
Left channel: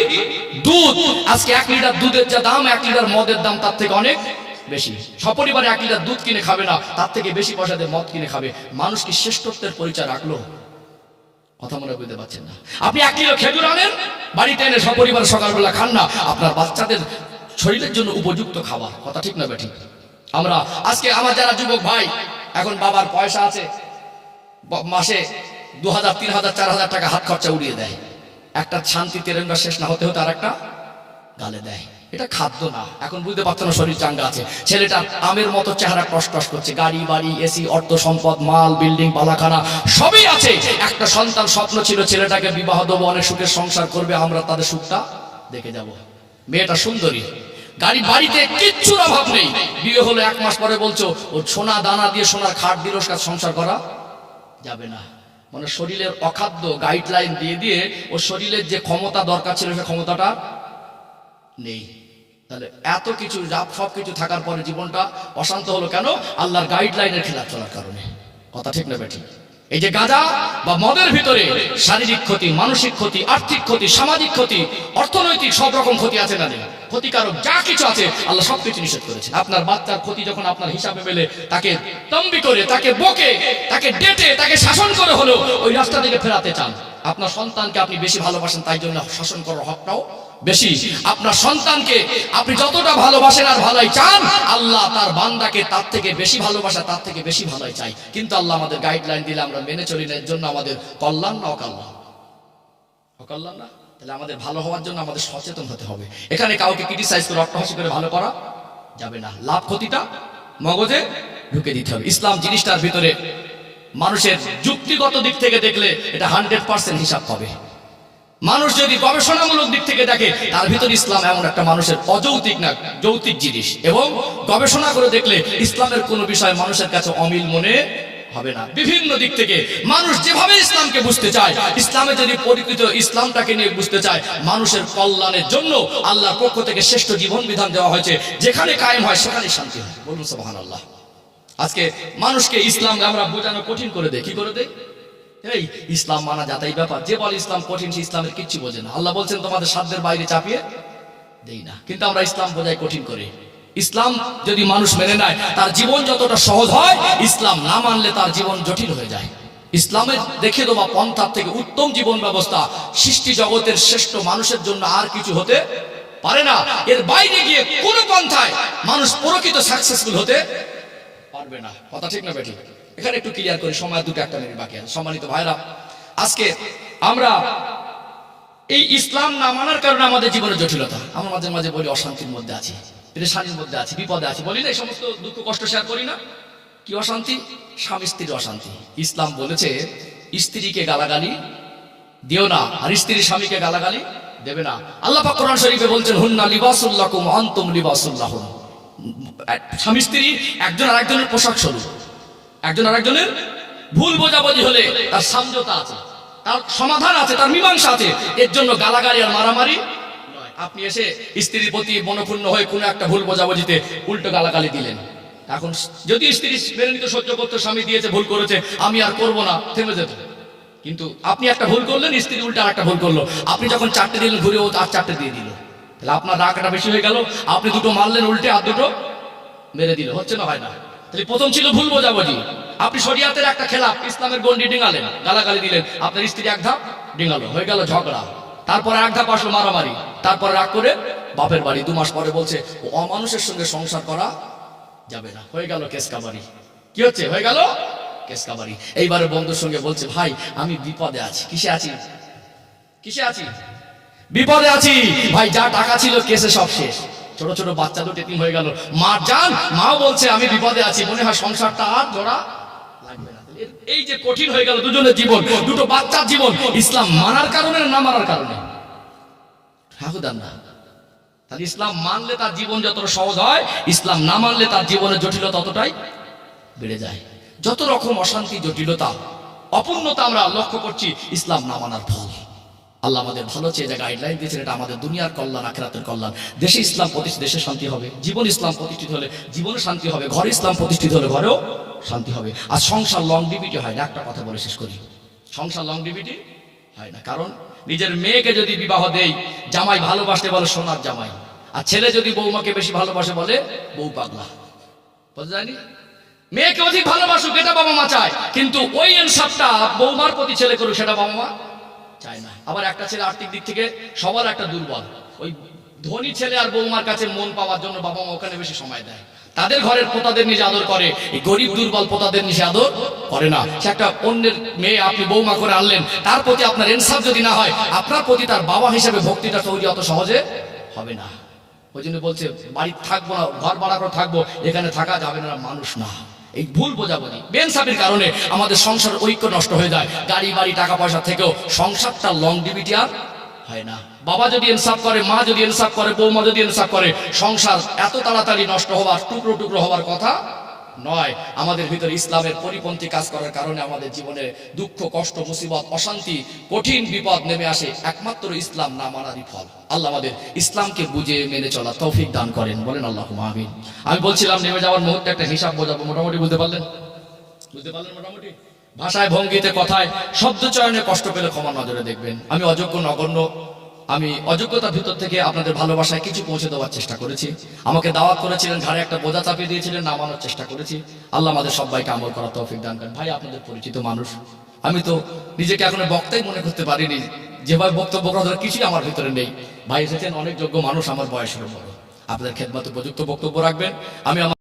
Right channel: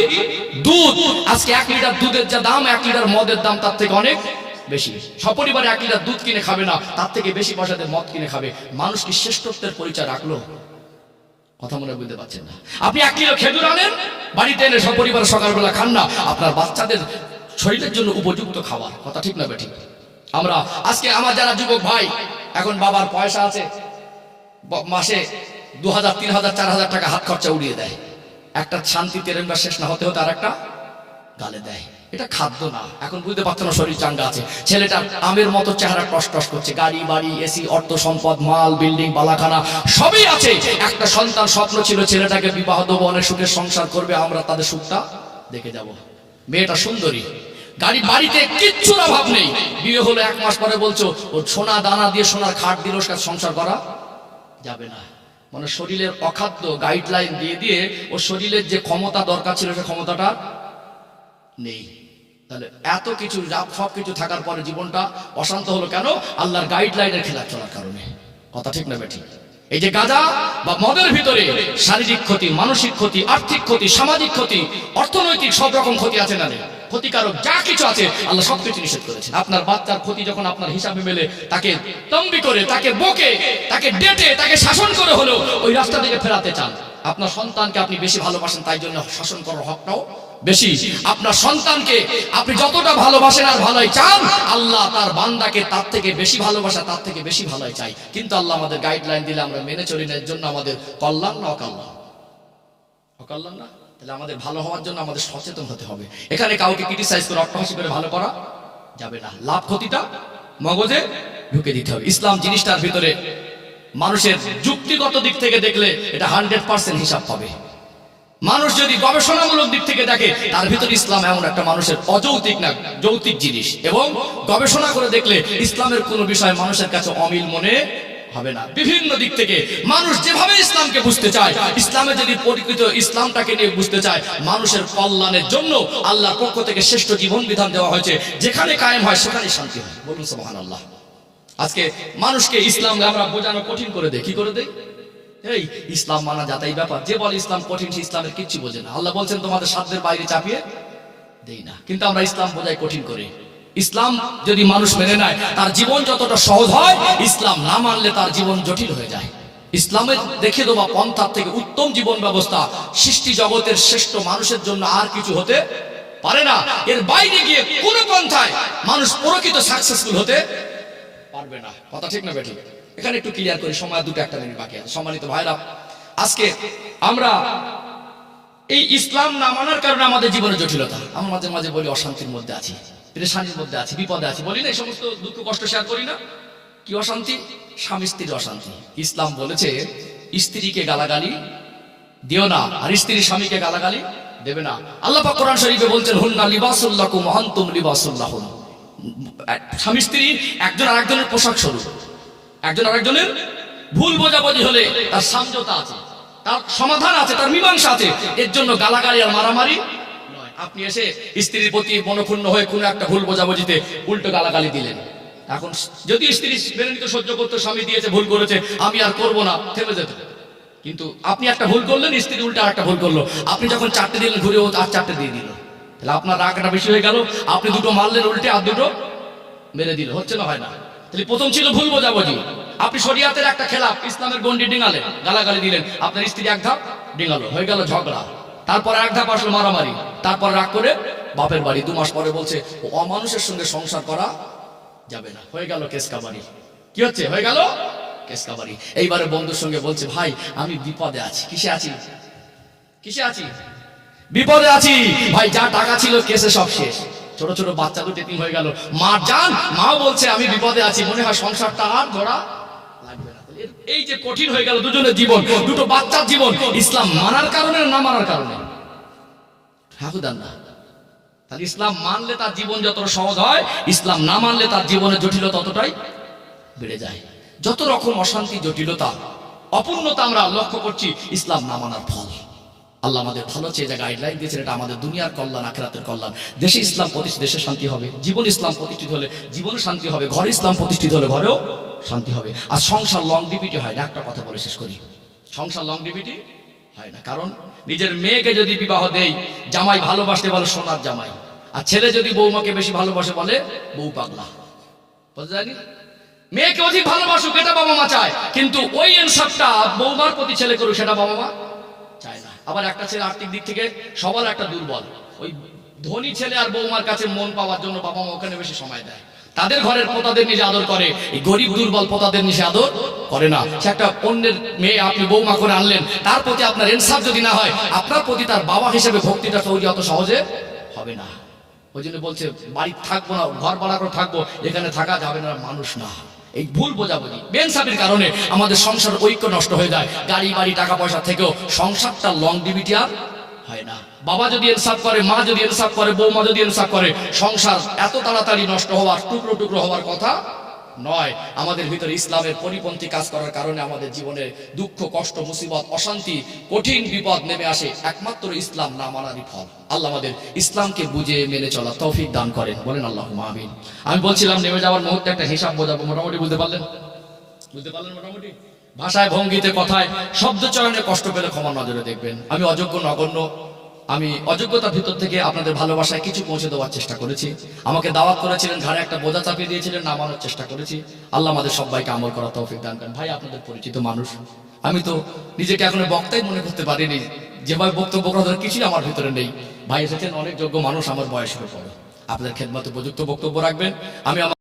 দুধ। আজকে 1 লিটার দুধের যা দাম, 1 লিটার মদের দাম তার থেকে অনেক বেশি। সপরিবারে 1 লিটার দুধ কিনে খাবে না, তার থেকে বেশি পয়সা দিয়ে মদ কিনে খাবে। মানুষ কি শ্রেষ্ঠত্বের পরিচয় রাখলো? কথা মনে বুঝতে পারছেন না? আপনি 1 কিলো খেজুর আনেন, বাড়িতে এনে সপরিবারে সকালবেলা খান না, আপনার বাচ্চাদের শরীরের জন্য উপযুক্ত খাবার। কথা ঠিক না বেঠিক? আমরা আজকে আমার যারা যুবক ভাই, এখন বাবার পয়সা আছে, মাসে 2000, 3000, 4000 টাকা হাত খরচা উড়িয়ে দেয়, একটা শান্তি তেরঙ্গা শেষ না হতে হতে আর একটা গালে দেয়। এটা খাদ্য না। এখন বুঝতে পারছো না? শরীর চাঙ্গা আছে, ছেলেটার আমের মতো চেহারা টস টস করছে, গাড়ি বাড়ি, এসি, অর্থ সম্পদ, মাল, বিল্ডিং, বালাখানা সবই আছে। একটা সন্তান স্বপ্ন ছিল ছেলেটাকে বিবাহ দেবো, অনেক সুখের সংসার করবে, আমরা তাদের সুখটা দেখে যাব। মেয়েটা সুন্দরী, গাড়ি বাড়িতে কিচ্ছুর অভাব নেই, বিয়ে হলো 1 মাস পরে বলছো ওর সোনা দানা দিয়ে সোনার খাট দিল, ওর কাছে সংসার করা যাবে না। মানে শরীরের অখাদ্য গাইডলাইন দিয়ে দিয়ে ওর শরীরের যে ক্ষমতা দরকার ছিল সে ক্ষমতাটা নেই। তাহলে এত কিছু সব কিছু থাকার পরে জীবনটা অশান্ত হলো কেন? আল্লাহর গাইডলাইনের খেলাফ চলার কারণে। কথা ঠিক না বেঠিক? এই যে গাঁজা বা মদের ভিতরে শারীরিক ক্ষতি, মানসিক ক্ষতি, আর্থিক ক্ষতি, সামাজিক ক্ষতি, অর্থনৈতিক সব রকম ক্ষতি আছে না নেই? ক্ষতিকারক যা কিছু আছে আল্লাহ সবকিছু নিষেধ করেছেন। আপনার বাচ্চার ক্ষতি যখন আপনার হিসাবে মেলে, তাকে তম্বি করে, তাকে বকে, তাকে ডেটে, তাকে শাসন করে হলেও ওই রাস্তা থেকে ফেরাতে চান। আপনার সন্তানকে আপনি বেশি ভালোবাসেন, তাই জন্য শাসন করার হকটাও বেশি। আপনার সন্তানকে আপনি যতটা ভালোবাসেন আর ভালোই চান, আল্লাহ তার বান্দাকে তার থেকে বেশি ভালোবাসা, তার থেকে বেশি ভালোই চাই। কিন্তু আল্লাহ আমাদের গাইডলাইন দিলে আমরা মেনে চলি না, এর জন্য আমাদের কল্যাণ না অকল্যাণ? অকল্যাণ না? তাহলে আমাদের ভালো হওয়ার জন্য আমাদের সচেতন হতে হবে। এখানে কাউকে ক্রিটিসাইজ করে, অট্টহাসি করে ভালো করা যাবে না। লাভ ক্ষতিটা মগজে ঢুকে দিতে হবে। ইসলাম জিনিসটার ভিতরে মানুষের যুক্তিগত দিক থেকে দেখলে এটা 100% হিসাব পাবে। মানুষ যদি গবেষণামূলক দিক থেকে দেখে তার ভিতরে ইসলাম এমন একটা মানুষের অযৌক্তিক না যৌক্তিক জিনিস, এবং গবেষণা করে দেখলে ইসলামের কোনো বিষয় মানুষের কাছে অমিল মনে হবে না। বিভিন্ন দিক থেকে মানুষ যেভাবে ইসলামকে বুঝতে চায়, ইসলামে যদি পরিকৃত ইসলামটাকে নিয়ে বুঝতে চায়, মানুষের কল্যাণের জন্য আল্লাহর পক্ষ থেকে শ্রেষ্ঠ জীবন বিধান দেওয়া হয়েছে। যেখানে কায়েম হয় সেখানেই শান্তি হয়। বলুন সুবহানাল্লাহ। আজকে মানুষকে ইসলাম আমরা বোঝানো কঠিন করে দেয়। কি করে দেয়? এই ইসলাম মানা যাতাই ব্যাপার। যে বলে ইসলাম কঠিন সে ইসলামের কিচ্ছু বোঝে না। আল্লাহ বলছেন তোমাদের সাধ্যের বাইরে চাপিয়ে দেই না, কিন্তু আমরা ইসলাম বোঝাই কঠিন করে। ইসলাম যদি মানুষ মেনে নেয় তার জীবন যতটা সহজ হয়, ইসলাম না মানলে তার জীবন জটিল হয়ে যায়। ইসলামের দেখে দেওয়া পন্থার থেকে উত্তম জীবন ব্যবস্থা সৃষ্টি জগতের শ্রেষ্ঠ মানুষের জন্য আর কিছু হতে পারে না। এর বাইরে গিয়ে কোন পন্থায় মানুষ প্রকৃত সাকসেসফুল হতে পারবে না। কথা ঠিক না বেঠিক? এখানে একটু ক্লিয়ার করি, সময় 2-1 মিনিট বাকি আছে। সম্মানিত ভাইরা, আজকে আমরা এই ইসলাম না মানার কারণে আমাদের জীবনে জটিলতা, আমরা মাঝে মাঝে বলি অশান্তির মধ্যে আছি, পেরেশানির মধ্যে আছি, বিপদে আছি, বলি না? এই সমস্ত দুঃখ কষ্ট শেয়ার করি না? কি অশান্তি? স্বামী স্ত্রীর অশান্তি। ইসলাম বলেছে স্ত্রীকে গালাগালি দিও না, আর স্ত্রী স্বামীকে গালাগালি দেবে না। আল্লাহ পাক কোরআন শরীফে বলছেন হুন্না লিবাসুল লাকুম ওয়া আনতুম লিবাসুল লাহুন। স্বামী স্ত্রী একজন আরেকজনের পোশাক স্বরূপ। একজন আরেকজনের ভুল বোঝাবুঝি হলে তার সমঝোতা আছে, তার সমাধান আছে, তার মীমাংসা আছে। এর জন্য গালাগালি আর মারামারি নয়। আপনি এসে স্ত্রীর প্রতি মনক্ষুণ্ণ হয়ে কোনো একটা ভুল বোঝাবুঝিতে উল্টো গালাগালি দিলেন। এখন যদি স্ত্রী মেনে নিতে সহ্য করতে, স্বামী দিয়েছে ভুল করেছে আমি আর করব না, থেমে যেত। কিন্তু আপনি একটা ভুল করলেন, স্ত্রী উল্টো আর একটা ভুল করলো, আপনি যখন 4টে দিলেন ঘুরে ও আর 4টে দিয়ে দিল, তাহলে আপনার রাগটা বেশি হয়ে গেল। আপনি 2টো মারলেন উল্টে, আর 2টো মেরে দিল। হচ্ছে না? হয় না? তাহলে প্রথম ছিল ভুল বোঝাবুঝি। আপনি শরিয়াতের একটা খেলাফ ইসলামের গন্ডি ডিঙালেন, গালাগালি দিলেন, আপনার স্ত্রী এক ধাপ ডিঙালো, হয়ে গেল ঝগড়া। তারপর এক ধাপ আসলো মারামারি, তারপর রাগ করে বাপের বাড়ি। 2 মাস পরে বলছে ও অমানুষের সঙ্গে সংসার করা যাবে না, হয়ে গেল কেসকাবারি। কি হচ্ছে? হয়ে গেল কেসকাবারি। এইবারে বন্ধুর সঙ্গে বলছে ভাই আমি বিপদে আছি। কিসে আছি? কিসে আছি? বিপদে আছি ভাই, যা টাকা ছিল কেসে সব শেষ। ছোট ছোট বাচ্চা 2 টিম হয়ে গেল। মা জান, মা বলছে আমি বিপদে আছি, মনে হয় সংসারটা আর জোড়া লাগবে না। এই যে কঠিন হয়ে গেল দুজনের জীবন, 2টো বাচ্চার জীবন, ইসলাম মানার কারণে না মানার কারণে? হাকুদান না। তাহলে ইসলাম মানলে তার জীবন যতটা সহজ হয়, ইসলাম না মানলে তার জীবনের জটিলতা ততটাই বেড়ে যায়। যত রকম অশান্তি, জটিলতা, অপূর্ণতা আমরা লক্ষ্য করছি ইসলাম না মানার ফল। আল্লাহ আমাদের ভালো চেয়ে যা গাইডলাইন দিয়েছেন, এটা আমাদের দুনিয়ার কল্যাণ, আখিরাতের কল্যাণ। দেশে ইসলাম প্রতিষ্ঠিত, দেশে শান্তি হবে। জীবন ইসলাম প্রতিষ্ঠিত হলে জীবনে শান্তি হবে। ঘরে ইসলাম প্রতিষ্ঠিত হলে ঘরেও শান্তি হবে। আর সংসার লংডিভিটি হয় না। একটা কথা বলে শেষ করি, সংসার লংডিভিটি হয় না। কারণ নিজের মেয়েকে যদি বিবাহ দেই, জামাই ভালোবাসতে বলে সোনার জামাই, আর ছেলে যদি বৌমাকে বেশি ভালোবাসে বলে বউ পাগলা। বলতে যায়নি? মেয়েকে অধিক ভালোবাসুক এটা বাবা মা চায়, কিন্তু ওই ইনসাফটা বৌমার প্রতি ছেলে করুক সেটা বাবা মা চায় না। আবার একটা ছেলে আর্থিক দিক থেকে সবল, একটা দুর্বল, ওই ধনী ছেলে আর বৌমার কাছে মন পাওয়ার জন্য বাবা মা ওখানে বেশি সময় দেয়। তাদের ঘরের পোতাদের নিজে আদর করে, এই গরিব দুর্বল পোতাদের নিজে আদর করে না। সে একটা অন্যের মেয়ে আপনি বৌমা করে আনলেন, তার প্রতি আপনার ইনসাফ যদি না হয়, আপনার প্রতি তার বাবা হিসেবে ভক্তিটা তৈরি অত সহজে হবে না। ওই জন্য বলছে বাড়ি থাকবো না, ঘর ভাড়া করে থাকবো, এখানে থাকা যাবে না, মানুষ না। এই ভুল বোঝাবুঝি, বেইনসাফির কারণে আমাদের সংসার ঐক্য নষ্ট হয়ে যায়। গাড়ি বাড়ি টাকা পয়সা থেকেও সংসারটা লংডিভিটি আর হয় না। বাবা যদি ইনসাফ করে, মা যদি ইনসাফ করে, বৌমা যদি ইনসাফ করে, সংসার এত তাড়াতাড়ি নষ্ট হওয়ার, টুকরো টুকরো হওয়ার কথা নয়। আমাদের ভিতরে ইসলামের পরিপন্থী কাজ করার কারণে আমাদের জীবনে দুঃখ, কষ্ট, মুসিবত, অশান্তি, কঠিন বিপদ নেমে আসে। একমাত্র ইসলাম না মানারই ফল। আল্লাহ আমাদের ইসলামকে বুঝে মেনে চলা তৌফিক দান করেন, বলেন আল্লাহুম্মা আমিন। আমি বলছিলাম নেমে যাওয়ার মুহূর্তে একটা হিসাব বোঝাবো, মোটামুটি বুঝতে পারলেন? বুঝতে পারলেন মোটামুটি? ভাষায়, ভঙ্গিতে, কথায়, শব্দ চয়নে কষ্ট পেলে ক্ষমা নজরে দেখবেন। আমি অযোগ্য, নগণ্য, আমি অযোগ্যতার ভিতর থেকে আপনাদের ভালোবাসায় কিছু পৌঁছে দেওয়ার চেষ্টা করেছি। আমাকে দাওয়াত করেছিলেন, ঘাড়ে একটা বোঝা চাপিয়ে দিয়েছিলেন, নামানোর চেষ্টা করেছি। আল্লাহ আমাদের সবাইকে আমল করার তৌফিক দান করেন। ভাই আপনাদের পরিচিত মানুষ, আমি তো নিজেকে এখনো বক্তাই মনে করতে পারিনি। যেভাবে বক্তব্য করার কিছুই আমার ভিতরে নেই। ভাই এসেছেন অনেক যোগ্য মানুষ, আমার বয়সেরও বড়, আপনাদের খেদমতে উপযুক্ত বক্তব্য রাখবেন। আমি আমার